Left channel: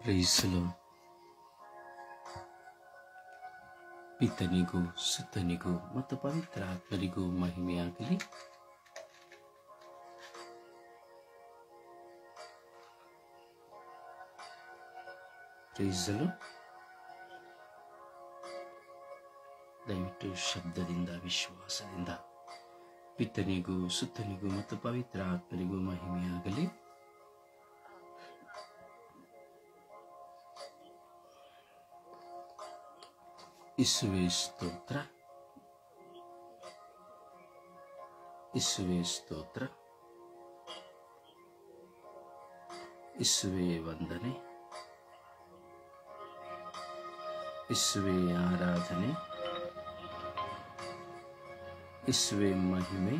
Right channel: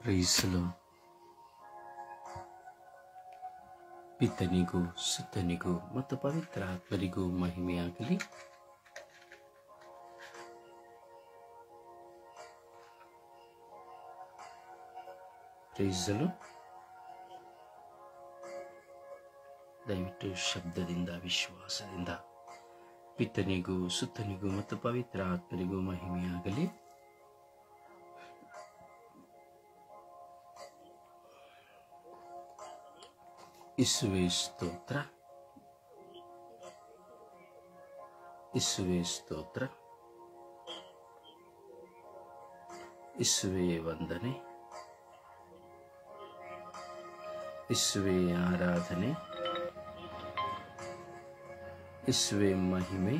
ಪ್ರೈಸಲು ಪಿತನಿಗೂ ಸುತನಿಗೂ ಮತ್ತು ಪವಿತ್ರ ಆತ್ಮರಿಗೂ ಮಹಿಮೆಯಾಗಲಿ. ಪ್ರೈಸಲು ದಯವಿಟ್ಟು ಶಬ್ದದಿಂದ ವಿಶ್ವಾಸದಿಂದ ಪಿತನಿಗೂ ಸುತನಿಗೂ ಮತ್ತು ಪವಿತ್ರ ಆತ್ಮರಿಗೂ ಮಹಿಮೆಯಾಗಲಿ. ಯೇಸುವೇ ಸ್ತೋತ್ರ, ಯೇಸುವೇ ಸ್ತೋತ್ರ, ಯೇಸುವೇ ವಂದನೆ, ಯೇಸುವೇ ಆರಾಧನೆ, ಯೇಸುವೇ ಮಹಿಮೆ,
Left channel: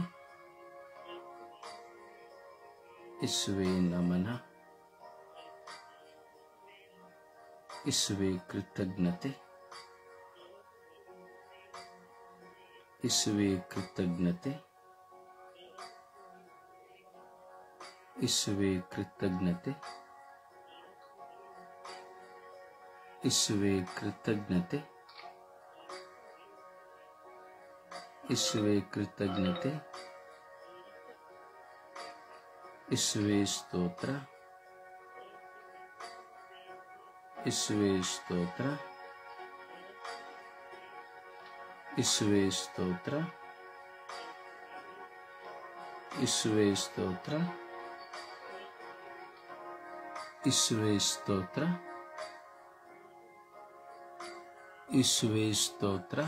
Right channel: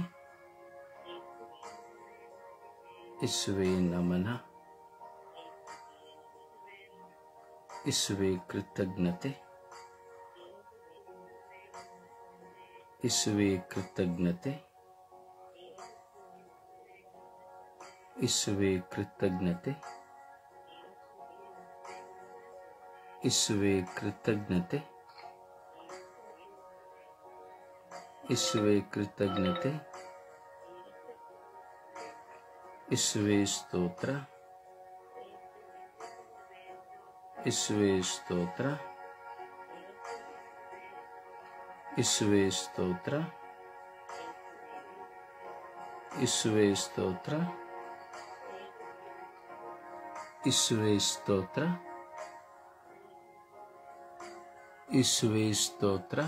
ಯೇಸುವೇ ನಮನ, ಯೇಸುವೇ ಕೃತಜ್ಞತೆ, ಯೇಸುವೇ ಕೃತಜ್ಞತೆ, ಯೇಸುವೇ ಕೃತಜ್ಞತೆ, ಯೇಸುವೇ ಕೃತಜ್ಞತೆ, ಯೇಸುವೇ ಕೃತಜ್ಞತೆ, ಯೇಸುವೇ ಸ್ತೋತ್ರ, ಯೇಸುವೇ ಸ್ತೋತ್ರ, ಯೇಸುವೇ ಸ್ತೋತ್ರ, ಯೇಸುವೇ ಸ್ತೋತ್ರ, ಯೇಸುವೇ ಸ್ತೋತ್ರ, ಯೇಸುವೇ ಸ್ತೋತ್ರ.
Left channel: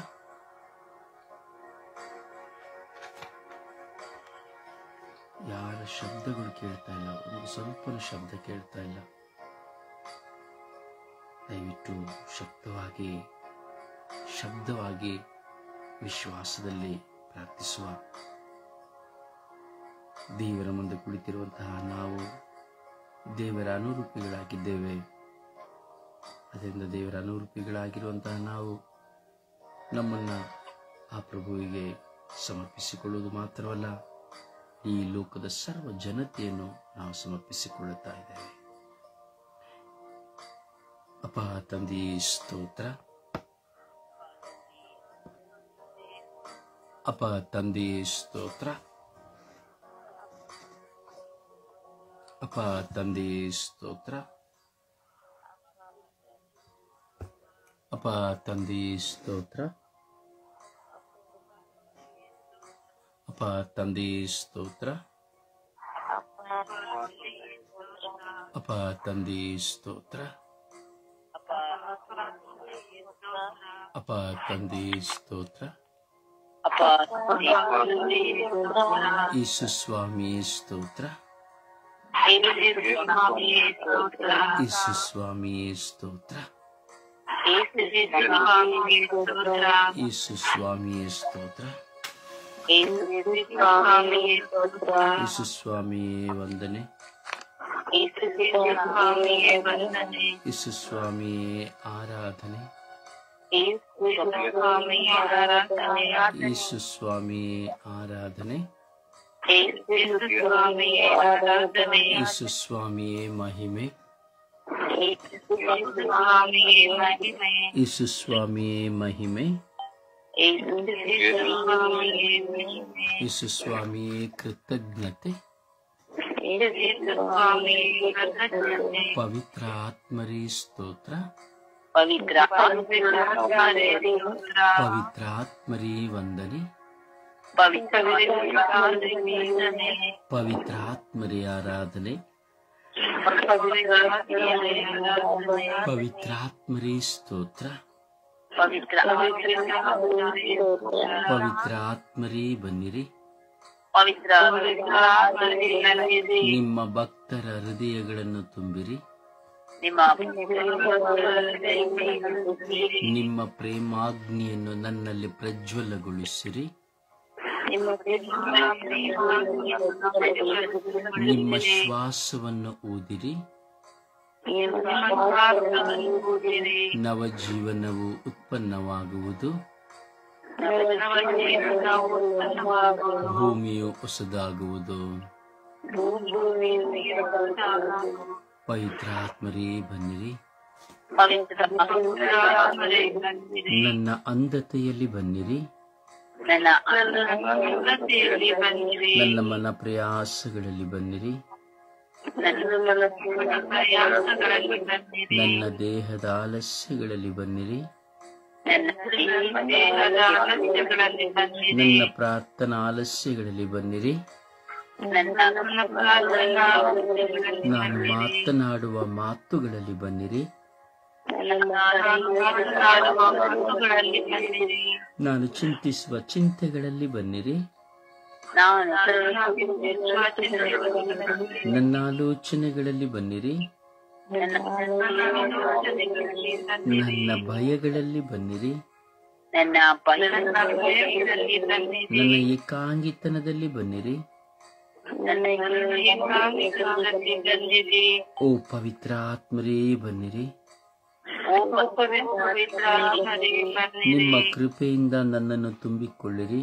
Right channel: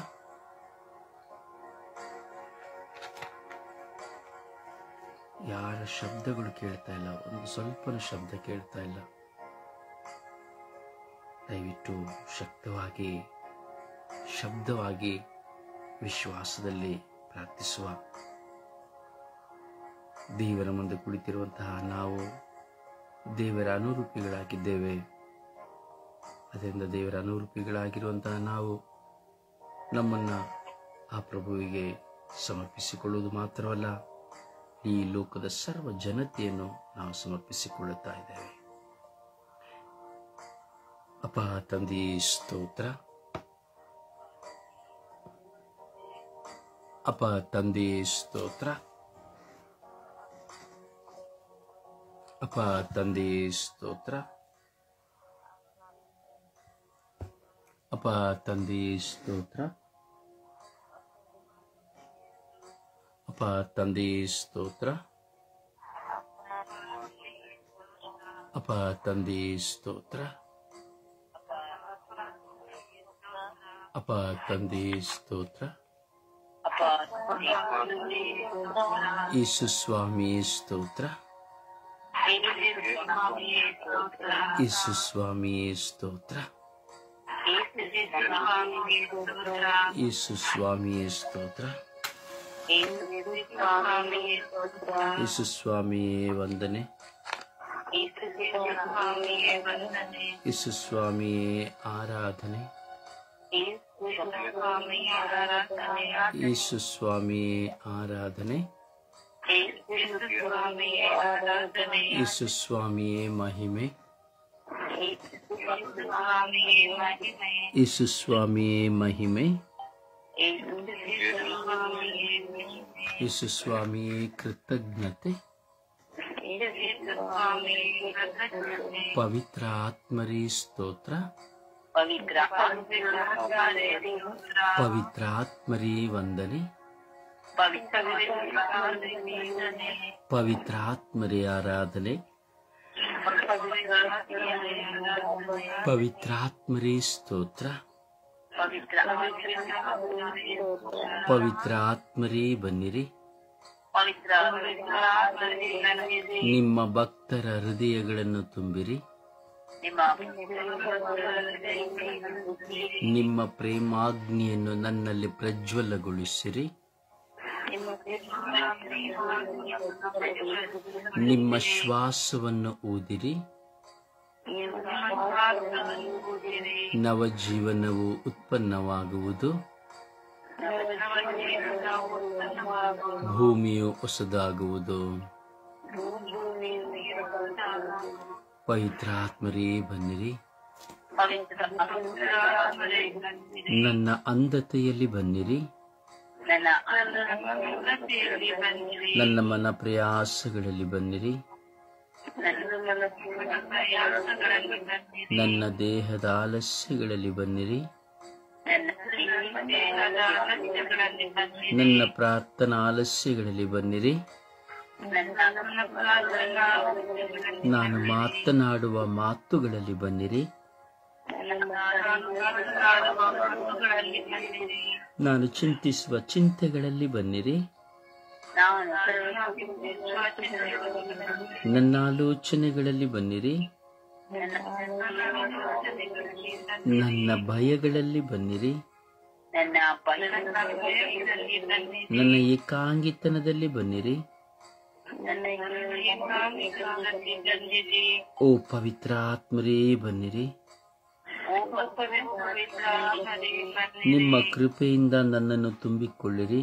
ಯಾರ ಶಬ್ದಗಳು ಕೇಳ್ತಾ ಇಲ್ಲ, ಒಂದು ಸ್ವಲ್ಪ ಶಬ್ದ ಕೇಳ್ತಾ ಇಲ್ಲ. ದಯವಿಟ್ಟು ಶಬ್ದವಾಗಿ ವಿಶ್ವಾಸದಲ್ಲಿ ಪ್ರಾರ್ಥಿಸುವ. ದೇವರ ಮುಂದೆ ಕುಳಿತಿರುವಂತಹ ನಾವು ದೇವರ ಅನುರೂಪಿಗಳಾಗಿದ್ದೇವೆ. ಅದರಿಂದ ದೇವರ ಅನುರೂಪಿಗಳಾಗಿರುವಂತಹ ನಾವು ನಮ್ಮನ್ನ ಆ ಪ್ರಭುವಿಗೆ ಸಮರ್ಪಿಸಿಕೊಳ್ಳುವುದು ಮಾತ್ರವಲ್ಲ, ಈ ಲೋಕದ ಸರ್ವ ಜನತೆಯನ್ನು ನಾವು ಸಮರ್ಪಿಸಿಕೊಳ್ಳುತ್ತಾ ಇದ್ದೇವೆ. ಅಪ್ಪ ತಂದೆ ಸ್ತೋತ್ರ, ಅಪ್ಪ ತಂದೆ ಸ್ತೋತ್ರ, ಅಪ್ಪ ತಂದೆ ಸ್ತೋತ್ರ, ಅಪ್ಪ ತಂದೆ ಸ್ತೋತ್ರ, ಅಪ್ಪ ತಂದೆ ಸ್ತೋತ್ರ, ಅಪ್ಪ ತಂದೆ ಸ್ತೋತ್ರ, ಅಪ್ಪ ತಂದೆ ಸ್ತೋತ್ರ. ಯೇಸು ಸ್ವಾಮಿ ಸ್ತೋತ್ರ, ಯೇಸು ಸ್ವಾಮಿ ಸ್ತೋತ್ರ, ಯೇಸು ಸ್ವಾಮಿ ಸ್ತೋತ್ರ, ಯೇಸು ಸ್ವಾಮಿ ವಂದನೆ, ಯೇಸು ಸ್ವಾಮಿ ಆರಾಧನೆ, ಯೇಸು ಸ್ವಾಮಿ ಆರಾಧನೆ, ಯೇಸು ಸ್ವಾಮಿಯೇ ಮಹಿಮೆ, ಯೇಸು ಸ್ವಾಮಿಯೇ ಮಹಿಮೆ, ಯೇಸು ಸ್ವಾಮಿಯೇ ಕೃತಜ್ಞತೆ, ಪವಿತ್ರ ಆತ್ಮರೇ ಸ್ತೋತ್ರ, ಪವಿತ್ರ ಆತ್ಮರೇ ವಂದನೆ, ಪವಿತ್ರ ಆತ್ಮರೇ ಆರಾಧನೆ, ಪವಿತ್ರ ಆತ್ಮರೇ ಸ್ತೋತ್ರ, ಪವಿತ್ರ ಆತ್ಮರೇ ಬನ್ನಿರಿ. ನಿಮ್ಮ ಭಕ್ತರ ಹೃದಯಗಳನ್ನು ತುಂಬಿರಿ. ನಿಮ್ಮ ಪ್ರೇಮಾಗ್ನಿಯನ್ನು ನನ್ನಲ್ಲಿ ಪ್ರಜ್ವಲಗೊಳಿಸಿರಿ. ನಿಮ್ಮ ಶ್ವಾಸವನ್ನು ಊದಿರಿ. ನವಜೀವನವು ಉತ್ಪನ್ನವಾಗುವುದು. ಭೂಮಿಯು ಹೊಸದಾಗುವುದು. ಪವಿತ್ರಾತ್ಮರೇ ಬನ್ನಿರಿ. ನನ್ನ ಅಂಧತೆಯಲ್ಲಿ ಬನ್ನಿರಿ. ನನ್ನ ಮನ ಪ್ರಯಾಸಗಳಲ್ಲಿ ಬನ್ನಿರಿ. ನನ್ನ ದೇಹದ ಆಲಸ್ಯಗಳಲ್ಲಿ ಬನ್ನಿರಿ. ನನ್ನ ಪ್ರಾರ್ಥನಾ ಆಲಸ್ಯಗಳಲ್ಲಿ ಬನ್ನಿರಿ. ನಾನು ಮಾತನಾಡುವ ಮಾತುಗಳಲ್ಲಿ ಬನ್ನಿರಿ. ನಾನು ಚಿಂತಿಸುವ ಚಿಂತೆಗಳಲ್ಲಿ ಬನ್ನಿರಿ. ನನ್ನ ಆಲೋಚನೆಗಳಲ್ಲಿ ಬನ್ನಿರಿ. ನನ್ನ ಭಯಗಳಲ್ಲಿ ಬನ್ನಿರಿ. ನನ್ನ ಏಕಾಂಗಿತನದಲ್ಲಿ ಬನ್ನಿರಿ. ಓ ಪವಿತ್ರಾತ್ಮರೇ ಬನ್ನಿರಿ. ನಿಮ್ಮ ಕೃಪೆಯಿಂದ ನನ್ನನ್ನು ತುಂಬಿಕೊಳ್ಳಿರಿ.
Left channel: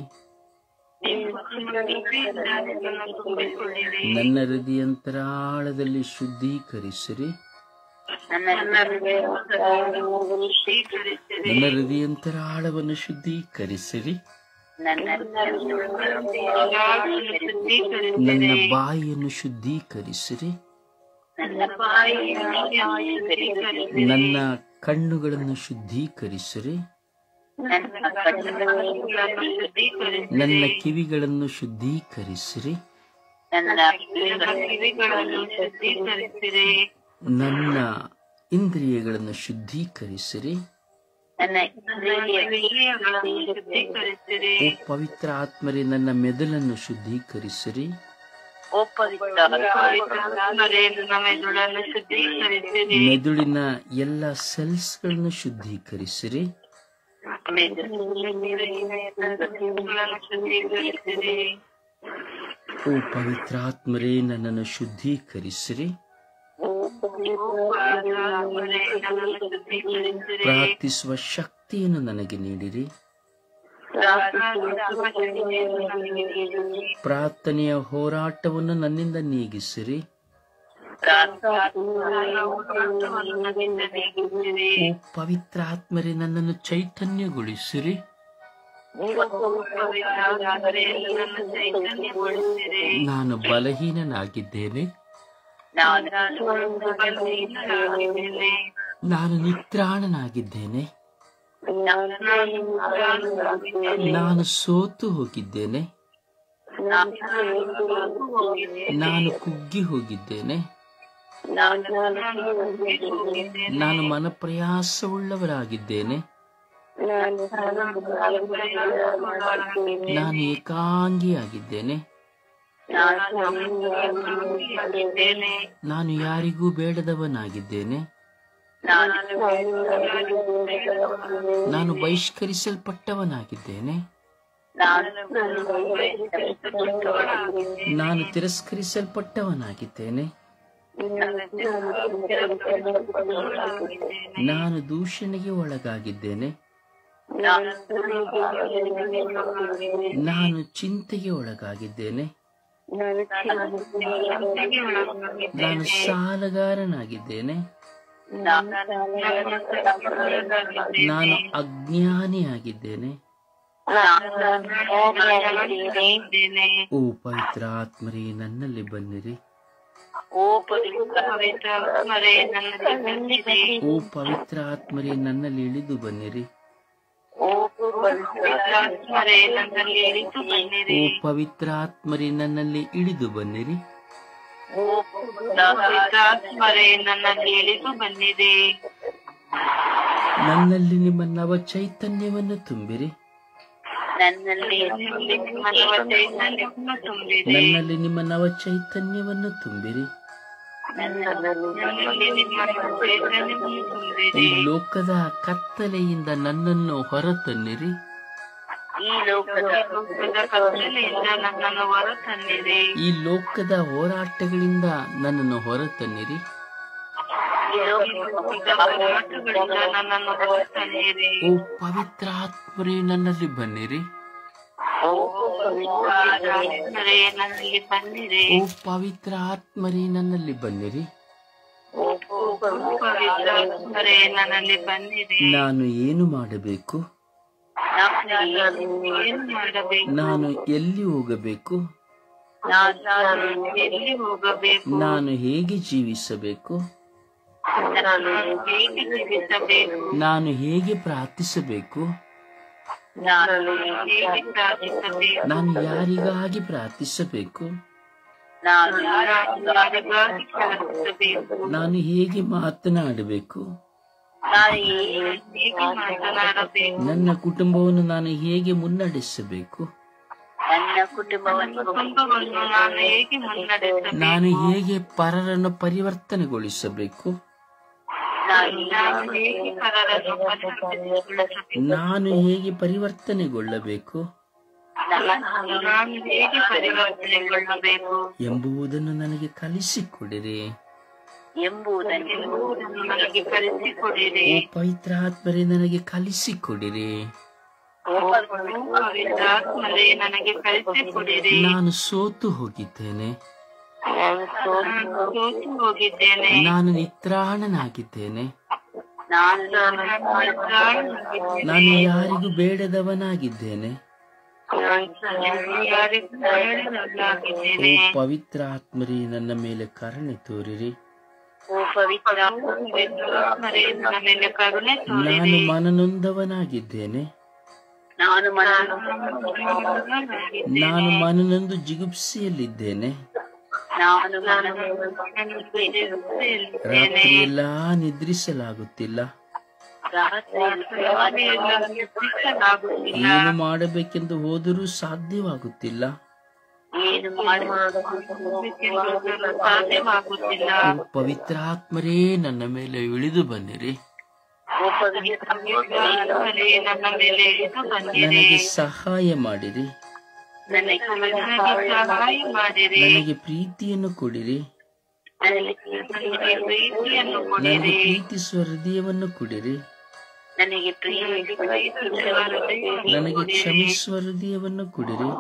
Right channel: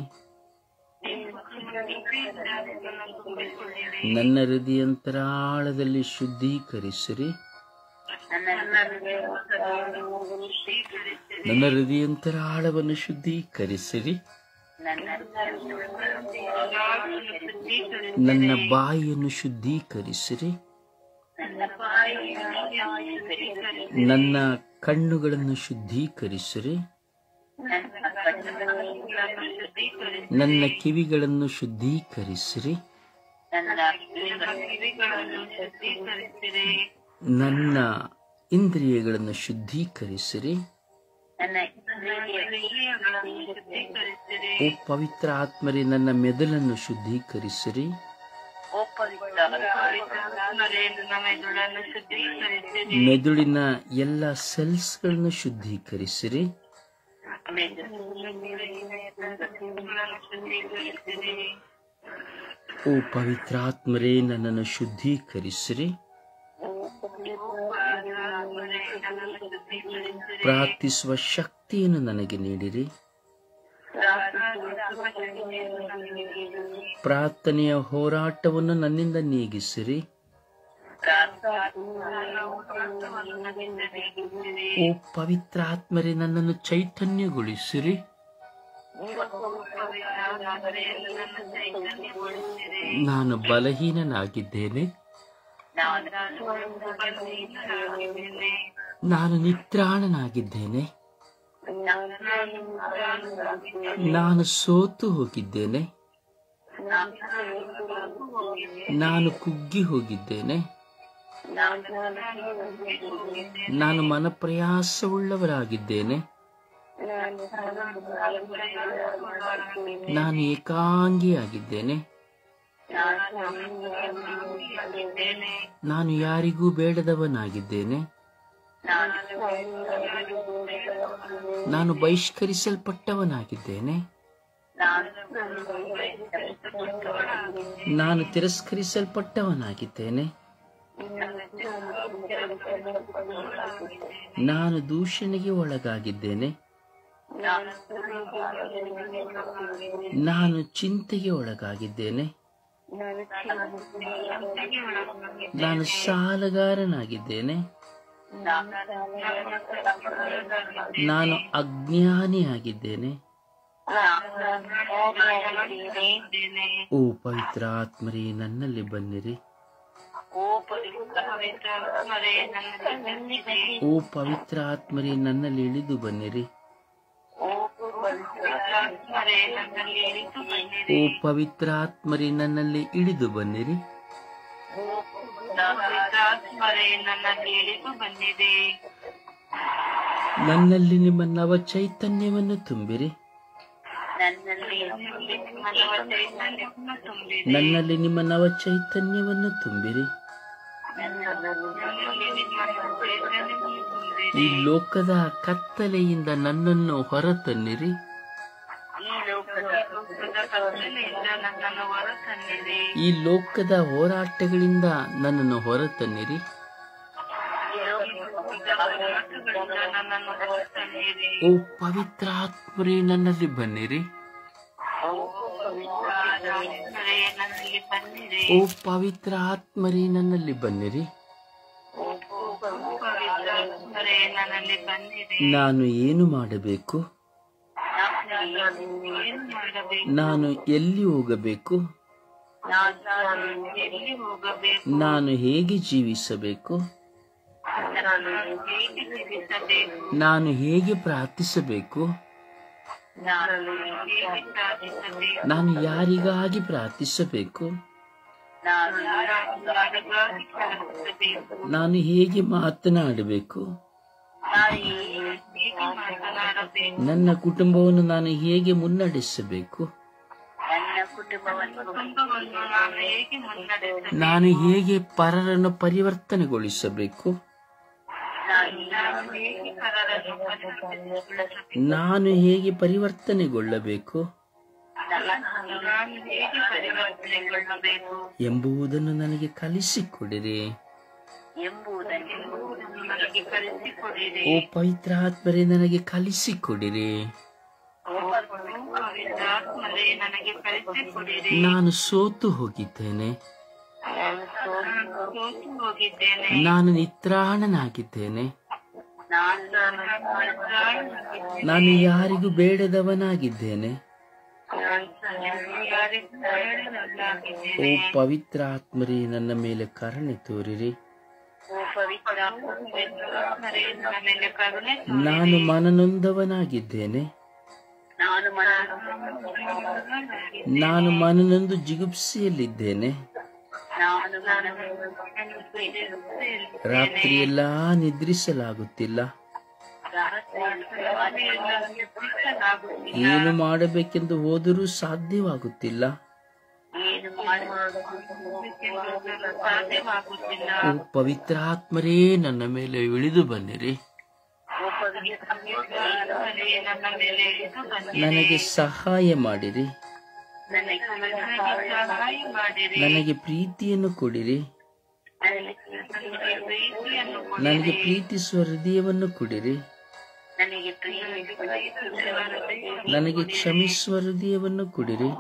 ನನ್ನ ಹೃದಯಾಂತರಾಳದಲ್ಲಿ ಶುದ್ಧೀಕರಿಸಿರಿ. ನನ್ನ ಹೃದಯಾಂತರಾಳವನ್ನು ಶುದ್ಧೀಕರಿಸಿರಿ. ನನ್ನ ಬಾಯಿಯನ್ನು ಶುದ್ಧೀಕರಿಸಿರಿ. ನನ್ನ ಕಣ್ಣುಗಳನ್ನು ಶುದ್ಧೀಕರಿಸಿರಿ. ನನ್ನ ಕಿವಿಗಳನ್ನು ಶುದ್ಧೀಕರಿಸಿರಿ. ನನ್ನ ಇಂದ್ರಿಯಗಳನ್ನು ಶುದ್ಧೀಕರಿಸಿರಿ. ಓ ಪವಿತ್ರ ಆತ್ಮರೇ ನನ್ನ ಮೆದುಳನ್ನು ಶುದ್ಧೀಕರಿಸಿರಿ. ಮೆದುಳಿನ ಎಲ್ಲ ಸೆಲ್ಸ್ಗಳನ್ನು ಶುದ್ಧೀಕರಿಸಿರಿ. ಓ ಪವಿತ್ರಾತ್ಮರೇ ನನ್ನನ್ನು ಶುದ್ಧೀಕರಿಸಿರಿ. ಪ್ರಾರ್ಥಿಸುವ ಶಕ್ತಿಯನ್ನು ನನಗೆ ನೀಡಿರಿ. ಪ್ರಾರ್ಥನೆಯ ಹೋರಾಟವನ್ನು ನನ್ನಿಂದ ನೀಗಿಸಿರಿ. ಓ ಪವಿತ್ರ ಆತ್ಮರೇ ನನ್ನನ್ನು ಚೈತನ್ಯಗೊಳಿಸಿರಿ. ನಾನು ಬಲಹೀನನಾಗಿದ್ದೇನೆ. ನಾನು ನಿತ್ರಾಣನಾಗಿದ್ದೇನೆ. ನಾನು ಸೋತು ಹೋಗಿದ್ದೇನೆ. ನಾನು ಕುಗ್ಗಿ ಹೋಗಿದ್ದೇನೆ. ನಾನು ಮನಪ್ರಯಾಸವುಳ್ಳವರಾಗಿದ್ದೇನೆ. ನಾನು ಏಕಾಂಗಿಯಾಗಿದ್ದೇನೆ. ನಾನು ಯಾರಿಗೂ ಬೇಡದವನಾಗಿದ್ದೇನೆ. ನಾನು ಬಹಿಷ್ಕರಿಸಲ್ಪಟ್ಟವನಾಗಿದ್ದೇನೆ. ನಾನು ತಿರಸ್ಕರಿಸಲ್ಪಟ್ಟವನಾಗಿದ್ದೇನೆ. ನಾನು ದೂಷಣೆಗೆ ಒಳಗಾಗಿದ್ದೇನೆ. ನಾನು ಚಿಂತೆಗೆ ಒಳಗಾಗಿದ್ದೇನೆ. ನಾನು ಸಾಲಗಾರನಾಗಿದ್ದೇನೆ. ನಾನು ಅಜ್ಞಾನಿಯಾಗಿದ್ದೇನೆ. ಓ ಪವಿತ್ರ ಆತ್ಮರೇ ನನ್ನಲ್ಲಿ ಬನ್ನಿರಿ. ಓ ಪವಿತ್ರ ಆತ್ಮರೇ ನನ್ನಲ್ಲಿ ಇಳಿದು ಬನ್ನಿರಿ. ಓ ಪವಿತ್ರ ಆತ್ಮರೇ ನನ್ನಲ್ಲಿ ಇಳಿದು ಬನ್ನಿರಿ. ನನ್ನಲ್ಲಿ ನಿಮ್ಮ ನವ ಚೈತನ್ಯವನ್ನು ತುಂಬಿರಿ. ನನ್ನಲ್ಲಿ ನಿಮ್ಮ ನವ ಚೈತನ್ಯವನ್ನು ತುಂಬಿರಿ. ಈ ಲೋಕದ ಕತ್ತಲೆಯಿಂದ ನನ್ನನ್ನು ಹೊರತನ್ನಿರಿ. ಈ ಲೋಕದ ಹೋರಾಟಗಳಿಂದ ನನ್ನನ್ನು ಹೊರತನ್ನಿರಿ. ಓ ಪವಿತ್ರ ಆತ್ಮರೇ ನನ್ನಲ್ಲಿ ಬನ್ನಿರಿ. ಓ ಪವಿತ್ರ ಆತ್ಮರೇ ನನ್ನಲ್ಲಿ ಬನ್ನಿರಿ. ಪವಿತ್ರಾತ್ಮರೇ ನನ್ನಲ್ಲಿ ಬನ್ನಿರಿ. ನಾನು ಏನು ಮಾಡಬೇಕು? ಏನು ಮಾಡಬೇಕು? ನಾನು ಎಲ್ಲಿ ಹೋಗಬೇಕು? ಎಲ್ಲಿ ಹೋಗಬೇಕು? ನಾನು ಹೇಗೆ ಜೀವಿಸಬೇಕು? ಹೇಗೆ ಜೀವಿಸಬೇಕು? ನಾನು ಹೇಗೆ ಪ್ರಾರ್ಥಿಸಬೇಕು? ಹೇಗೆ ಪ್ರಾರ್ಥಿಸಬೇಕು? ನಾನು ಯಾರಿಗಾಗಿ ಪ್ರಾರ್ಥಿಸಬೇಕು? ಯಾರಿಗಾಗಿ ಪ್ರಾರ್ಥಿಸಬೇಕು? ನಾನು ಹೇಗೆ ಮಾತನಾಡಬೇಕು? ಹೇಗೆ ಮಾತನಾಡಬೇಕು? ನನ್ನ ಕುಟುಂಬವನ್ನು ನಾನು ಹೇಗೆ ಮುನ್ನಡೆಸಬೇಕು? ಕುಟುಂಬವನ್ನು ನಾನು ಹೇಗೆ ಮುನ್ನಡೆಸಬೇಕು? ನಾನು ಹೇಗೆ ಪರರನ್ನು ಪರಿವರ್ತನೆಗೊಳಿಸಬೇಕು? ನಾನು ಹೇಗೆ ಪರರನ್ನು ಪರಿವರ್ತನೆಗೊಳಿಸಬೇಕು? ನಾನು ಹೇಗೆ ಪರಿವರ್ತನೆಗೊಳ್ಳಬೇಕು ನಾನು ಹೇಗೆ ಪರಿವರ್ತನೆಗೊಳ್ಳಬೇಕು ಎಂಬುದನ್ನು ನನಗೆ ಕಲಿಸಿಕೊಡಿರಿ. ಎಂಬುದನ್ನು ನನಗೆ ಕಲಿಸಿಕೊಡಿರಿ. ಓ ಪವಿತ್ರಾತ್ಮರೇ, ನನಗೆ ಕಲಿಸಿಕೊಡಿರಿ. ಪವಿತ್ರಾತ್ಮರೇ ನನಗೆ ಕಲಿಸಿಕೊಡಿರಿ. ನಾನು ಸೋತು ಹೋಗಿದ್ದೇನೆ. ಸೋತು ಹೋಗಿದ್ದೇನೆ. ನಾನು ನಿತ್ರಾಣನಾಗಿದ್ದೇನೆ. ನಾನು ನಾನು ಯಾರಿಗೂ ಬೇಡದವನಾಗಿದ್ದೇನೆ. ಓ ಪವಿತ್ರಾತ್ಮರೇ, ನನ್ನ ಮೇಲೆ ಕರುಣೆ ತೋರಿರಿ. ಪವಿತ್ರಾತ್ಮರೇ ನನ್ನ ಮೇಲೆ ಕರುಣೆ ನಾನು ಮನನೊಂದವನಾಗಿದ್ದೇನೆ. ನಾನು ಮನನೊಂದು ಜಿಗುಪ್ಸೆಯಲ್ಲಿದ್ದೇನೆ. ರಾತ್ರಿಯೆಲ್ಲ ನಿದ್ರಿಸಲಾಗುತ್ತಿಲ್ಲ. ಏನು ಮಾಡಬೇಕೆಂದು ಹೋದರೂ ಸಾಧ್ಯವಾಗುತ್ತಿಲ್ಲ. ಓ ಪವಿತ್ರಾತ್ಮರೇ, ನನ್ನ ಮೇಲೆ ಇಳಿದು ಬನ್ನಿರಿ. ನನಗೆ ಸಹಾಯ ಮಾಡಿರಿ. ನನಗೆ ಪ್ರೀತಿಯನ್ನು ಕೊಡಿರಿ. ನನಗೆ ಪ್ರೀತಿಸುವ ಹೃದಯವನ್ನು ಕೊಡಿರಿ. ನನಗೆ ಕ್ಷಮಿಸುವ ಹೃದಯವನ್ನು ಕೊಡಿರಿ.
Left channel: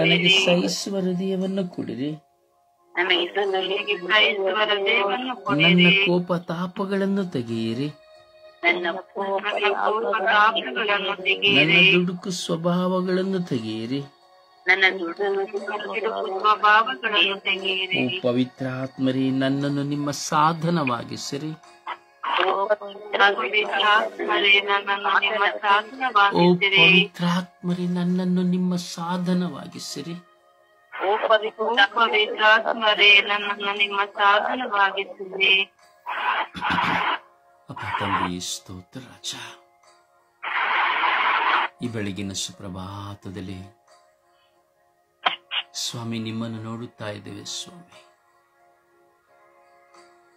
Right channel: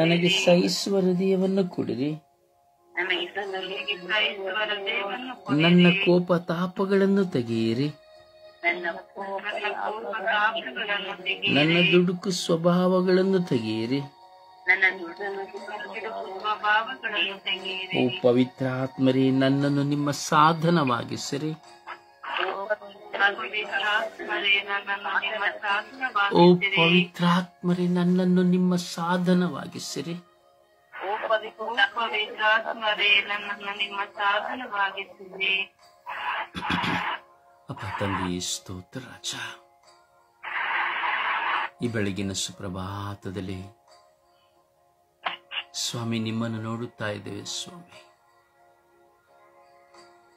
ನನಗೆ ಸಹಿಸುವ ಹೃದಯವನ್ನು ಕೊಡಿರಿ. ನನ್ನ ಕೋಪ ತಾಪಗಳನ್ನು ತೆಗೆಯಿರಿ. ನನ್ನ ದುಡುಕು ಸ್ವಭಾವಗಳನ್ನು ತೆಗೆಯಿರಿ. ಓ ಪವಿತ್ರಾತ್ಮರೇ, ನನ್ನನ್ನು ನಿಮ್ಮ ಸಾಧನವಾಗಿಸಿರಿ. ಓ ಪವಿತ್ರಾತ್ಮರೇ, ನನ್ನನ್ನು ನಿಮ್ಮ ಸಾಧನವಾಗಿಸಿರಿ. ಪವಿತ್ರಾತ್ಮರೇ ನನ್ನನ್ನು ನಿಮ್ಮ ಸಾಧನವಾಗಿಸಿರಿ. ಅಪ್ಪ ತಂದೆ, ಸ್ತೋತ್ರ ರಾಜ. ಈ ಬೆಳಗಿನ ಸುಪ್ರಭಾತದಲ್ಲಿ ಸ್ವಾಮಿ ನಿಮ್ಮನ್ನು ನೋಡುತ್ತಾ ಇದ್ದೇವೆ. ಸ್ವಾಮಿ,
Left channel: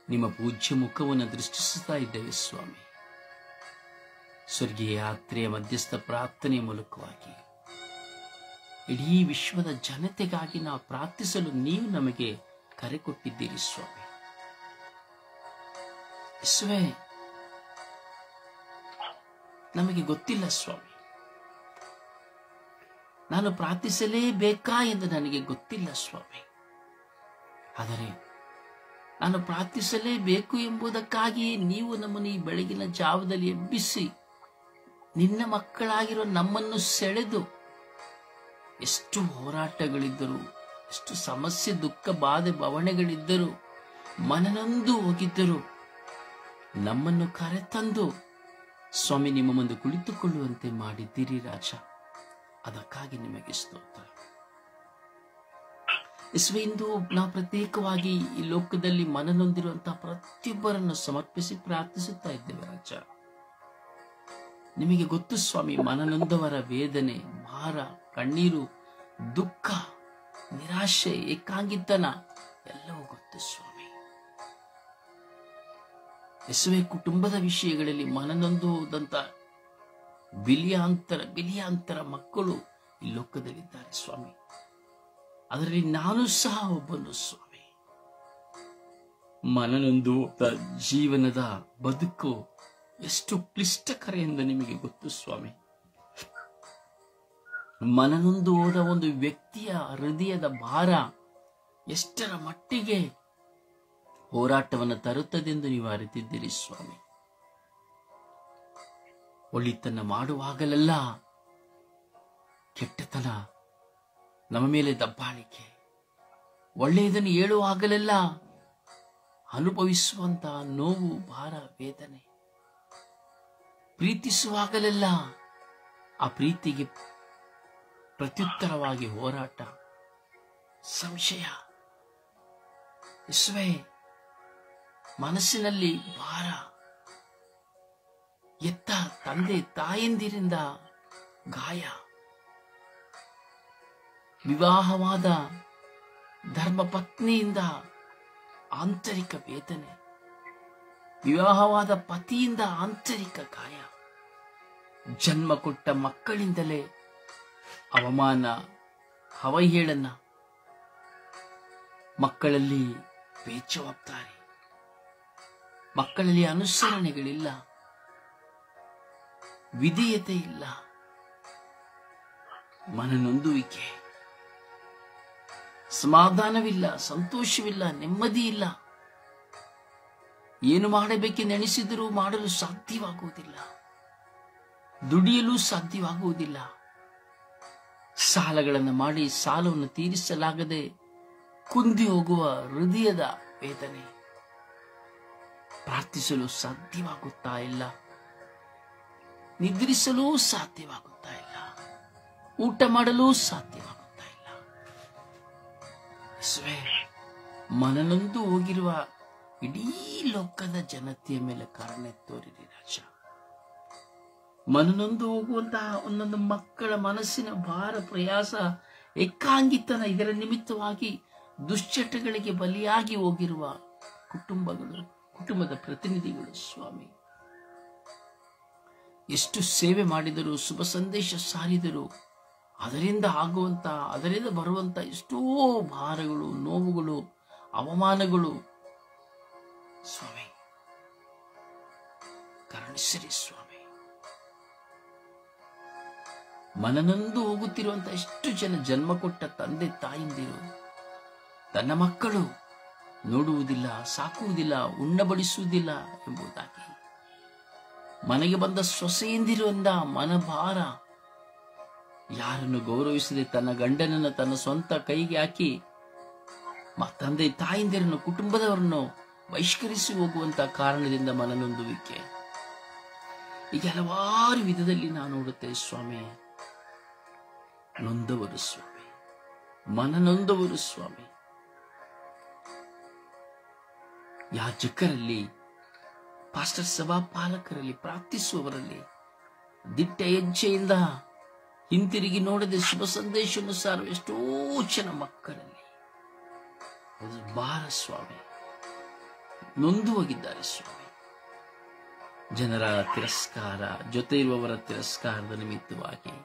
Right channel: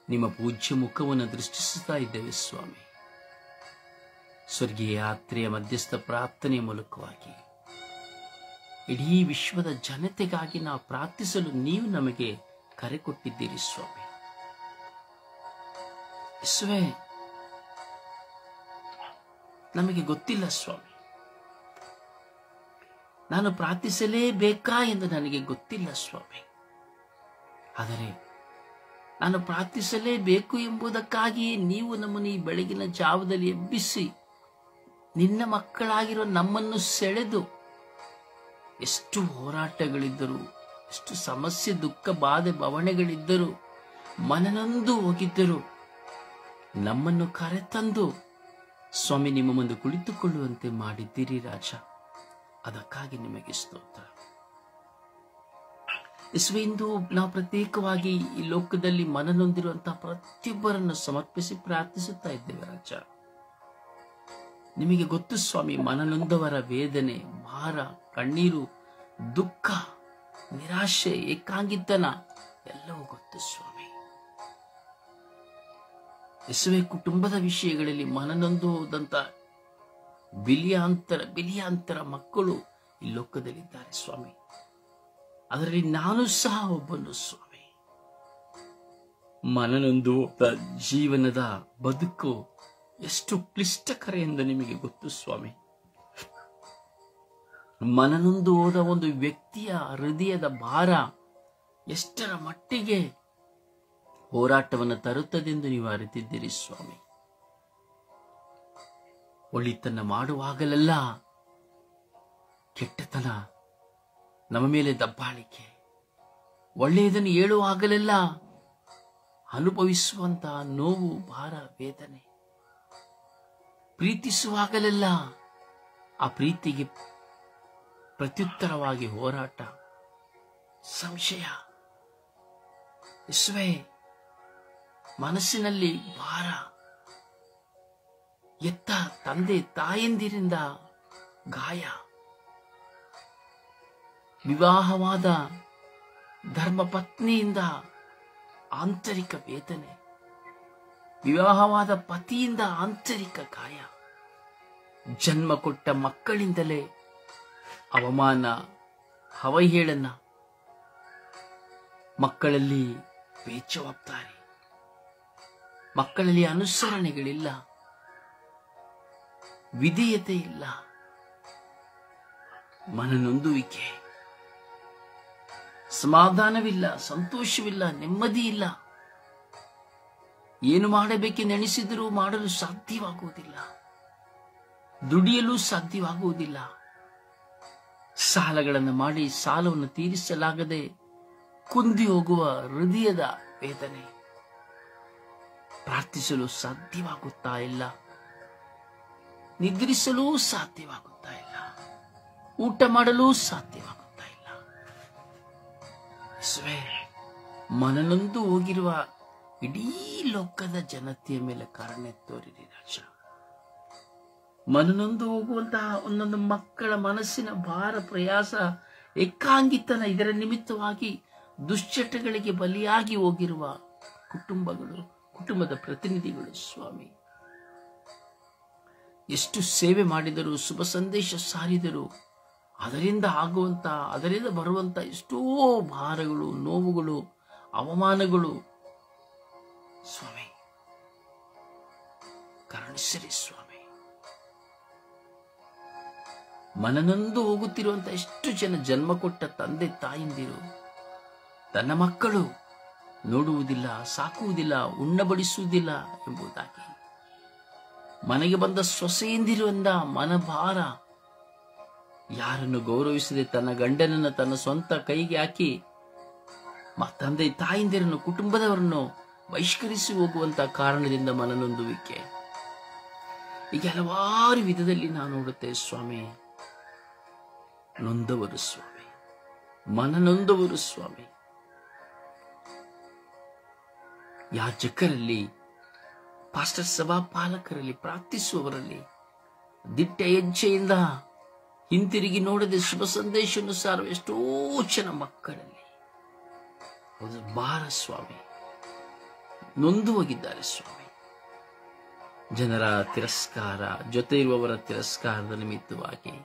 ನಿಮ್ಮ ಪೂಜ್ಯ ಮುಖವನ್ನು ದೃಷ್ಟಿಸುತ್ತಾ ಇದ್ದೇವೆ. ಸ್ವಾಮಿ, ಸ್ವರ್ಗೀಯ ಯಾತ್ರೆಯ ಮಧ್ಯಸ್ಥ ಪ್ರಾರ್ಥನೆಯ ಮೂಲಕವಾಗಿ ಇಡೀ ವಿಶ್ವದ ಜನತೆಗಾಗಿ ನಾವು ಪ್ರಾರ್ಥಿಸಲು ನೀವು ನಮಗೆ ಕರೆ ಕೊಟ್ಟಿದ್ದೀರಿ. ಸ್ವಾಮಿ, ಯೇಸುವೇ, ನಮಗೆ ಗೊತ್ತಿಲ್ಲ ಸ್ವಾಮಿ, ನಾನು ಪ್ರಾರ್ಥಿಸಲೇಬೇಕಾ ಎಂದು ನನಗೆ ಗೊತ್ತಿಲ್ಲ ಸ್ವಾಮಿ. ಆದರೆ ನಾನು ಪ್ರಾರ್ಥಿಸಲೇಬೇಕು ಎಂಬುದಕ್ಕಾಗಿ ನೀವು ನಮ್ಮನ್ನು ಈ ಬೆಳಗಿನ ಜಾವದಲ್ಲಿ ಎಬ್ಬಿಸಿ ನಿನ್ನ ಮಕ್ಕಳಾಗಿರೋ ನಮ್ಮನ್ನು ಸೆಳೆದು, ಎಷ್ಟು ಹೋರಾಟಗಳಿದ್ದರು, ಎಷ್ಟು ಸಮಸ್ಯೆ ದುಃಖ ಬಾಧೆ ಬವಣೆಗಳಿದ್ದರು, ಮನನೊಂದು ಹೋಗಿದ್ದರು, ನಮ್ಮನ್ನು ಕರೆತಂದು ಸ್ವಾಮಿ ನಿಮ್ಮ ಮುಂದೆ ಕುಳಿತುಕೊಳ್ಳುವಂತೆ ಮಾಡಿದ್ದೀರಿ ರಾಜ. ಅದಕ್ಕಾಗಿ ನಿಮಗೆ ಸ್ತೋತ್ರ. ಇಂದು ನಾವು ಪ್ರತ್ಯೇಕವಾಗಿ ಈ ಲೋಕದಲ್ಲಿ ಮನನೊಂದಿರುವಂತಹ ಪ್ರತಿಯೊಬ್ಬರನ್ನು ಸಮರ್ಪಿಸಿ ಪ್ರಾರ್ಥಿಸುತ್ತಾ ಇದ್ದೇವೆ ರಾಜ. ನಿಮಗೆ ಗೊತ್ತು ಸ್ವಾಮಿ, ಮನನೊಂದವರ ವೇದನೆ, ಭಾರ, ಕಣ್ಣೀರು, ದುಃಖ, ನಿರಾಶೆ, ಏಕಾಂಗಿತನ ಎಲ್ಲವೂ ಗೊತ್ತು ಸ್ವಾಮಿ. ಯೇಸುವೆ, ಕುಟುಂಬದ ವಿಷಯಗಳಲ್ಲಿ ಮನನೊಂದು ಹೋದಂತ ಬಿಲಿಯಾಂತರ ಮಕ್ಕಳು ಈ ಲೋಕದಲ್ಲಿದ್ದಾರೆ ಸ್ವಾಮಿ. ಅದರಲ್ಲಿ ನಾನು ಸಹ ಒಬ್ಬನು ಸ್ವಾಮಿ. ಮನನೊಂದು ಜೀವನದ ಬದುಕು ಎಷ್ಟು ಕ್ಲಿಷ್ಟಕರ ಎಂದು ನಿಮಗೆ ಗೊತ್ತು ಸ್ವಾಮಿ. ಮನನೊಂದು ಹೋದ ಒಂದು ವ್ಯಕ್ತಿಯ ಹೃದಯದ ಭಾರ ಎಷ್ಟರ ಮಟ್ಟಿಗೆ ಹೋರಾಟವನ್ನು ತರುತ್ತದೆಂದು ನೀವು ಅರಿತಿದ್ದೀರಿ ಸ್ವಾಮಿ. ಒಳಿತನ್ನ ಮಾಡುವಾಗಲೆಲ್ಲ ಕೆಟ್ಟತನ ನಮ್ಮ ಮೇಲೆ ದಬ್ಬಾಳಿಕೆ, ಒಳ್ಳೆಯದನ್ನು ಹೇಳುವಾಗಲೆಲ್ಲ ಅನುಭವಿಸುವಂತಹ ನೋವು, ಭಾರ, ವೇದನೆ, ಪ್ರೀತಿಸುವಾಗಲೆಲ್ಲ ಆ ಪ್ರೀತಿಗೆ ಪ್ರತ್ಯುತ್ತರವಾಗಿ ಹೋರಾಟ, ಸಂಶಯ, ಯೇಸುವೇ ಮನಸ್ಸಿನಲ್ಲಿ ಭಾರ, ಎತ್ತ ತಂದೆ ತಾಯಂದಿರಿಂದ ಗಾಯ, ವಿವಾಹವಾದ ಧರ್ಮಪತ್ನಿಯಿಂದ ಆಂತರಿಕ ವೇದನೆ, ವಿವಾಹವಾದ ಪತಿಯಿಂದ ಆಂತರಿಕ ಗಾಯ, ಜನ್ಮ ಕೊಟ್ಟ ಮಕ್ಕಳಿಂದಲೇ ಅವಮಾನ, ಅವಹೇಳನ, ಮಕ್ಕಳಲ್ಲಿ ಬೇಜವಾಬ್ದಾರಿ, ಮಕ್ಕಳಲ್ಲಿ ಅನುಸರಣೆಗಳಿಲ್ಲ, ವಿಧೇಯತೆ ಇಲ್ಲ, ಮನನೊಂದುವಿಕೆ, ಸಮಾಧಾನವಿಲ್ಲ, ಸಂತೋಷವಿಲ್ಲ, ನೆಮ್ಮದಿ ಇಲ್ಲ. ಏನು ಮಾಡಬೇಕೆಂದೆಣಿಸಿದರೂ ಮಾಡಲು ಸಾಧ್ಯವಾಗುವುದಿಲ್ಲ, ದುಡಿಯಲು ಸಾಧ್ಯವಾಗುವುದಿಲ್ಲ. ಸಾಲಗಳನ್ನು ಮಾಡಿ ಸಾಲವನ್ನು ತೀರಿಸಲಾಗದೆ ಕುಂದಿ ಹೋಗುವ ಹೃದಯದ ವೇದನೆ, ಪ್ರಾರ್ಥಿಸಲು ಸಾಧ್ಯವಾಗುತ್ತಾ ಇಲ್ಲ, ನಿದ್ರಿಸಲು ಸಾಧ್ಯವಾಗುತ್ತಾ ಇಲ್ಲ, ಊಟ ಮಾಡಲು ಸಾಧ್ಯವಾಗುತ್ತಾ ಇಲ್ಲ. ಯೇಸುವೇ, ಮನನೊಂದು ಹೋಗಿರುವ ಇಡೀ ಲೋಕದ ಜನತೆಯ ಮೇಲೆ ಕರುಣೆ ತೋರಿರಿ ರಾಜ. ಮನನೊಂದು ಹೋಗುವಂತಹ ಒಂದೊಂದು ಮಕ್ಕಳ ಮನಸ್ಸಿನ ಭಾರ, ಪ್ರಯಾಸ, ಏಕಾಂಗಿತನ, ಇದರ ನಿಮಿತ್ತವಾಗಿ ದುಶ್ಚಟಗಳಿಗೆ ಬಲಿಯಾಗಿ ಹೋಗಿರುವ ಕುಟುಂಬಗಳು, ಕುಟುಂಬದ ಪ್ರತಿನಿಧಿಗಳು ಸ್ವಾಮಿ, ಎಷ್ಟು ಸೇವೆ ಮಾಡಿದರೂ, ಶುಭ ಸಂದೇಶ ಸಾರಿದರೂ ಅದರಿಂದ ಬರುವಂತ ಎಷ್ಟೋ ಭಾರಗಳು, ನೋವುಗಳು, ಅವಮಾನಗಳು ಸ್ವಾಮಿ ಕರುಣಿಸಿರಿ ಸ್ವಾಮಿ. ಮನನೊಂದು ಹೋಗುತ್ತಿರುವಂತಹ ಎಷ್ಟು ಜನ ಜನ್ಮ ಕೊಟ್ಟ ತಂದೆ ತಾಯಿಂದಿರು ತನ್ನ ಮಕ್ಕಳು ನೋಡುವುದಿಲ್ಲ, ಸಾಕುವುದಿಲ್ಲ, ಉಣ್ಣಬಡಿಸುವುದಿಲ್ಲ ಎಂಬುದಾಗಿ, ಮನೆಗೆ ಬಂದ ಸೊಸೆಯಂದಿರುವಂದ ಮನಭಾರ, ಯಾರನ್ನು ಗೌರವಿಸದೆ ತನ್ನ ಗಂಡನನ್ನು ತನ್ನ ಸ್ವಂತ ಕೈಗೆ ಹಾಕಿ ತಂದೆ ತಾಯಿಂದಿರನ್ನು, ಕುಟುಂಬದವರನ್ನು ಬಹಿಷ್ಕರಿಸಿ ಹೋಗುವಂತಹ ಕಾರಣದಿಂದ ಮನನೊಂದುವಿಕೆ, ಈಗ ಹಲವಾರು ವಿಧದಲ್ಲಿ ನಾವು ನೋಡುತ್ತೇವೆ ಸ್ವಾಮಿ. ನೊಂದವರು ಸ್ವಾಮಿ, ಮನನೊಂದವರು ಸ್ವಾಮಿ, ಯಾಜಕರಲ್ಲಿ, ಪಾಸ್ಟರ್ ಸಭಾ ಪಾಲಕರಲ್ಲಿ, ಪ್ರಾರ್ಥಿಸುವವರಲ್ಲಿ, ದಿಟ್ಟ ಹೆಜ್ಜೆಯಿಂದ ಹಿಂತಿರುಗಿ ನೋಡದೆ ಶುಭ ಸಂದೇಶವನ್ನು ಸಾರುವ ಎಷ್ಟೋ ಜನ ಮಕ್ಕಳಲ್ಲಿ ಒಂದು ಭಾರ ಸ್ವಾಮಿ, ನೊಂದು ಹೋಗಿದ್ದಾರೆ ಸ್ವಾಮಿ. ಜನರ ತಿರಸ್ಕಾರ, ಜೊತೆ ಇರುವವರ ತಿರಸ್ಕಾರದ ನಿಮಿತ್ತವಾಗಿ,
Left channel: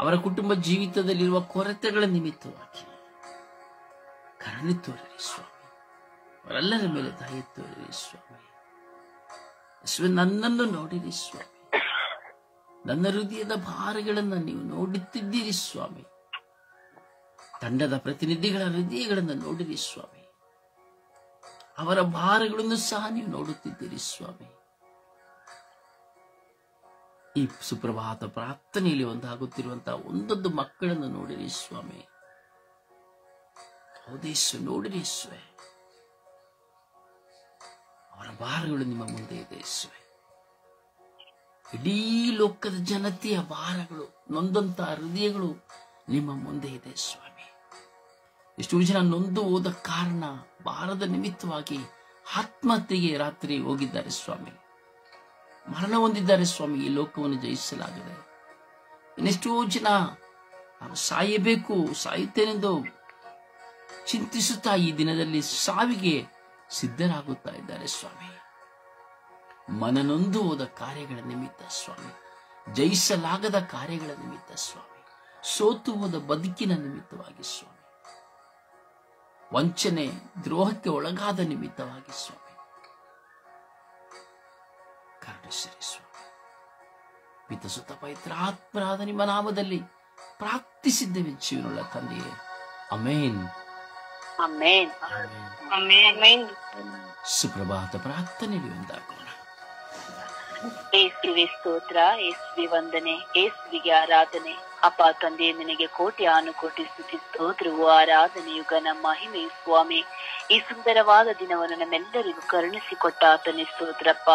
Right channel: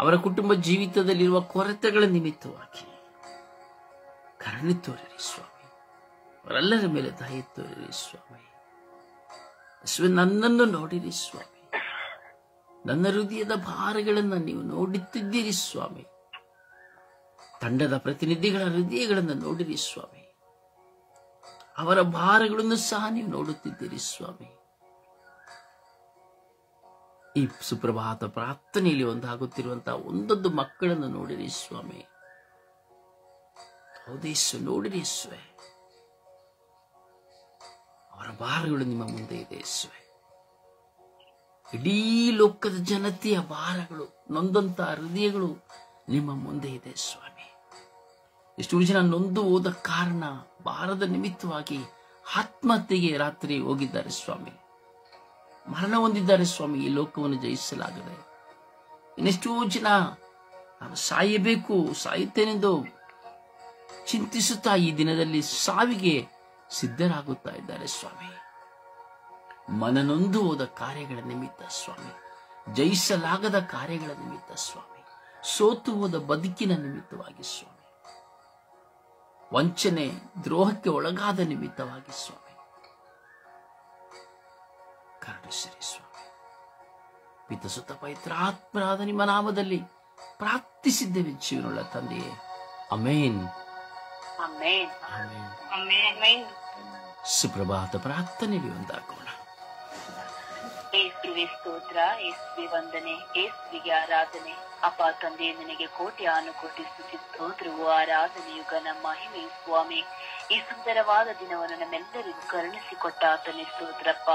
ಅವರ ಕುಟುಂಬ ಜೀವಿತದಲ್ಲಿರುವ ಕೊರತೆಗಳ ನಿಮಿತ್ತವಾಗಿ ಕರುಣೆ ತೋರಿರಿ ಸ್ವಾಮಿ. ಅವರೆಲ್ಲರ ಮೇಲೆ ದಯೆ ತೋರಿರಿ ಸ್ವಾಮಿ. ನನ್ನನ್ನು ನೋಡಿರಿ ಸ್ವಾಮಿ. ನನ್ನ ಹೃದಯದ ಭಾರಗಳನ್ನು ನೀವು ನೋಡುತ್ತಿದ್ದೀರಿ ಸ್ವಾಮಿ. ತಂಡದ ಪ್ರತಿನಿಧಿಗಳ ಹೃದಯಗಳನ್ನು ನೋಡಿರಿ ಸ್ವಾಮಿ. ಅವರ ಭಾರಗಳನ್ನು ಸಹ ನೀವು ನೋಡುತ್ತಿದ್ದೀರಿ ಸ್ವಾಮಿ. ಈ ಸುಪ್ರಭಾತ ಪ್ರಾರ್ಥನೆಯಲ್ಲಿ ಒಂದಾಗುತ್ತಿರುವಂತಹ ಒಂದೊಂದು ಮಕ್ಕಳನ್ನು ನೋಡಿರಿ ಸ್ವಾಮಿ. ಹೌದೇಶ್ವ ನೋಡಿರಿ ಸ್ವಾಮಿ. ಅವರ ಭಾರಗಳು ನಿಮ್ಮ ಮುಂದೆ ಇದೆ ಸ್ವಾಮಿ. ಇಡೀ ಲೋಕದ ಜನತೆಯ ಭಾರಗಳು, ನೊಂದಂತಹ ಹೃದಯಗಳು ನಿಮ್ಮ ಮುಂದೆ ಇದೆ ಸ್ವಾಮಿ. ಎಷ್ಟೋ ಜನ ನೊಂದು ಹೋದ ಕಾರಣ, ಭಾರದ ನಿಮಿತ್ತವಾಗಿ ಆತ್ಮಹತ್ಯೆಗೆ ರಾತ್ರಿ ಹೋಗಿದ್ದಾರೆ ಸ್ವಾಮಿ. ಮರಣ ಹೊಂದಿದ್ದಾರೆ ಸ್ವಾಮಿ. ಈ ಲೋಕವನ್ನು ಜಯಿಸಲಾಗದೆ ಇನ್ನೆಷ್ಟೋ ಜನ ನಾನು ಸಾಯಬೇಕು, ಸಾಯುತ್ತೇನೆಂದು ಚಿಂತಿಸುತ್ತಾ ಈ ದಿನದಲ್ಲಿ ಸಾವಿಗೆ ಸಿದ್ಧರಾಗುತ್ತಾ ಇದ್ದಾರೆ ಸ್ವಾಮಿ. ಮನನೊಂದು ಹೋದ ಕಾರ್ಯಗಳ ನಿಮಿತ್ತ ಸ್ವಾಮಿ, ಜಯಿಸಲಾಗದ ಕಾರ್ಯಗಳ ನಿಮಿತ್ತ ಸ್ವಾಮಿ, ಸೋತು ಹೋದ ಬದುಕಿನ ನಿಮಿತ್ತವಾಗಿ ಸ್ವಾಮಿ, ವಂಚನೆ ದ್ರೋಹಕ್ಕೆ ಒಳಗಾದ ನಿಮಿತ್ತವಾಗಿ ಸ್ವಾಮಿ ಕರುಣಿಸಿರಿ ಸ್ವಾಮಿ. ಪಿತಸುತ ಪವಿತ್ರಾತ್ಮರಾದ ನಿಮ್ಮ ನಾಮದಲ್ಲಿ ಪ್ರಾರ್ಥಿಸಿದ್ದೇವೆ ಜೀವನವುಳ್ಳ ತಂದೆಯೇ, ಅಮೇನ್. ಆಮೇನ್. ಆಮೆನ್. ಸುಪ್ರಭಾತ ಪ್ರಾರ್ಥನೆಗೆ ಒಂದಾಗೋಣ. ಏಸುವೆ ಸ್ತೋತ್ರ, ಏಸುವೆ ವಂದನೆ, ಏಸುವಿಗೆ ಆರಾಧನೆ. ಅಪ್ಪ ತಂದೆ, ನಿನಗೆ ಕೋಟಿ ಆನುಕೋಟಿ ಸ್ತುತಿ ಸ್ತೋತ್ರವು ಆರಾಧನೆಯು ಘನ ಮಹಿಮೆಯು ಸ್ವಾಮಿ. ಈ ಸುಂದರವಾದ ದಿನವನ್ನು ನಮ್ಮೆಲ್ಲರಿಗೂ ಕರುಣಿಸಿಕೊಟ್ಟ ಆತನೇ ಸ್ತೋತ್ರಪ್ಪ.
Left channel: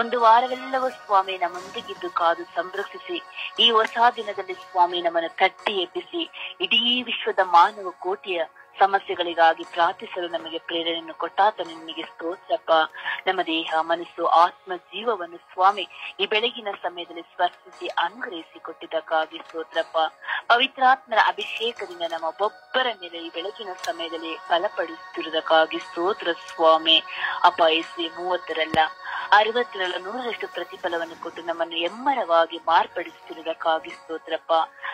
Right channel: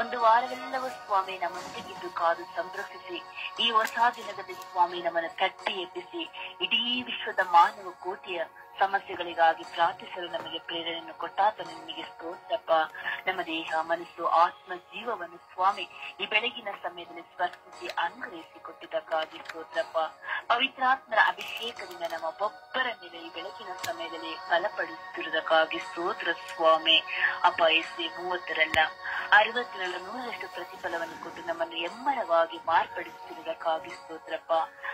ಒಂದು ವಾರವೆಲ್ಲವೂ ಸ್ವಾಮಿ ನಮ್ಮೊಂದಿಗಿದ್ದು ಕಾದು ಸಂರಕ್ಷಿಸಿ ಈ ಹೊಸ ದಿನದಲ್ಲಿ ಸ್ವಾಮಿ ನಮ್ಮನ್ನು ತಟ್ಟಿ ಎಬ್ಬಿಸಿ ಇಡೀ ವಿಶ್ವದ ಮಾನವ ಕೋಟಿಯ ಸಮಸ್ಯೆಗಳಿಗಾಗಿ ಪ್ರಾರ್ಥಿಸಲು ನಮಗೆ ಪ್ರೇರಣೆಯನ್ನು ಕೊಟ್ಟಾತನೇ ನಿನಗೆ ಸ್ತೋತ್ರಪ್ಪ. ನಮ್ಮ ದೇಹ, ಮನಸ್ಸು, ಆತ್ಮ, ಜೀವವನ್ನು ಸ್ವಾಮಿ ಈ ಬೆಳಗಿನ ಸಮಯದಲ್ಲಿ ಸ್ಪರ್ಶಿಸಿ ಅನುಗ್ರಹಿಸಿ ಕೊಟ್ಟಿದ್ದಕ್ಕಾಗಿ ಸ್ತೋತ್ರಪ್ಪ. ಪವಿತ್ರಾತ್ಮರ ಅಭಿಷೇಕದಿಂದ ನಮ್ಮ ಒಬ್ಬೊಬ್ಬರ ಮೇಲೆ ಈ ಬೆಳಗಿನ ಸಮಯದಲ್ಲಿ ಬಲಪಡಿಸುತ್ತಿರುವುದಕ್ಕಾಗಿ ಸ್ತೋತ್ರ ಸ್ವಾಮಿ. ಅಪ್ಪ, ಯೇಸುವೆ 30ರಲ್ಲ 60ರಲ್ಲ 100ರಷ್ಟು ಪ್ರತಿಫಲವನ್ನು ಕೊಟ್ಟು ನಮ್ಮನ್ನು ಎಮ್ಮರವಾಗಿ ಮಾರ್ಪಡಿಸುತ್ತಿರುವುದಕ್ಕಾಗಿ ಸ್ತೋತ್ರಪ್ಪ.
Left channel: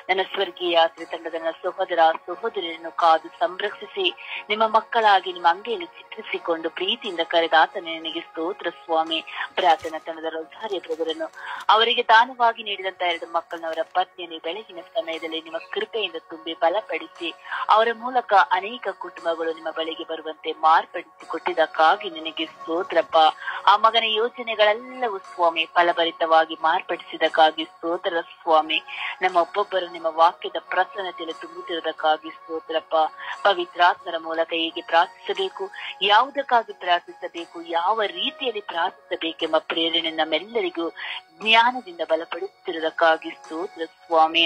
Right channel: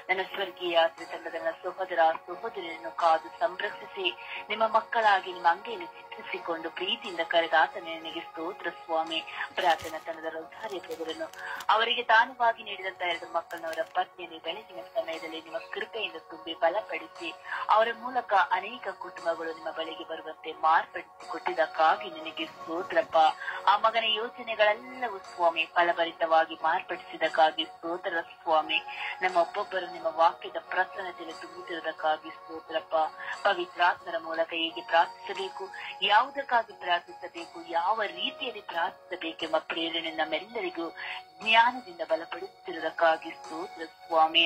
ನನ್ನ ಸ್ವರ್ಗೀಯ ಯಾತ್ರೆ ತಂಡದ ನನ್ನ ಸಹೋದರ ಸಹೋದರಿಯನ್ನು ಕಾದು ಸಂರಕ್ಷಿಸಿ ನಿಮ್ಮ ಮಕ್ಕಳಾಗಿ ನಿಮ್ಮ ಅಂಗೈಯಲ್ಲಿ ಚಿತ್ರಿಸಿಕೊಂಡು ಪ್ರೀತಿಯಿಂದ ಕರೆದ ಆತನೇ ನಿನಗೆ ಸ್ತೋತ್ರ ಸ್ವಾಮಿ. ಪ್ರಾರ್ಥನಾ ತಂಡದ ರೋಜಾರಿಯ ಬ್ರದರನ್ನು ಅವರಿಗೆ ದಾನವಾಗಿ ನೀಡಿದಂತ 2 ಮಕ್ಕಳನ್ನ ಅವರ ಪತ್ನಿಯನ್ನು ಬೆಳಗಿನ ಸಮಯದಲ್ಲಿ ನಿಮ್ಮ ಕೃಪೆಯಿಂದ ತುಂಬಿ ಬಲಪಡಿಸಿ ಅವರ ಮೂಲಕ ಅನೇಕ ಕುಟುಂಬಗಳು ನಿಮ್ಮ ಬಳಿಗೆ ಬರುವಂತೆ ಮಾರ್ಪಡಿಸಿ ಕೊಟ್ಟಿದ್ದಕ್ಕಾಗಿ ನಿನಗೆ ಸ್ತೋತ್ರಪ್ಪ. ಆ ಮಗನ ಯೋಜನೆಗಳೆಲ್ಲವೂ ಸ್ವಾಮಿ ಫಲಭರಿತವಾಗಿ ಮಾರ್ಪಡಿಸಿದಕ್ಕಾಗಿ ಸ್ತೋತ್ರ ಸ್ವಾಮಿ. ನಮ್ಮ ಒಬ್ಬೊಬ್ಬರು ನಿಮ್ಮ ವಾಕ್ಯದ ಪ್ರಸನ್ನತೆಯಲ್ಲಿ ತುಂಬುತ್ತಿರುವುದಕ್ಕಾಗಿ ಸ್ತೋತ್ರಪ್ಪ. ಪವಿತ್ರಾತ್ಮರ ಮೂಲಕ ಹೇಗೆ ಪ್ರಾರ್ಥಿಸಬೇಕು, ಯಾವುದಕ್ಕಾಗಿ ಪ್ರಾರ್ಥಿಸಬೇಕು, ಯಾವ ರೀತಿಯಲ್ಲಿ ಪ್ರಾರ್ಥಿಸಬೇಕೆಂಬ ಪ್ರೇರಣೆ ನಮ್ಮೆಲ್ಲರಿಗೂ ಜ್ಞಾನದಿಂದ ಬಲಪಡಿಸುತ್ತಿರುವುದಕ್ಕಾಗಿ ಸ್ತೋತ್ರ ಸ್ವಾಮಿ.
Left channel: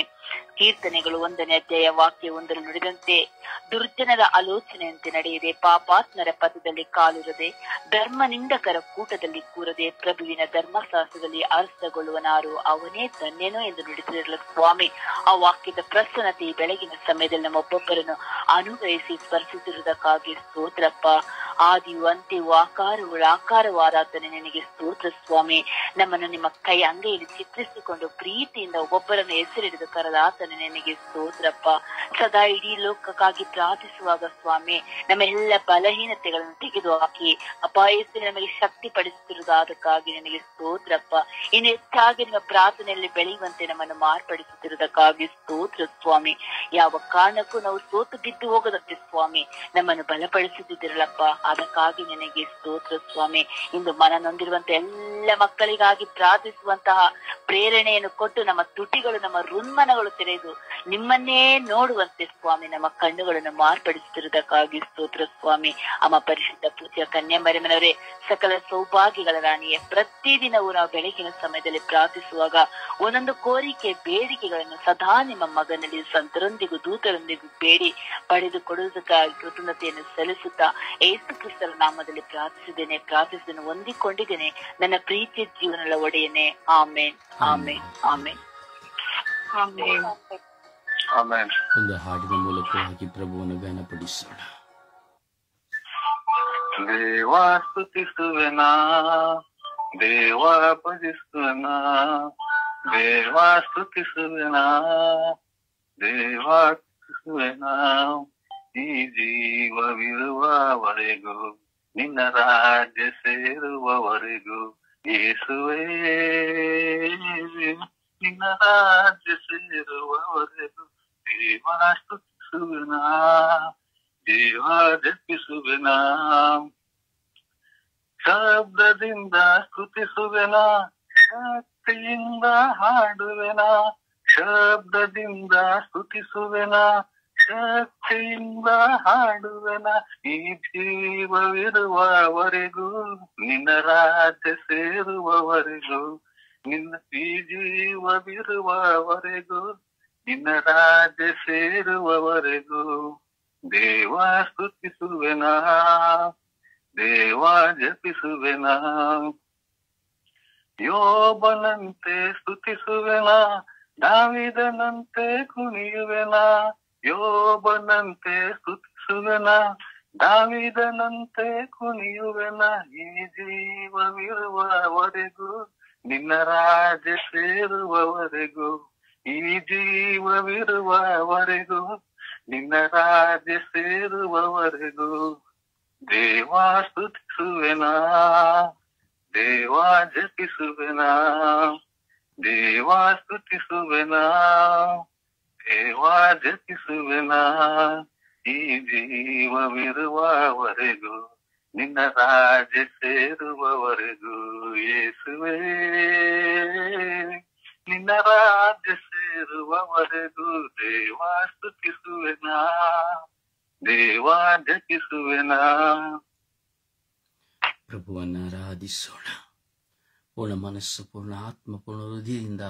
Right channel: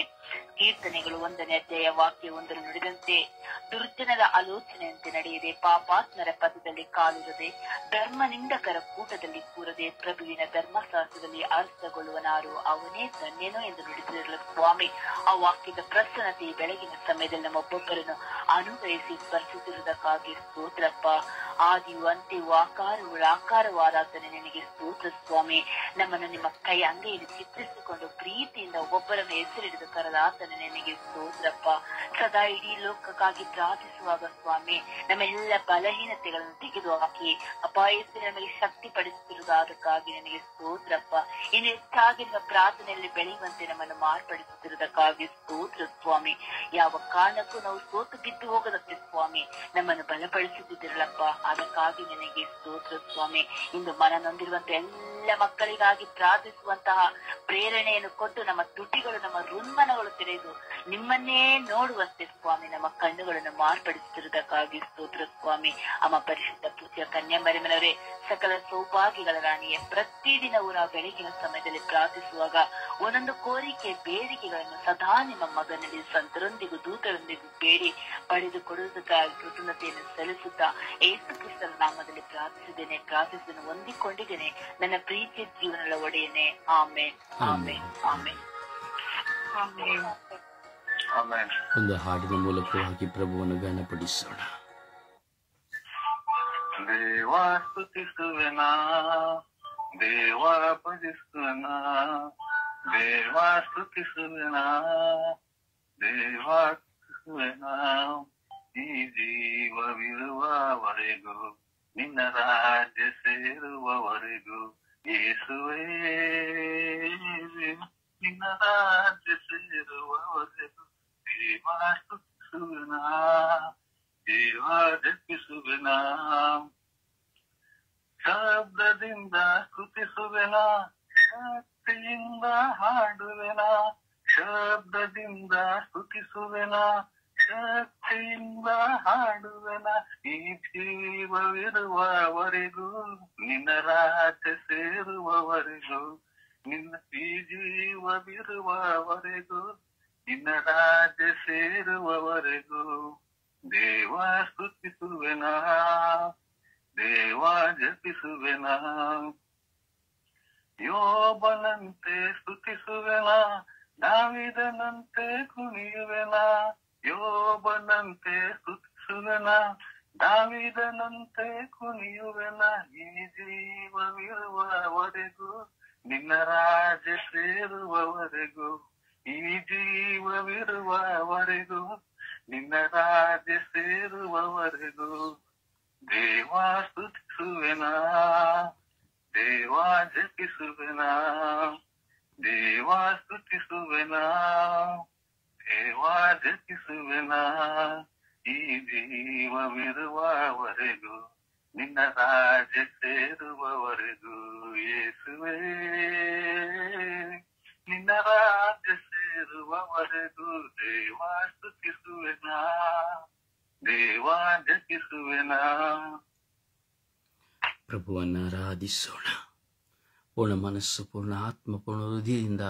ಕೀರ್ತನೆಗಳು 1ನೇ ಅಧ್ಯಾಯ ವಾಕ್ಯ 1ರಲ್ಲಿ ನುಡಿದಂತೆ ದುರ್ಜನರ ಆಲೋಚನೆಯಂತೆ ನಡೆಯದೆ, ಪಾಪಾತ್ಮರ ಪಥದಲ್ಲಿ ಕಾಲಿರದೆ, ಧರ್ಮ ನಿಂದಕರ ಕೂಟದಲ್ಲಿ ಕೂರದೆ, ಪ್ರಭುವಿನ ಧರ್ಮಶಾಸ್ತ್ರದಲ್ಲಿ ಅರ್ಥಗೊಳ್ಳುವನಾರು ಅವನೇ ಧನ್ಯನು ಎಂದು ನುಡಿದಿರಲಿ ಸ್ವಾಮಿ. ಆ ವಾಕ್ಯದ ಪ್ರಸನ್ನತೆ ಈ ಬೆಳಗಿನ ಸಮಯದಲ್ಲಿ ನಮ್ಮೊಬ್ಬೊಬ್ಬರನ್ನು ಅನುಗ್ರಹಿಸಿ ಸ್ಪರ್ಶಿಸಿರುವುದಕ್ಕಾಗಿ ಸ್ತೋತ್ರಪ್ಪ. ಆದಿಯು ಅಂತ್ಯವೂ ಆಕಾರವಾದಾತನೇ ನಿನಗೆ ಸ್ತೋತ್ರ ಸ್ವಾಮಿ. ನಮ್ಮನ್ನು ನಿಮ್ಮ ಕೈ ಅಂಗೈಯಲ್ಲಿ ಚಿತ್ರಿಸಿಕೊಂಡು ಪ್ರೀತಿಯಿಂದ ಒಬ್ಬೊಬ್ಬರನ್ನು ಹೆಸರಿಡಿದು ಕರೆದ ಆತನೇ ನಿನಗೆ ಸ್ತೋತ್ರಪ್ಪ. ಸದಾ ಇಡೀ ಲೋಕಕ್ಕಾಗಿ ಪ್ರಾರ್ಥಿಸುವಾಗ ಸ್ವಾಮಿ ನಮ್ಮ ಎಲ್ಲ ಬಲಹೀನತೆಗಳನ್ನು ತೆಗೆದು ಹಾಕಿ ಅಪಾಯದಲ್ಲಿ ನಮಗೆ ಶಕ್ತಿ ಪಡಿಸುತ್ತಿರುವುದಕ್ಕಾಗಿ ನಿನಗೆ ಸ್ತೋತ್ರಪ್ಪ. ಇನ್ನು ಹೆಚ್ಚಾಗಿ ನಿಮ್ಮ ಪ್ರಾರ್ಥನೆಯಲ್ಲಿ ಬೆಳೆಯುವಂತೆ ನಮ್ಮನ್ನು ಮಾರ್ಪಡಿಸುತ್ತಿರುವುದಕ್ಕಾಗಿ ಸ್ತೋತ್ರ ಸ್ವಾಮಿ. ಯಾವ ಕಾರಣಕ್ಕೂ ನಾವು ಸೋತು ಬಿದ್ದು ಹೋಗದಂತೆ ಸ್ವಾಮಿ ನಮ್ಮನ್ನು ಬಲಪಡಿಸುತ್ತಿದ್ದಿರಲಪ್ಪ. ಅದಕ್ಕಾಗಿ ನಿನಗೆ ಸ್ತೋತ್ರ ಸ್ವಾಮಿ. ಇಂದು ಮನ ನೊಂದಿರುವಂತ ಎಲ್ಲ ಮಕ್ಕಳಿಗಾಗಿ ಪ್ರಾರ್ಥಿಸುವಂತಹ ಪ್ರೇರಣೆಯನ್ನು ಕೊಟ್ಟು ನಮ್ಮ ತುಟಿಗಳು, ನಮ್ಮ ಋನ್ಮನಗಳು ತೆರೆದು ನಿಮ್ಮನ್ನೇ ನೋಡುವಂತೆ ಸ್ವಾಮಿ ನಮ್ಮ ಕಣ್ಣುಗಳನ್ನು ಮಾರ್ಪಡಿಸುತ್ತಿರುವುದಕ್ಕಾಗಿ ಸ್ತೋತ್ರ ಸ್ವಾಮಿ. ಅಮ್ಮ ಪರಿಶುದ್ಧ ಪೂಜ್ಯ ಕನ್ಯಾಮರಿಯಮ್ಮನವರೇ, ಸಕಲ ಸೌಭಾಗ್ಯಗಳ ರಾಣಿಯೇ, ಪ್ರತಿದಿನವೂ ನಾವು ಬೆಳಗಿನ ಸಮಯದಲ್ಲಿ ಪ್ರಾರ್ಥಿಸುವಾಗ ಒಂದೊಂದು ಕೋರಿಕೆ ಬೇಡಿಕೆಗಳನ್ನು ಸದಾ ನಿಮ್ಮ ಮಗನಲ್ಲಿ ಸಂತರೊಂದಿಗೂ ದೂತರೊಂದಿಗೂ ಬೇಡಿ ಪಡೆದು ಕೊಡುವುದಕ್ಕಾಗಿ ಕೃತಜ್ಞತೆಯನ್ನು ಸಲ್ಲಿಸುತ್ತಾ ಯೇಸು ಕ್ರಿಸ್ತರ ನಾಮದಲ್ಲಿ ಪ್ರಾರ್ಥಿಸಿದ್ದೇನೆ ಹೊಂದಿಕೊಂಡಿದ್ದೇನೆ ನನ್ನ ಪ್ರೀತಿಯ ಜೀವನದ ಒಡೆಯನೆ. ಆಮೇನ್, ಆಮೇನ್, ಆಮೇನ್, ಆಮೆನ್. ಆಮೆನ್. ಒಂದು ಹಾಡಿನ ಮೂಲಕವಾಗಿ ಪ್ರಭುವನ್ನು ಘನಪಡಿಸೋಣ. ದೇವ ಸ್ತುತಿಸುವೆನಾ, ದೇವ ಭಜಿಸುವೆನಾ, ದೇವ ಸ್ತುತಿಸುವೆನಾ, ದೇವ ಸ್ತುತಿಸುವೆನಾ. ಈ ಜೀವವಿರುವವರೆಗೂ ನಿನ್ನ ರಾಜ್ಯ ಸೇರುವವರೆಗೂ ಯೇಸುವೇ, ನಿನ್ನ ರಾಜ್ಯ ಸೇರುವವರೆಗೂ ದೇವ ಸ್ತುತಿಸುವೆನಾ, ದೇವ ಜಪಿಸುವೆನಾ. ಶಬ್ದದಿಂದ ಸ್ತುತಿಸುವೆನಾ, ಶಕ್ತಿಯಿಂದ ಹಾಡುವೆನಾ, ಶಬ್ದದಿಂದ ಸ್ತುತಿಸುವೆನಾ, ಶಕ್ತಿಯಿಂದ ಹಾಡುವೆನಾ. ಈ ಜೀವವಿರುವವರೆಗೂ ನಿನ್ನ ರಾಜ್ಯ ಸೇರುವವರೆಗೂ, ಈ ಜೀವವಿರುವವರೆಗೂ ನಿನ್ನ ರಾಜ್ಯ ಸೇರುವವರೆಗೂ ದೇವ ಸ್ತುತಿಸುವೆನಾ, ದೇವ ಜಪಿಸುವೆನಾ. ಯೋಬನಂತೆ ಸ್ತುತಿಸುವೆನಾ, ದಾವೀದನಂತೆ ಕುಣಿಯುವೆನಾ. ಯೋಬನಂತೆ ಸ್ತುತಿಸುವೆನಾ, ದಾವೀದನಂತೆ ಕುಣಿಯುವೆನಾ. ಈ ಜೀವವಿರುವವರೆಗೂ ನಿನ್ನ ರಾಜ್ಯ ಸೇರುವವರೆಗೂ, ಈ ಜೀವವಿರುವವರೆಗೂ ನಿನ್ನ ರಾಜ್ಯ ಸೇರುವವರೆಗೂ ದೇವ ಸ್ತುತಿಸುವೆನಾ, ದೇವ ಜಪಿಸುವೆನಾ, ದೇವ ಸ್ತುತಿಸುವೆನಾ, ದೇವ ಜಪಿಸುವೆನಾ. ಈ ಜೀವವಿರುವವರೆಗೂ ನಿನ್ನ ರಾಜ್ಯ ಸೇರುವವರೆಗೂ ಯೇಸುವೇ, ನಿನ್ನ ರಾಜ್ಯ ಸೇರುವವರೆಗೂ ದೇವಾ ಸ್ತುತಿಸುವೆನಾ, ದೇವಾ ಜಪಿಸುವೆನಾ. ಪ್ರಭುವನ್ನು ಆರಾಧಿಸೋಣ. ಪೂರ್ಣ ಮನಸ್ಸು, ಪೂರ್ಣ ಆತ್ಮ, ಪೂರ್ಣ ಹೃದಯದಿಂದ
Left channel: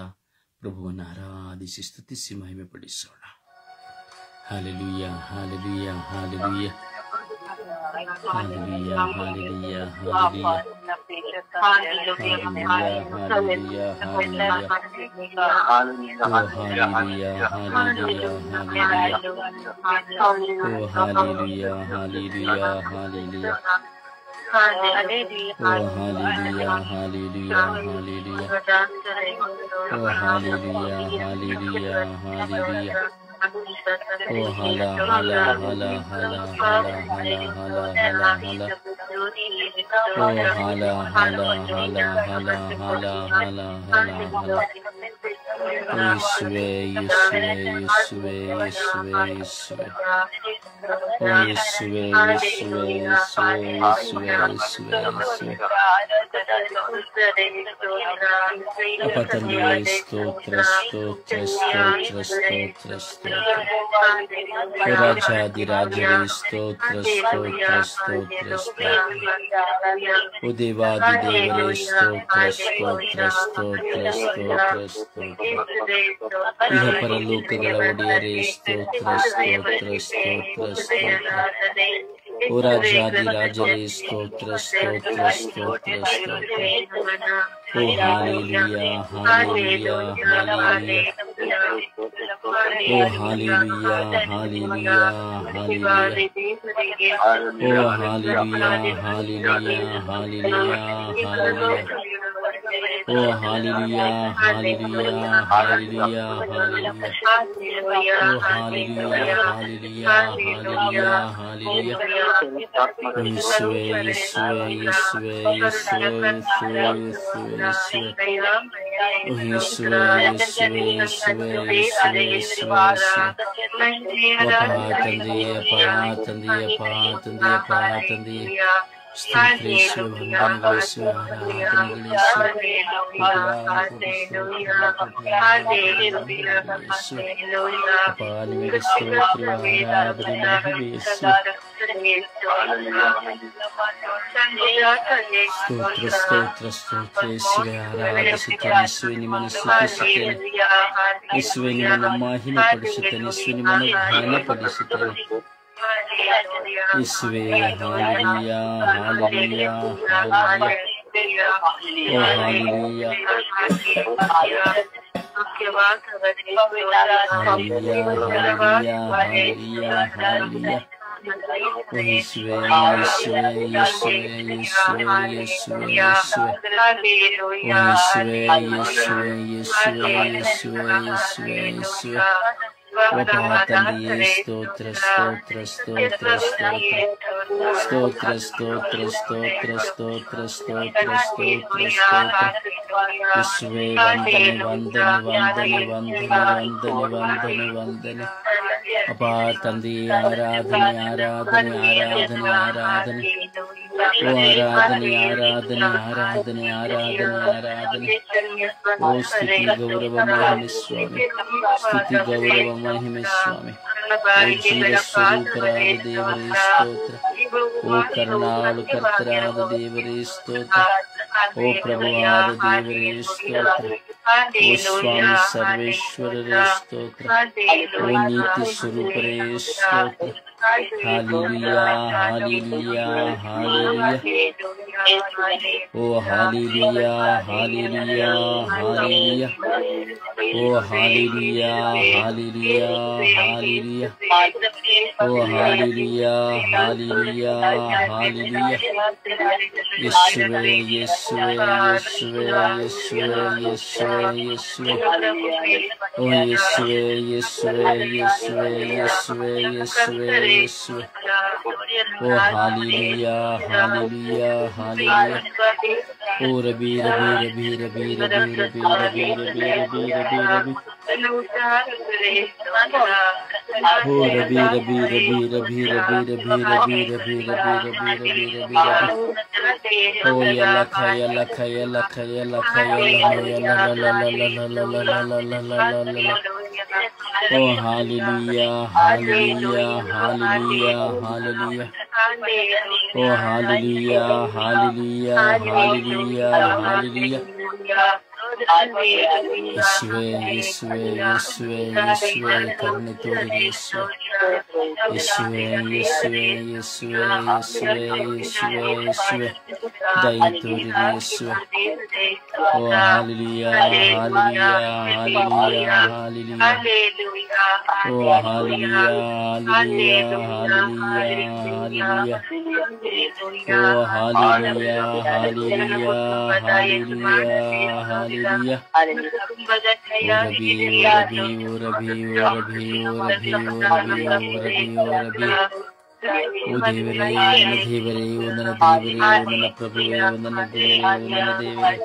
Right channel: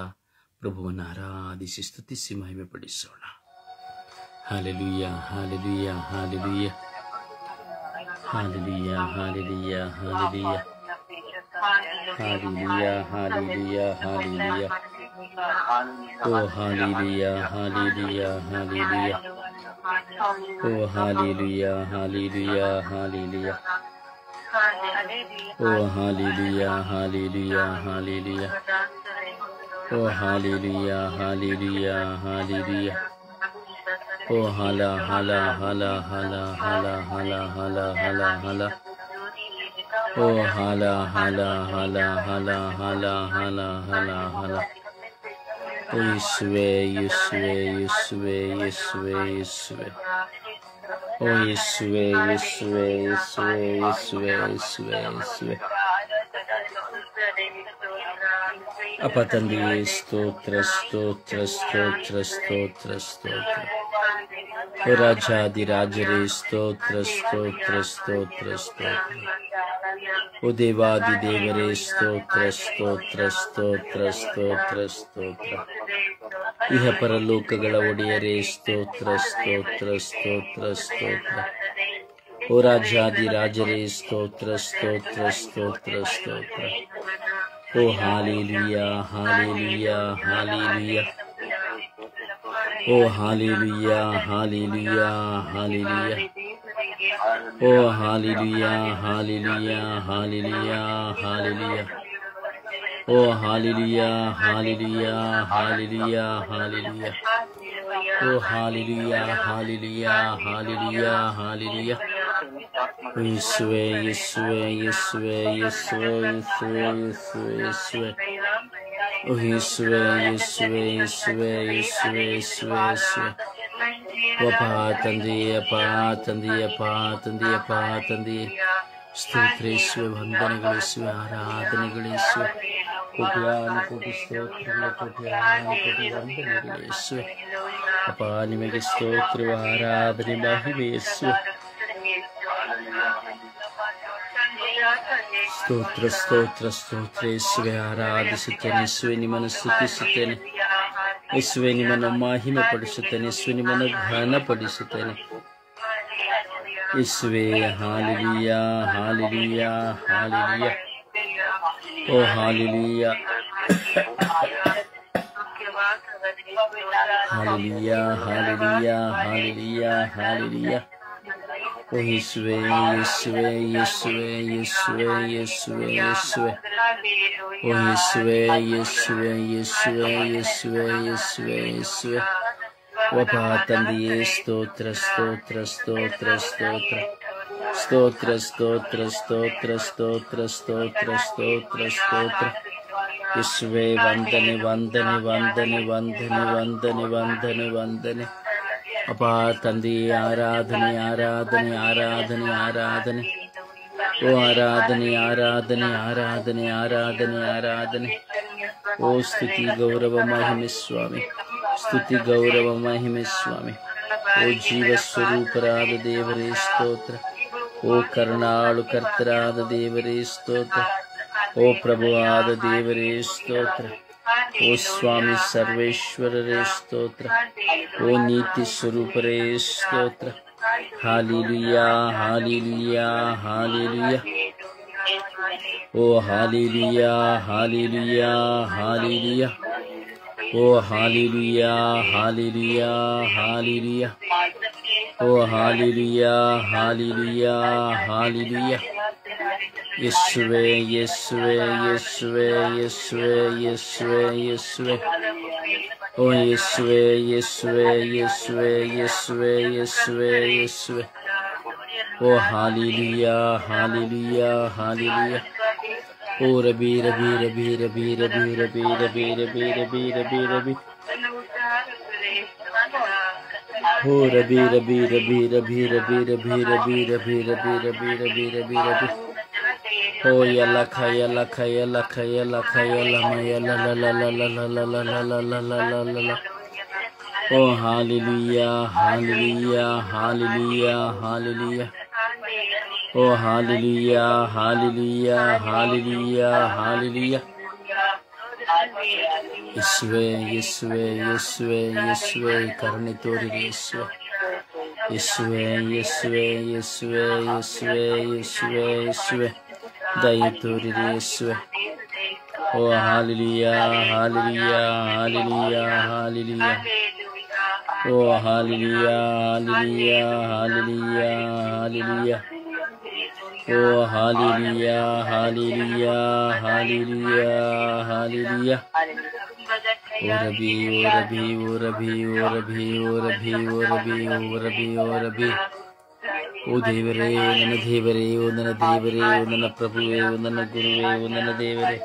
ಪ್ರಭುವನ್ನು ಆರಾಧಿಸಿ ಸ್ತುತಿಸಿ ಮಹಿಮೆ ಪಡಿಸೋಣ. Hallelujah, hallelujah, hallelujah, hallelujah, hallelujah, hallelujah, hallelujah, hallelujah, hallelujah. ಓ ಹಾಲೆಲೂಯ, ಹಾಲೆಲೂಯ, ಹಾಲೆಲೂಯ. ಓ ಹಾಲೆಲೂಯ, ಹಾಲೆಲೂಯ, ಹಾಲೆಲೂಯ. ಓ ಹಾಲೆಲೂಯ, ಹಾಲೆಲೂಯ, ಹಾಲೆಲೂಯ. ಓ ಹಾಲೆಲೂಯ, ಹಾಲೆಲೂಯ, ಹಾಲೆಲೂಯ. ಓ ಹಲ ಹಲ ಹಲ ಹಲ ಹಲ ಹಲ ಹಲ ಹಲ ಹಲ. ಓ ಹಲ ಹಲ ಹಲ ಹಲ ಹಲ ಹಲ ಹಲ ಹಲ. ಓ ಯೇಸುವೇ, ಯೇಸುವೇ, ಯೇಸುವೇ, ಯೇಸುವೇ, ಯೇಸುವೇ. ಓ ಯೇಸುವೇ, ಯೇಸುವೇ, ಯೇಸುವೇ, ಯೇಸುವೇ, ಯೇಸುವೇ, ಯೇಸುವೇ. ಅಪ್ಪ ತಂದೆಯೇ, ಸ್ತೋತ್ರ, ಸ್ತೋತ್ರ, ಸ್ತೋತ್ರ, ಸ್ತೋತ್ರ, ಸ್ತೋತ್ರ. ಓ ರಾಜಾದಿರಾಜರೇ, ಸ್ತೋತ್ರ, ಸ್ತೋತ್ರ, ಸ್ತೋತ್ರ, ಸ್ತೋತ್ರ. ಓ ದೇವಾದಿ ದೇವರೇ, ಸ್ತೋತ್ರ, ಸ್ತೋತ್ರ, ಸ್ತೋತ್ರ, ಸ್ತೋತ್ರ, ಸ್ತೋತ್ರ. ಇಹ ಪರಲೋಕಗಳ ಒಡೆಯರೇ, ಸ್ತೋತ್ರ, ಸ್ತೋತ್ರ, ಸ್ತೋತ್ರ, ಸ್ತೋತ್ರ. ಓ ರಾಜಾದಿರಾಜರೇ, ಸ್ತೋತ್ರ, ಸ್ತೋತ್ರ, ಸ್ತೋತ್ರ, ಸ್ತೋತ್ರ. ಓ ಹಾಲೆಲೂಯ, ಹಾಲೆಲೂಯ, ಹಾಲೆಲೂಯ. ಓ ಹಾಲೆಲೂಯ, ಹಾಲೆಲೂಯ, ಹಾಲೆಲೂಯ. ಓ ಹಾಲೆಲೂಯ, ಹಾಲೆಲೂಯ, ಹಾಲೆಲೂಯ, ಹಾಲೆಲೂಯ. ಓ ಹಾಲೆಲೂಯ, ಹಾಲೆಲೂಯ, ಹಾಲೆಲೂಯ, ಹಾಲೆಲೂಯ. ಓ ಹಾಲೆಲೂಯ, ಹಾಲೆಲೂಯ, ಹಾಲೆಲೂಯ, ಹಾಲೆಲೂಯ. ಯೇಸುವೇ, ಯೇಸುವೇ, ಯೇಸುವೇ, ಯೇಸುವೇ, ಯೇಸುವೇ, ಯೇಸುವೇ, ಯೇಸುವೇ. ಓ ಯೇಸುವೇ, ಯೇಸುವೇ, ಯೇಸುವೇ, ಯೇಸುವೇ, ಯೇಸುವೇ, ಯೇಸುವೇ. ಅಪ್ಪ ತಂದೆಯೇ, ಅಪ್ಪ ತಂದೆಯೇ, ಅಪ್ಪ ತಂದೆಯೇ, ಅಪ್ಪ ತಂದೆಯೇ. ಸ್ತೋತ್ರ ಯೇಸುವೇ, ವಂದನೆಗಳು ಯೇಸುವೇ, ಆರಾಧನೆಗಳು ಯೇಸುವೇ. ಕೋಟಿ ಸ್ತೋತ್ರಗಳು, ಕೋಟಿ ವಂದನೆಗಳು ಯೇಸುವೇ. ಅಪ್ಪ ನಿಮಗೆ ಸ್ತೋತ್ರ, ಆರಾಧನೆ, ಮಹಿಮೆ ಯೇಸುವೇ. ಸ್ತೋತ್ರ, ಸ್ತೋತ್ರ, ಸ್ತೋತ್ರ ಯೇಸುವೇ. ಆರಾಧಿಸುತ್ತೇನೆ ಯೇಸುವೇ, ನಿಮ್ಮನ್ನು ಸ್ತುತಿಸುತ್ತೇನೆ ಯೇಸುವೇ, ನಿಮ್ಮನ್ನು ಮಹಿಮೆ ಪಡಿಸುತ್ತೇನೆ ಯೇಸುವೇ, ನಿಮ್ಮನ್ನು ಘನಪಡಿಸುತ್ತೇನೆ ಯೇಸುವೇ. Hallelujah, hallelujah, hallelujah. ಓ hallelujah, hallelujah, hallelujah, hallelujah, hallelujah. ಓ ಯೇಸುವೇ, ಯೇಸುವೇ, ಯೇಸುವೇ, ಯೇಸುವೇ, ಯೇಸುವೇ, ಯೇಸುವೇ. ಓ ಯೇಸುವೇ, ಯೇಸುವೇ, ಯೇಸುವೇ, ಯೇಸುವೇ, ಯೇಸುವೇ, ಯೇಸುವೇ. ಅಪ್ಪ ತಂದೆಯೇ, ಸ್ತೋತ್ರ, ಸ್ತೋತ್ರ, ಸ್ತೋತ್ರ, ಸ್ತೋತ್ರ. ಸ್ತೋತ್ರ, ಸ್ತೋತ್ರ, ಸ್ತೋತ್ರ, ಸ್ತೋತ್ರ, ಸ್ತೋತ್ರ, ಸ್ತೋತ್ರ, ಸ್ತೋತ್ರ. ಯೇಸುವೇ, ವಂದನೆ, ವಂದನೆ, ವಂದನೆ, ವಂದನೆ, ವಂದನೆ, ವಂದನೆ, ವಂದನೆ. ಅಪ್ಪ ತಂದೆಯೇ, ಆರಾಧನೆ, ಆರಾಧನೆ, ಆರಾಧನೆ, ಆರಾಧನೆ. ಓ ಆರಾಧನೆ, ಆರಾಧನೆ, ಆರಾಧನೆ, ಆರಾಧನೆ, ಆರಾಧನೆ. ಓ ಸ್ತುತಿ, ಗೌರವ, ಮಹಿಮೆ ಸ್ವಾಮಿ. ಸ್ತುತಿ, ಗೌರವ, ಮಹಿಮೆ ಸ್ವಾಮಿ. ಓ ಜೀವ ಸ್ವರೂಪರಾದ ದೇವರೇ ಸ್ತೋತ್ರ. ಓ ಕರುಣಾಳು ಕರ್ತರಾದ ದೇವರೇ ಸ್ತೋತ್ರ. ಓ ಪ್ರಭುವಾದ ದೇವರೇ ಸ್ತೋತ್ರ. ಓ ಸ್ವಾಮಿ ಸರ್ವೇಶ್ವರರೇ ಸ್ತೋತ್ರ. ಓ ನೀತಿ ಸ್ವರೂಪರೇ ಸ್ತೋತ್ರ. Hallelujah, hallelujah, hallelujah. ಓ ಹಾಲೆಲೂಯ, ಹಾಲೆಲೂಯ, ಹಾಲೆಲೂಯ. ಓ ಹಾಲೆಲೂಯ, ಹಾಲೆಲೂಯ, ಹಾಲೆಲೂಯ. ಓ ಹಾಲೆಲೂಯ, ಹಾಲೆಲೂಯ, ಹಾಲೆಲೂಯ. ಯೇಸುವೇ, ಯೇಸುವೇ, ಯೇಸುವೇ, ಯೇಸುವೇ, ಯೇಸುವೇ, ಯೇಸುವೇ. ಓ ಯೇಸುವೇ, ಯೇಸುವೇ, ಯೇಸುವೇ, ಯೇಸುವೇ, ಯೇಸುವೇ, ಯೇಸುವೇ. ಓ ಹಾಲೆಲೂಯ, ಹಾಲೆಲೂಯ, ಹಾಲೆಲೂಯ. ಓ ರಬಿ, ರಬಿ, ರಬಿ, ರಬಿ, ರಬಿ, ರಬಿ, ರಬಿ, ರಬಿ, ರಬಿ, ರಬಿ, ರಬಿ. ಓ ರಬಿ ರಬಿ ರಬಿ ರಬಿ ರಬಿ ರಬಿ ರಬಿ ರಬಿ ರಬಿ ರಬಿ ರಬಿ ರಬಿ ರಬಿ ಓ ಯಲ್ಲ ಖಯಲ್ಲ ಖಯಲ್ಲ ಖಯಲ್ಲ ಖಯಲ್ಲ ಮಯಲ್ಲ ಲ ಲ ಲ ಲ ಲ ಲ ಲ ಲ ಲ ಲ ಲ ಲ ಲ. ಓ ಹಾಲೆಲೂಯಾ ಹಾಲೆಲೂಯಾ ಹಾಲೆಲೂಯಾ ಹಾಲೆಲೂಯಾ. ಓ ಹಾಲೆಲೂಯಾ ಹಾಲೆಲೂಯಾ ಹಾಲೆಲೂಯಾ ಹಾಲೆಲೂಯಾ. ಯೇಸುವೇ ಯೇಸುವೇ ಯೇಸುವೇ ಯೇಸುವೇ ಕರುಣೆ ತೋರಿರಿ ಯೇಸುವೇ ಯೇಸುವೇ ಯೇಸುವೇ ಯೇಸುವೇ ಯೇಸುವೇ ಯೇಸುವೇ ಯೇಸುವೇ ದಯೆ ತೋರಿರಿ ಯೇಸುವೇ. ಓ ಹಾಲೆಲೂಯಾ ಹಾಲೆಲೂಯಾ ಹಾಲೆಲೂಯಾ ಹಾಲೆಲೂಯಾ. ಓ ಹಾಲೆಲೂಯಾ ಹಾಲೆಲೂಯಾ ಹಾಲೆಲೂಯಾ ಹಾಲೆಲೂಯಾ. ಓ ಹಾಲೆಲೂಯಾ ಹಾಲೆಲೂಯಾ ಹಾಲೆಲೂಯಾ ಹಾಲೆಲೂಯಾ. ಓ ರಬಿ ಓ ರಬಿ ಓ ರಬಿ ಓ ರಬಿ ಓ ರಬಿ ಓ ರಬಿ ಓ ರಬಿ ಓ ರಬಿ. ಓ ದೇವರೇ ನನ್ನ ದೇವರೇ ಓ ನನ್ನ ದೇವರೇ ಓ ನನ್ನ ಪ್ರಭುವೇ ಓ ನನ್ನ ಗುರುವೇ ಓ ನನ್ನ ದೇವರೇ.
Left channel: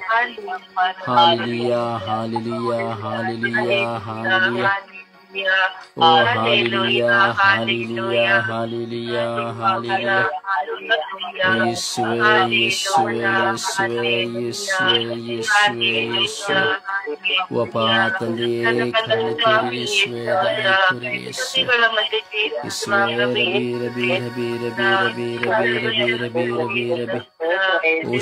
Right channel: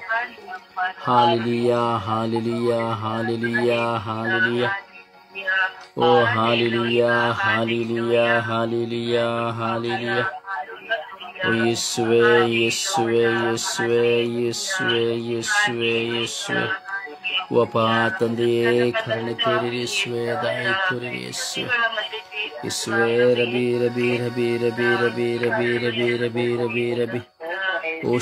Hallelujah hallelujah hallelujah hallelujah. ಓ ಹಾಲೆಲೂಯಾ ಹಾಲೆಲೂಯಾ ಹಾಲೆಲೂಯಾ ಹಾಲೆಲೂಯಾ. ಓ ಯೇಸುವೇ ಯೇಸುವೇ ಯೇಸುವೇ ಯೇಸುವೇ ಯೇಸುವೇ ಯೇಸುವೇ. ಓ ಅಪ್ಪ ತಂದೆಯೇ ಕರುಣೆ ತೋರಿರಿ ಯೇಸುವೇ ದಯೆ ತೋರಿರಿ ಯೇಸುವೇ ಯೇಸುವೇ. ರಬಿ ರಬಿ ರಬಿ ರಬಿ ರಬಿ ರಬಿ ರಬಿ ರಬಿ ರಬಿ ರಬಿ. ಓ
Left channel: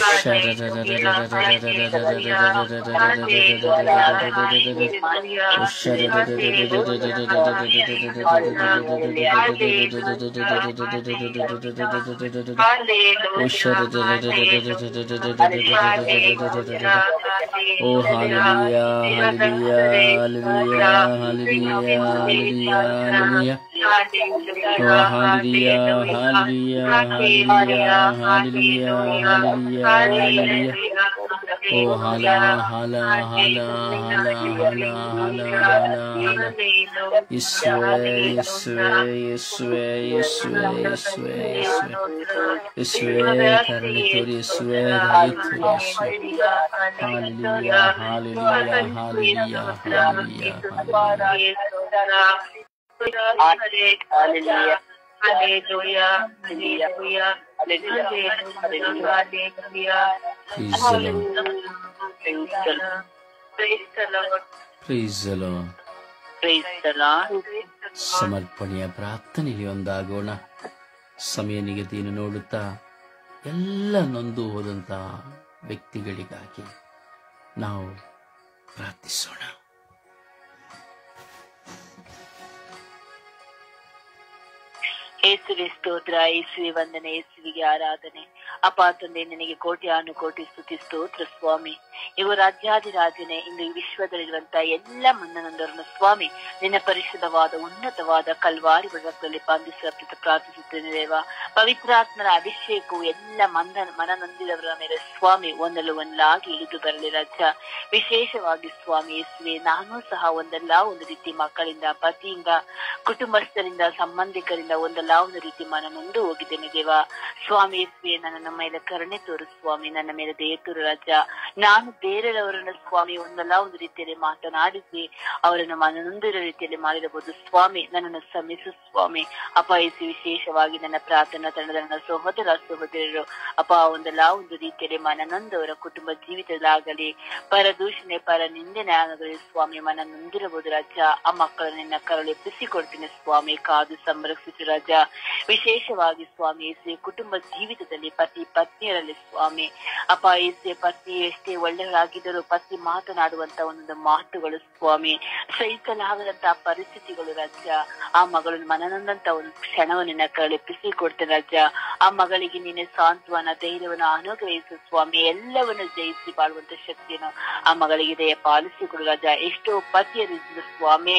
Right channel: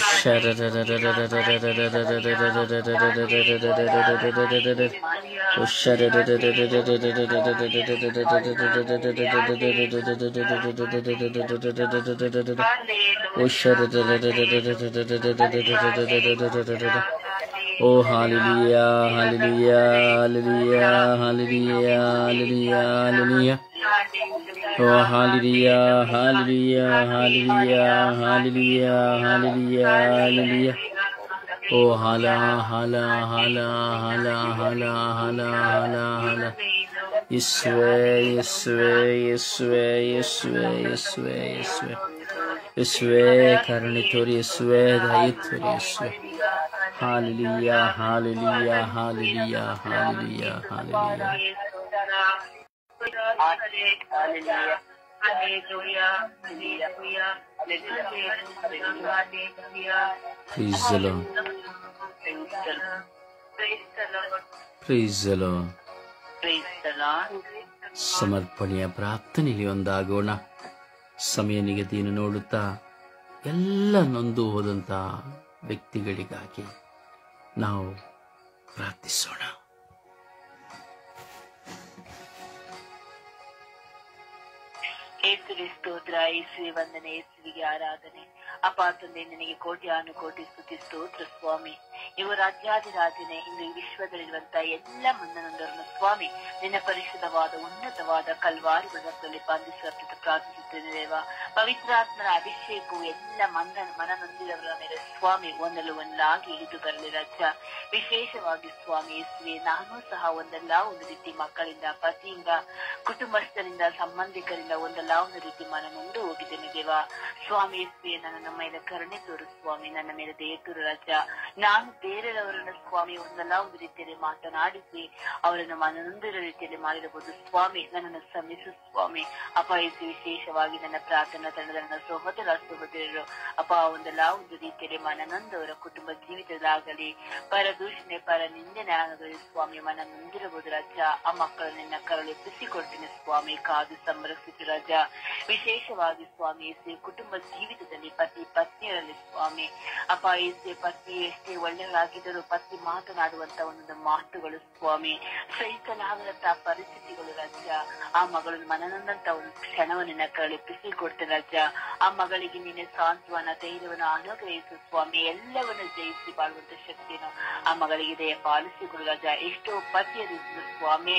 ಓ hallelujah hallelujah hallelujah hallelujah hallelujah hallelujah. ಓ hallelujah hallelujah hallelujah hallelujah hallelujah hallelujah. ಓ ಹಾಲ ಹಾಲ ಹಾಲ ಹಾಲ ಹಾಲ ಹಾಲ ಹಾಲ ಹಾಲ. ಯೇಸುವೇ ಯೇಸುವೇ ಯೇಸುವೇ ಯೇಸುವೇ ಯೇಸುವೇ ಯೇಸುವೇ ಯೇಸುವೇ ಕರುಣೆ ತೋರಿ ಯೇಸುವೇ ದಯೆ ತೋರಿ ಯೇಸುವೇ. Hallelujah hallelujah hallelujah hallelujah hallelujah. Praise the Lord. Praise the Lord. ಸಮರ್ಪಣೆಯ ಪ್ರಾರ್ಥನೆಯಲ್ಲಿ ಒಂದಾಗೋಣ. ಸಮಯ ನಿಗದಿಯನ್ನು ನೋಡುತ್ತಾ ಎಲ್ಲ ನೊಂದು ಹೋದಂತ ವ್ಯಕ್ತಿಗಳಿಗಾಗಿ ನಾವು ಪ್ರಾರ್ಥಿಸೋಣ. ಯೇಸುವೆ ಸ್ತೋತ್ರ, ಯೇಸುವೆ ವಂದನೆ, ಯೇಸುವಿಗೆ ಆರಾಧನೆ. ಅಪ್ಪ ತಂದೆ ನಿನಗೆ ಕೋಟಿ ಸ್ತುತಿ ಸ್ತೋತ್ರ ಸ್ವಾಮಿ. ಇವು ರಾಜ್ಯಾಧಿರಾಜನೆ ಇಂದು ವಿಶ್ವದಲ್ಲಿರುವಂತಹ ಎಲ್ಲ ಮನ್ನನೊಂದರನ್ನು ಸ್ವಾಮಿ ನಿನ್ನ ಪರಿಶುದ್ಧವಾದ ಉನ್ನತವಾದ ಕಲ್ವಾರಿ ರಕ್ತದಲ್ಲಿ ಬಂಧಿಸಿ ಪ್ರಾರ್ಥಿಸುತ್ತೇನೆ ದೇವ. ಪವಿತ್ರಾತ್ಮನ ಅಭಿಷೇಕವು ಎಲ್ಲ ಮನನೊಂದಿದವರ ಮೇಲೆ ಸ್ವಾಮಿ ಒಂದಲಾಗಿ ಇಳಿದು ಬರಲಿ ರಾಜ. ವಿಶೇಷವಾಗಿ ಸ್ವಾಮಿ ಯೇಸುವೆ ನಾನು ಸಹ ಒಂದಲ್ಲ ಒಂದು ರೀತಿ ಮಕ್ಕಳಿಂದ, ಪತಿಯಿಂದ, ಕುಟುಂಬಸ್ಥರಿಂದ, ಸಂಬಂಧಿಕರಿಂದ ಒಂದಲ್ಲ ಒಂದು ರೀತಿ ಮನನೊಂದು ಹೋಗಿದ್ದೇನೆ ದೇವ. ಸ್ವಾಮಿ ಯೇಸುವೆ ನನ್ನ ಮೇಲೆ ಕರುಣೆ ತೋರು ಸ್ವಾಮಿ, ನನ್ನ ಮೇಲೆ ದಯೆ ತೋರು ರಾಜ. ನಾನು ಬೇರೆಯವರನ್ನ ಸ್ವಾಮಿ ಒಂದಲ್ಲ ಒಂದು ರೀತಿಯಲ್ಲಿ ಮಾತನಾಡಿಸಿ ಅವರನ್ನು ಮನನೊಂದಿರೋ ರೀತಿಯಲ್ಲಿ ಮಾಡಿರಬಹುದು ಸ್ವಾಮಿ. ನನ್ನನ್ನು ಶ್ರಮಿಸು ಸ್ವಾಮಿ. ಅಪ್ಪ ಯೇಸು ವಿಶೇಷವಾಗಿ ನನ್ನ ಪ್ರಾರ್ಥನಾ ತಂಡದ ನನ್ನ ಸಹೋದರರು ಅಪ್ಪ ಒಂದಲ್ಲ ಒಂದು ರೀತಿಯಲ್ಲಿ ಮನನೊಂದವರ ಕುಟುಂಬ ಜೀವಿತದಾಗಲಿ ಪರದೂಷಣೆ ಪರ ನಿಂದನೆ ಆಗಲಿ ಸ್ವಾಮಿ ಮನನೊಂದಿರಬಹುದು ರಾಜ. ಆ ಮಕ್ಕಳನ್ನ ನಿನ್ನ ಕರಳು ಎಬ್ಬಿಸಿಕೊಡ್ತೀನಿ ಸ್ವಾಮಿ, ಕಾದು ಸಂರಕ್ಷಿಸು ರಾಜ. ವಿಶೇಷವಾಗಿ ಸ್ವಾಮಿ ಯೇಸು ಕುಟುಂಬ ಜೀವಿತದಲ್ಲಿ ಪತಿ ಪತ್ನಿಯರಲ್ಲಿ ಸ್ವಾಮಿ ಅಪ್ಪ ಯೇಸು ಪತ್ನಿ ಎಷ್ಟೇ ಒಳ್ಳೆಯರಾಗಿದ್ದರೂ ಪತಿ ಮಾತನಾಡುವಂತ ಒಂದು ಮಾತುಗಳು ಸ್ವಾಮಿ ಸಹಿಸಲಾಗದಂತಹ ಪರಿಸ್ಥಿತಿಗಳು ರಾಜ್ಯ. ಆ ಮಗಳು ಮನನೊಂದಂತ ಒಂದು ಕ್ಷಣವನ್ನು ನಿನ್ನ ಕಳೆಪಿಸಿ ಕೊಡ್ತೇನೆ ರಾಜ್ಯ. ಆ ಮಗಳಿಗೆ ನೀನೆ ಸಾಂತ್ವನ ಧೈರ್ಯವನ್ನು ಅನುಗ್ರಹಿಸು ಸ್ವಾಮಿ. ಎಲ್ಲವನ್ನು ಜಯಿಸಿ ಬಾಳುವಂತ ಶಕ್ತಿಯನ್ನು ಆ ಮಗಳಿಗೆ ದಯ ಪಾಲಿಸಿಕೊಡು ರಾಜ. ಎಷ್ಟೋ ಪತಿಯರು ಸ್ವಾಮಿ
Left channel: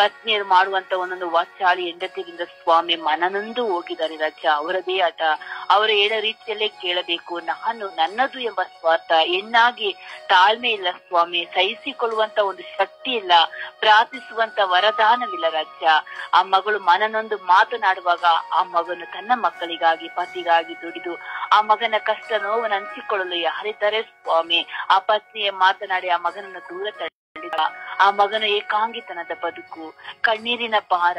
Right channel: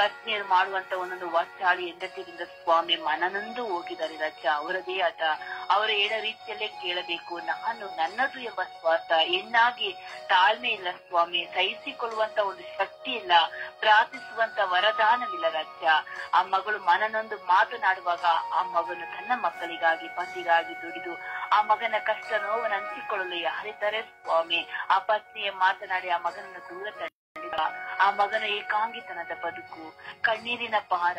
ಪತ್ನಿಯರು ಮಾಡುವಂತ ಒಂದೊಂದು ವಾಚಾಳಿ ಹೆಂಡತಿಯಿಂದ ಸ್ವಾಮಿ ಮನನೊಂದು ಹೋಗಿದ್ದಾರೆ ರಾಜ. ಅವರದೇ ಆಟ, ಅವರ ಹೇಳೋ ರೀತಿಯಲ್ಲೇ ಕೇಳಬೇಕು. ನನ್ನದು ಎಂಬ ಸ್ವಾರ್ಥ, ಹೆಣ್ಣಾಗಿ ತಾಳ್ಮೆ ಇಲ್ಲ ಸ್ವಾಮಿ, ಸಹಿಸಿಕೊಳ್ಳುವಂತ ಒಂದು ಶಕ್ತಿ ಇಲ್ಲ, ಪ್ರಾರ್ಥಿಸುವಂತ ವರದಾನವಿಲ್ಲ ರಾಜ್ಯ. ಆ ಮಗಳು ಮನನೊಂದು ಮಾತನಾಡುವಾಗ ಆ ಮಗನು ತನ್ನ ಮಕ್ಕಳಿಗಾಗಿ ಪತಿಗಾಗಿ ದುಡಿದು ಆ ಮಗನ ಕಷ್ಟ ನೋವನ್ನು ಹಂಚಿಕೊಳ್ಳಲು ಯಾರಿದ್ದಾರೆ ಸ್ವಾಮಿ. ಆ ಪತ್ನಿಯ ಮಾತನಾಡಿ ಆ ಮಗನನ್ನು ದೂರ ತಳ್ಳಿದ ಆ ಮಗನ ಏಕಾಂಗಿತನದ ಬದುಕು, ಕಣ್ಣೀರಿನ ಭಾರ,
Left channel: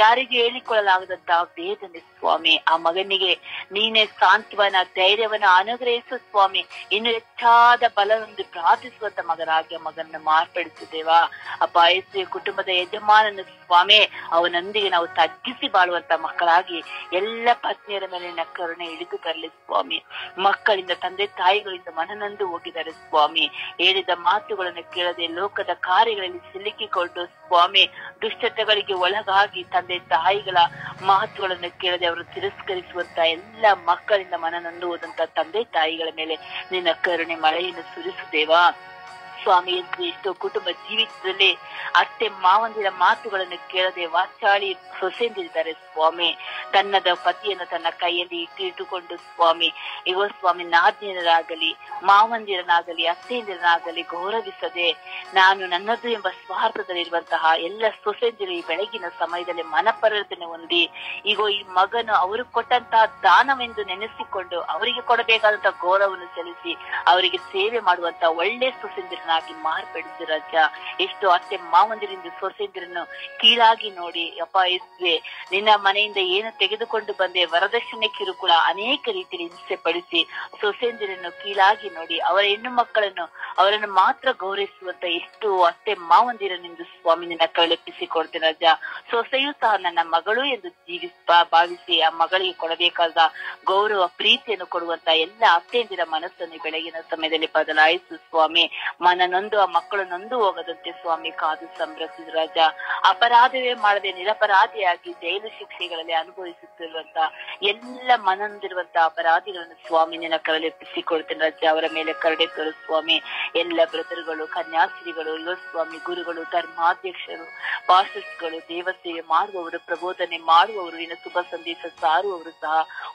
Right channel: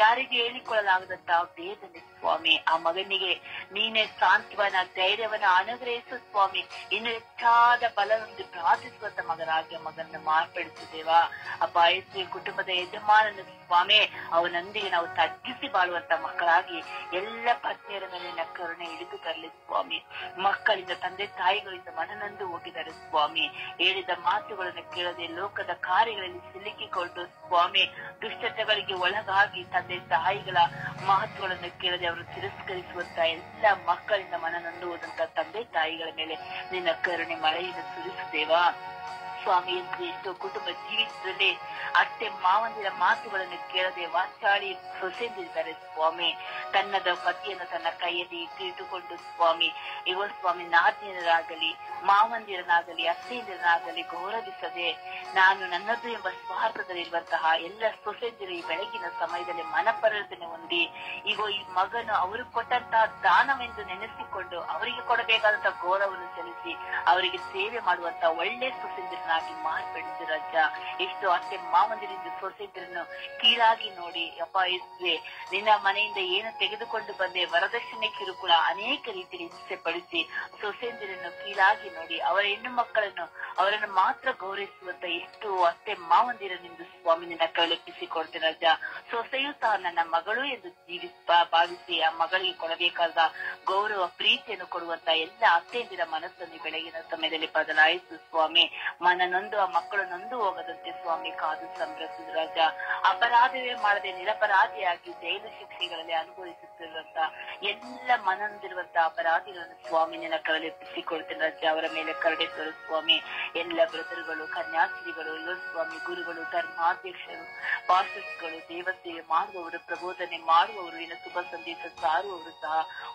ಯಾರಿಗೂ ಹೇಳಿಕೊಳ್ಳಲಾಗದಂತ ವೇದನೆ ಸ್ವಾಮಿ. ಆ ಮಗನಿಗೆ ನೀನೇ ಸಾಂತ್ವನ, ಧೈರ್ಯವನ್ನ ಅನುಗ್ರಹಿಸು ಸ್ವಾಮಿ. ಇನ್ನು ಹೆಚ್ಚಾದ ಬಲವೊಂದು ಪ್ರಾರ್ಥಿಸುವಂತ ಮಗನಾಗಿ ಮಗನ ಮಾರ್ಪಡಿಸಿದ್ದೇವಾ ಅಪ್ಪ. ಯೇಸುವೆ, ಕುಟುಂಬದ ಯಜಮಾನನ ಸ್ವಾಮಿ, ಅವನೊಂದಿಗೆ ನಾವು ತಗ್ಗಿಸಿ ಬಾಳುವಂತ ಮಕ್ಕಳಾಗಿ ಎಲ್ಲ ಪತ್ನಿಯರ ಮೇಲಿನ ಕರುಣೆ ಇಳಿದು ತರಲಿ ಸ್ವಾಮಿ. ಮಕ್ಕಳಿಂದ, ತಂದೆ ತಾಯಿಗಳಿಂದ ಮನನೊಂದು ಹೋಗಿದ್ದಾರೆ ಸ್ವಾಮಿ. ಹೇಳಿದ ಮಾತುಗಳನ್ನು ಕೇಳದೆ ಲೋಕದ ಕಾರ್ಯಗಳಲ್ಲಿ ಸಿಲುಕಿಕೊಂಡು ಸ್ವಾಮಿ, ದುಷ್ಟತೆಗಳಿಗೆ ಒಳಗಾಗಿ ತಂದೆ ತಾಯಿಗಳ ಮಾತುಗಳನ್ನು ಕೇಳದೆ ಅವರು ತಿರಸ್ಕರಿಸುವಂತ ಎಲ್ಲ ಮಕ್ಕಳಿಂದ ಮನನೊಂದು ಹೋದಂತ ತಂದೆ ತಾಯಿಗಳ ಮೇಲೆ ನಿನ್ನ ಕರುಣೆ ಮಳೆಯನ್ನು ಸುರಿಸುತ್ತೇವಾ ಸ್ವಾಮಿ. ಎಷ್ಟೋ ಕುಟುಂಬ ಜೀವಿತದಲ್ಲಿ ಅತ್ತೆ ಮಾವಂದಿರ ಮಾತುಗಳನ್ನು ಕೇಳದೆ ವಾಚಾಳಿ ಸೊಸೆಂದಿದ್ದಾರೆ ಸ್ವಾಮಿ. ತನ್ನದ ಪತಿಯನ್ನು ತನ್ನ ಕೈಯಲ್ಲಿ ಇಟ್ಟುಕೊಂಡು ಸ್ವಾಮಿ, ಇವ ಸ್ವಾಮಿ ನಾದ್ಯರಾಗಲಿ ಮಾವಂದಿರನಾಗಲಿ ಅತ್ತೆಯಂದಿರನಾಗಲಿ ಗೌರವಿಸದೆ ನಾನು ನನ್ನದು ಎಂಬ ಸ್ವಾರ್ಥದಲ್ಲಿರುವಂತಹ ಎಲ್ಲ ಸೊಸೆಂದಿರು ಈ ಬೆಳಗಿನ ಸಮಯದಲ್ಲಿ ಮನಪರಿವರ್ತನೆ ಹೊಂದಿ, ಈಗ ಈ ಮಗನು ಅವರು ಕೊಟ್ಟಂತಹ ದಾನವೆಂದು ನೆನೆಸಿಕೊಂಡು ಅವರಿಗೆ ಕೊಡಬೇಕಾದಂತಹ ಗೌರವವನ್ನು ಸಲ್ಲಿಸಿ ಅವರಿಗೆ ಸೇವೆ ಮಾಡುವಂತ ಒಳ್ಳೆ ಸೊಸೆಂದಿರನಾಗಿ ಮಾರ್ಪಡಿಸಿ ರಾಜ. ಎಷ್ಟು ಅತ್ತೆ ಮಾವಂದಿರಿಂದ ಸೊಸೆಂದಿರನ್ನು ಕೀಳಾಗಿ ನೋಡಿ ಅಪ್ಪ. ಯೇಸುವೆ, ನಿನ್ನ ಮನೆಯಿಂದ ಏನು ತೆಗೆದುಕೊಂಡು ಬಂದೆ ವರದಕ್ಷಿಣೆ ಕಿರುಕುಳ ಅನೇಕ ರೀತಿಯಲ್ಲಿ ಹಿಂಸೆ ಪಡಿಸಿ ಸೊಸೆಂದಿರನ್ನು ಕೀಳಾಗಿ ನೋಡಿ ಅವರ ಹೆಣ್ಣು ಮಕ್ಕಳನ್ನು ಅವರನ್ನು ಮಾತ್ರ ಗೌರವಿಸುವಂತ ಎಷ್ಟು ಅತ್ತೆ ಮಾವಂದಿರನೆಂದು ಸ್ವಾಮಿ ನಿನ್ನ ಕೈಲೆಪ್ಪಿಸಿಕೊಡ್ತೇನೆ ರಾಜ. ಸೊಸೆಯೂ ಸಹ ನನ್ನ ಮಗಳು ಎಂದು ಭಾವಿಸಿ ಆ ಮಗಳಿಗೆ ಕೊಡಬೇಕಾದ ಗೌರವ ಪ್ರೀತಿಯನ್ನು ಕೊಡುವಂತ ಎಲ್ಲ ಅತ್ತೆಯಂದಿರ ಮನಸ್ಸನ್ನು ಬೆಳಗಿನ ಸಮಯದಲ್ಲಿ ಬದಲಾಯಿಸು ಸ್ವಾಮಿ. ಮನನೊಂದು ಆ ಮಕ್ಕಳು ನೊಂದು ಹೋಗದಂತೆ ಸ್ವಾಮಿ ಕಾದು ಸಂರಕ್ಷಿಸು ರಾಜ. ಅಪರಾಧವೇ ಮಾಡದೆ ನಿರಪರಾಧಿಯಾಗಿ ಜೈಲು ಶಿಕ್ಷೆಗಳಲ್ಲಿ ಅನುಭವಿಸುತ್ತಿರುವಂತ ಎಲ್ಲ ಮನನೊಂದಿರುವಂತ ಅಪರಾಧಿಗಳನ್ನು ಸ್ವಾಮಿ ನಿನ್ನ ಕರಲೆಪ್ಪಿಸಿಕೊಡ್ತೇನೆ ರಾಜ. ಅವರ ಮೇಲೆ ಕರುಣೆ ತೋರು ಸ್ವಾಮಿ. ಎಲ್ಲ ಬ್ರದರ್ಗಳು, ಕನ್ಯಾಸ್ತ್ರೀಗಳು, ಯುವ ಸ್ವಾಮಿ, ಗುರುಗಳು, ಧರ್ಮಾಧ್ಯಕ್ಷರು, ಪಾಸ್ಟರ್ಸ್ಗಳು, ದೇವಸೇವೆ ಮಾಡುವವರು, ಪ್ರಬೋಧನೆ ಮಾಡುವವರು, ಇನ್ನು ಶುಭ ಸಂದೇಶ ಸಾರುವವರು ಸಹ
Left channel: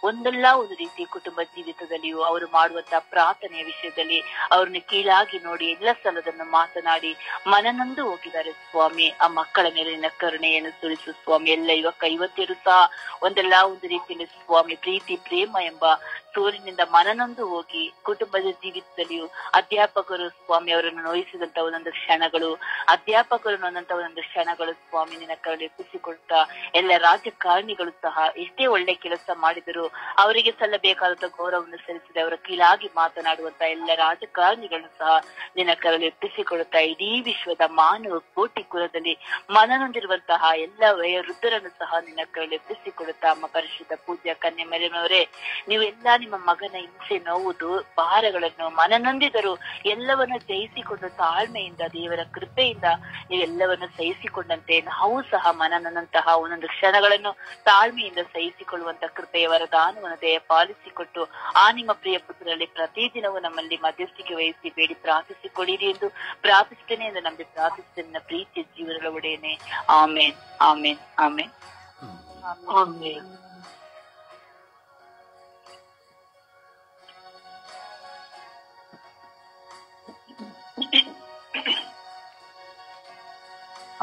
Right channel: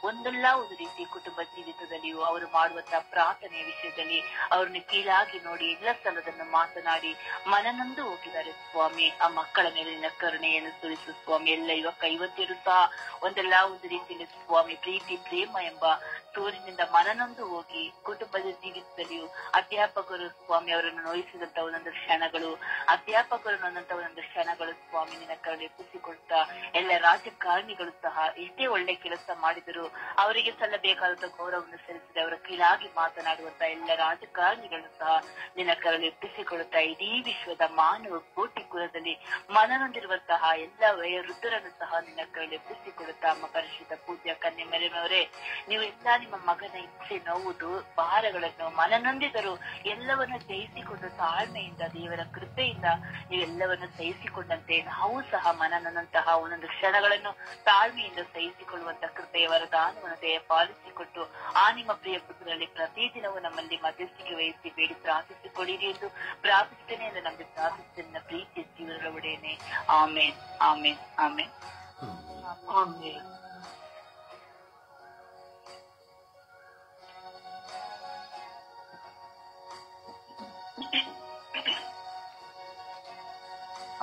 ಒಂದಲ್ಲ ಒಂದು ರೀತಿ ಕುಟುಂಬ ಜೀವಿತದಲ್ಲಿಯೂ ಅವರು ಮಾಡುವಂತಹ ಪ್ರಾರ್ಥನೆಯ ವಿಷಯದಲ್ಲಿ ಅವ್ರನ್ನ ಕೀಳಾಗಿ ನೋಡಿ ಎಲ್ಲ ಸ್ಥಳದನ್ನು ಮಾತನಾಡಿ ಮನನೊಂದು ಹೋಗಿದ್ದಾರೆ ಸ್ವಾಮಿ. ಆ ಮಕ್ಕಳ ಮೇಲಿನ ಕರುಣೆಯನ್ನು ಸುರಿಸು ಸ್ವಾಮಿ. ಎಲ್ಲ ಯುವತಿಯರು ಸಹ ಒಂದಲ್ಲ ಒಂದು ರೀತಿಯಲ್ಲಿ ಸ್ವಾಮಿ ಪ್ರೀತಿ ಪ್ರೇಮ ಎಂಬ ಸೂರಿನಿಂದ ಮನನೊಂದು ಹೋಗಿ ಕುಟುಂಬದ ಜೀವಿತದಲ್ಲಿಯೂ ಅಧ್ಯಾಪಕರು ಸ್ವಾಮಿ ಅವರನ್ನು ನೋಯಿಸಿದಂತ ಒಂದೊಂದು ಕ್ಷಣಗಳು, ಅಧ್ಯಾಪಕರು ನೊಂದಂತ ಒಂದೊಂದು ಕ್ಷಣಗಳು ಸ್ವಾಮಿ ನಿನ್ನ ಕರುಣೆಪ್ಪಿಸಿಕೊಟ್ಟ ಎಲ್ಲ ರಾಜಕಾರಣಿಗಳು ಸಹ ಎಷ್ಟೇ ಒಳ್ಳೆ ಕೆಲಸ ಮಾಡಿದರೂ ಅವರಿಗೆ ಸಲ್ಲಬೇಕಾದಂತ ಗೌರವವನ್ನು ಸಲ್ಲಿಸಿದೆ ಅವರ ಕೀಳಾಗಿ ಮಾತನಾಡುವಂತ ಎಲ್ಲ ರಾಜಕಾರಣಿಗಳನ್ನು ಸಹ ನಿನ್ನ ಕರುಣೆಪ್ಪಿಸಿಕೊಡುತ್ತಾ ಇಡೀ ವಿಶ್ವದ ಮಾನವ ಕೋಟಿ ಕುಲದಲ್ಲಿ ಮನನೊಂದಿರುವಂತಹ ಎಲ್ಲ ವಯೋವೃದ್ಧರನ್ನು ಸಹ ನಿನ್ನ ಕರುಣೆಪ್ಪಿಸಿಕೊಡುತ್ತಾ ಅಮ್ಮ ಪರಿಶುದ್ಧ ಪೂಜ್ಯ ಕನ್ಯೆ ಮರಿಯಮ್ಮನವರೇ, ನೀವೆಲ್ಲ ನಿಮ್ಮ ಮಗನ ಹಿಂಸೆ, ನೋವುದು, ಭಾರಗಳನ್ನು ಮನನೊಂದಿದರು ಎಲ್ಲವನ್ನು ಜಯಿಸಿಕೊಂಡು ತಾಳ್ಮೆಯಿಂದ ದೇವರ ಕೃಪೆಯಿಂದ ನೀವೆಲ್ಲವನ್ನು ಸಹಿಸಿಕೊಂಡಂತೆ ನಾವು ಸಹ ಮನನಂತಹ ಒಂದೊಂದು ಕ್ಷಣಗಳನ್ನು ತಾಳ್ಮೆಯಿಂದ ಸಹಿಸಿಕೊಳ್ಳುವಂತ ಕೃಪೆಯ ವರದಾನವನ್ನು ದಯ ಪಾಲಿಸಿಕೊಟ್ಟು ಆ ನಿಮ್ಮ ಪ್ರಿಯ ಪುತ್ರರಲ್ಲಿ ಪ್ರತಿದಿನವೂ ನಮ್ಮಲ್ಲಿ ಮಧ್ಯಸ್ಥಿಕೆ ವಹಿಸಿ ಬೇಡಿ ಪ್ರಾರ್ಥಿಸಿಕೊಳ್ಳಿರಿ ಎಂದು ಪ್ರಾರ್ಥಿಸುತ್ತೇನೆ ಎಂದು ನಂಬಿ ಪ್ರಾರ್ಥಿಸುತ್ತೇನೆ ಪ್ರೀತಿಯ ಜೀವನದ ಒಡೆಯನೆ. ಆಮೇನ್, ಆಮೇನ್, ಆಮೇನ್, ಆಮೇನ್.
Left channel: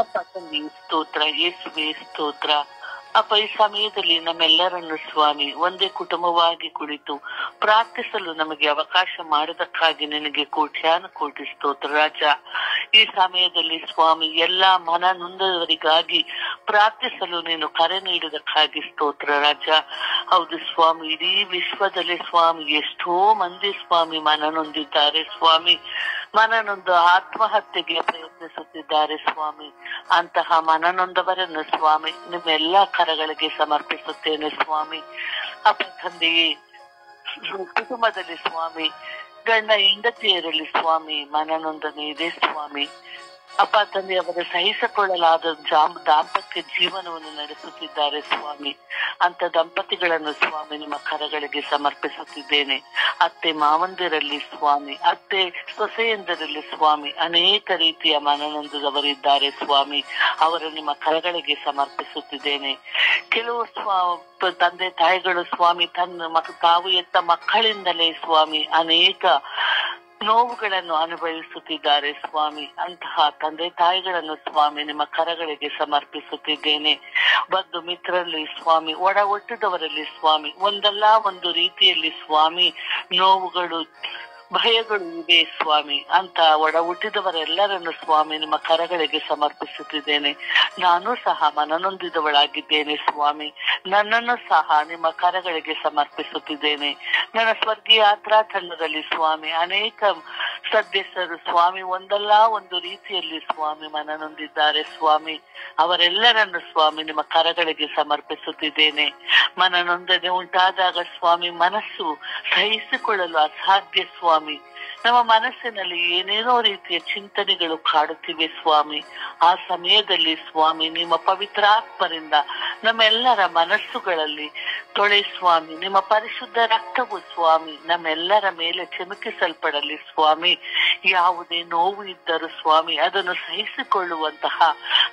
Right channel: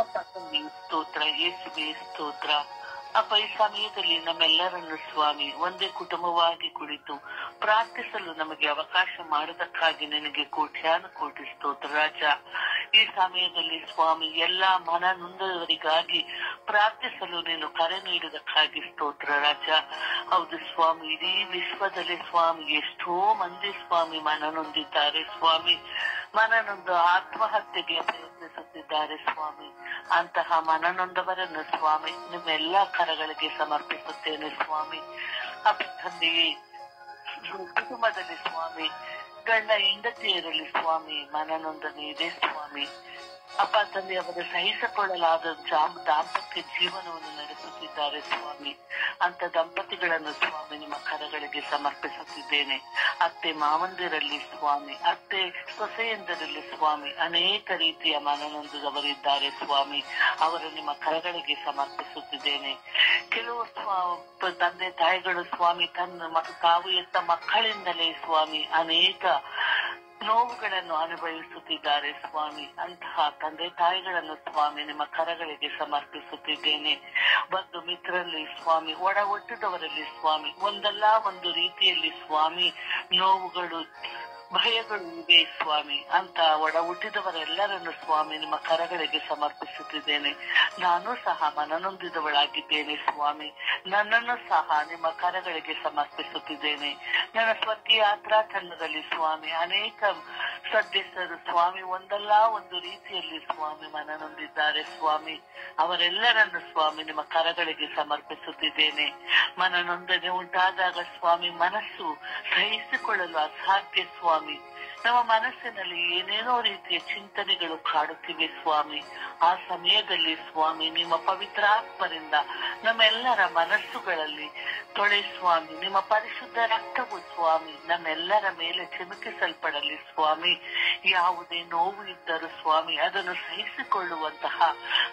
ಅಪ್ಪ ತಂದೆ ಸ್ತೋತ್ರ, ಯೇಸುವೆ ಸ್ತೋತ್ರ. ಅಪ್ಪ, ಈ ಸಮಯದಲ್ಲಿ ನಮ್ಮೆಲ್ಲರನ್ನು ಸ್ವಾಮಿ ಒಂದೇ ಕುಟುಂಬವಾಗಿ ಕುಳಿತು ಪ್ರಾರ್ಥಿಸಲು ನಮಗೆ ಅವಕಾಶ ಮಾಡೋದಕ್ಕಾಗಿ ನಿನಗೆ ಕೋಟ್ಯಾನು ಕೋಟಿ ಸ್ತೋತ್ರ ರಾಜ. ಈ ಸಮಯದಲ್ಲಿ ಸ್ವಾಮಿ ಎಲ್ಲಾ ಮನ ನೊಂದವರಿಗಾಗಿ ಪ್ರಾರ್ಥಿಸಲು ನೀನು ಕರೆ ನೀಡುವುದಕ್ಕಾಗಿ ಸ್ತೋತ್ರ ರಾಜ. ಹೌದು ಸ್ವಾಮಿ, ಇಡೀ ವಿಶ್ವದಲ್ಲಿ ಸ್ವಾಮಿ ಎಷ್ಟೋ ಮಂದಿ ಸ್ವಾಮಿ ಮನ ನೊಂದಿದ್ದಾರೆ ಸ್ವಾಮಿ, ಮನನೊಂದು ಆತ್ಮಹತ್ಯೆಗೆ ಪ್ರಯತ್ನಿಸುತ್ತಿದ್ದಾರೆ ಸ್ವಾಮಿ. ಅಂತಹ ಮನನೊಂದವರನ್ನು ಸ್ವಾಮಿ ನಿಮ್ಮೆಲ್ಲಾ ಕರಗಳಿಗೆ ಸಮರ್ಪಿಸುತ್ತೇನೆ ಸ್ವಾಮಿ. ಅಪ್ಪ ತಂದೆಯೇ, ಕುಟುಂಬದಲ್ಲಿ ಸ್ವಾಮಿ ಗಂಡ ಹೆಂಡತಿಯರಲ್ಲಿ ಸ್ವಾಮಿ ಮನನೊಂದನೆ ಇದೆ ಸ್ವಾಮಿ. ಅಪ್ಪ ತಂದೆ ಅವರ ಸಹಿಸಿಕೊಳ್ಳಲಾದ ದಾಂಪತ್ಯ ಜೀವನವನ್ನು ನಡೆಸುತ್ತಿದ್ದಾರೆ ಸ್ವಾಮಿ. ಅಂತ ದಂಪತಿಗಳನ್ನು ಸ್ವಾಮಿ ನಿಮ್ಮ ಕರಗಳಿಗೆ ಸಮರ್ಪಿಸುತ್ತಿದ್ದೇನೆ. ಅತ್ತೆ ಮಾವಂದಿರಲ್ಲಿ ಸ್ವಾಮಿ, ಅತ್ತೆ ಸೊಸೆಯಂದರಲ್ಲಿ ಸ್ವಾಮಿ ಅನೇಕ ರೀತಿಯ ಮನನೊಂದದವರಿದ್ದಾರೆ ಸ್ವಾಮಿ. ಅವರು ನಿಮ್ಮ ಕರಗಳಿಗೆ ಸಮರ್ಪಿಸುತ್ತಿದ್ದೇನೆ. ಕೆಲವು ತಂದೆ ತಾಯಿಗಳು ಸ್ವಾಮಿ ತಾವು ಎತ್ತ ಮಕ್ಕಳಿಂದಲೇ ಸ್ವಾಮಿ ಅನೇಕ ನೋವುಗಳನ್ನು ಅನುಭವಿಸುತ್ತಿದ್ದಾರೆ ಸ್ವಾಮಿ. ಅಂತಹ ತಂದೆ ತಾಯಿಗಳನ್ನು ಸ್ವಾಮಿ ನಿಮ್ಮ ಕರಗಳಿಗೆ ಸಮರ್ಪಿಸುತ್ತಿದ್ದೇನೆ. ಬಂಧು ಮಿತ್ರರಲ್ಲಿ ಸ್ವಾಮಿ, ಒಡ ಹುಟ್ಟಿದವರಲ್ಲಿ ಸ್ವಾಮಿ ಒಂದಲ್ಲ ಒಂದು ರೀತಿಯಲ್ಲಿ ಸ್ವಾಮಿ ನೋವುಗಳು ಭಯಗಳು ಇವೆ ಸ್ವಾಮಿ ಅಂತ ಒಡ ಹುಟ್ಟಿದವರೆಲ್ಲರನ್ನು ಸ್ವಾಮಿ ನಿಮ್ಮ ಕರಗಳಿಗೆ ಸಮರ್ಪಿಸುತ್ತಿದ್ದೇನೆ. ನಾನು ಸಹ ಮನನೊಂದಿದವಳಾಗಿದ್ದೇನೆ ಸ್ವಾಮಿ. ನನ್ನನ್ನು ಸಹ ನಿಮ್ಮ ಕರಗಳಿಗೆ ಸಮರ್ಪಿಸುತ್ತಿದ್ದೇನೆ. ನನ್ನ ಸ್ವರ್ಗೀಯ ಯಾತ್ರಾ ತಂಡದಲ್ಲಿ ಸ್ವಾಮಿ ಅನೇಕ ಸದಸ್ಯರು ಸ್ವಾಮಿ ಒಂದಲ್ಲ ಒಂದು ರೀತಿಯಲ್ಲಿ ಸ್ವಾಮಿ ಮನನೊಂದಿದ್ದಾರೆ ಸ್ವಾಮಿ. ಅವರೆಲ್ಲರನ್ನು ಸ್ವಾಮಿ ನಿಮ್ಮ ಕರಗಳಿಗೆ ಸಮರ್ಪಿಸುತ್ತಿದ್ದೇನೆ. ಮನನೊಂದನೆ ಉಂಟಾದಾಗ ಸ್ವಾಮಿ ಮನಸ್ಸು ಸಹಿಸಿಕೊಳ್ಳಲು ಅಸಾಧ್ಯ ಸ್ವಾಮಿ. ನಮ್ಮ ಮನಸ್ಸಿನಲ್ಲಿ ಏನೇನೋ ರೀತಿಯ ಚಿಂತನೆಗಳು ಕಾಡುತ್ತಿವೆ ಸ್ವಾಮಿ. ಆ ಸಮಯದಲ್ಲಿ ಸ್ವಾಮಿ ನಿಮ್ಮ ಪವಿತ್ರಾತ್ಮರಿಂದ ನಮ್ಮೆಲ್ಲರ ಮನಸ್ಸುಗಳಲ್ಲಿ ತೊಳೆ ಸ್ವಾಮಿ. ನಿಮ್ಮ ಪರಿಶುದ್ಧ ರಕ್ತವು ಸ್ವಾಮಿ ನಮ್ಮೆಲ್ಲರ ಮೇಲೆ ಚಿಮುಕಿಸಲ್ಪಡಲಿ ಸ್ವಾಮಿ. ಯಾವುದೇ ನೋವು ಇದ್ದರೂ ಸ್ವಾಮಿ ಅದನ್ನು ಸಹಿಸಿಕೊಳ್ಳುವಂತಹ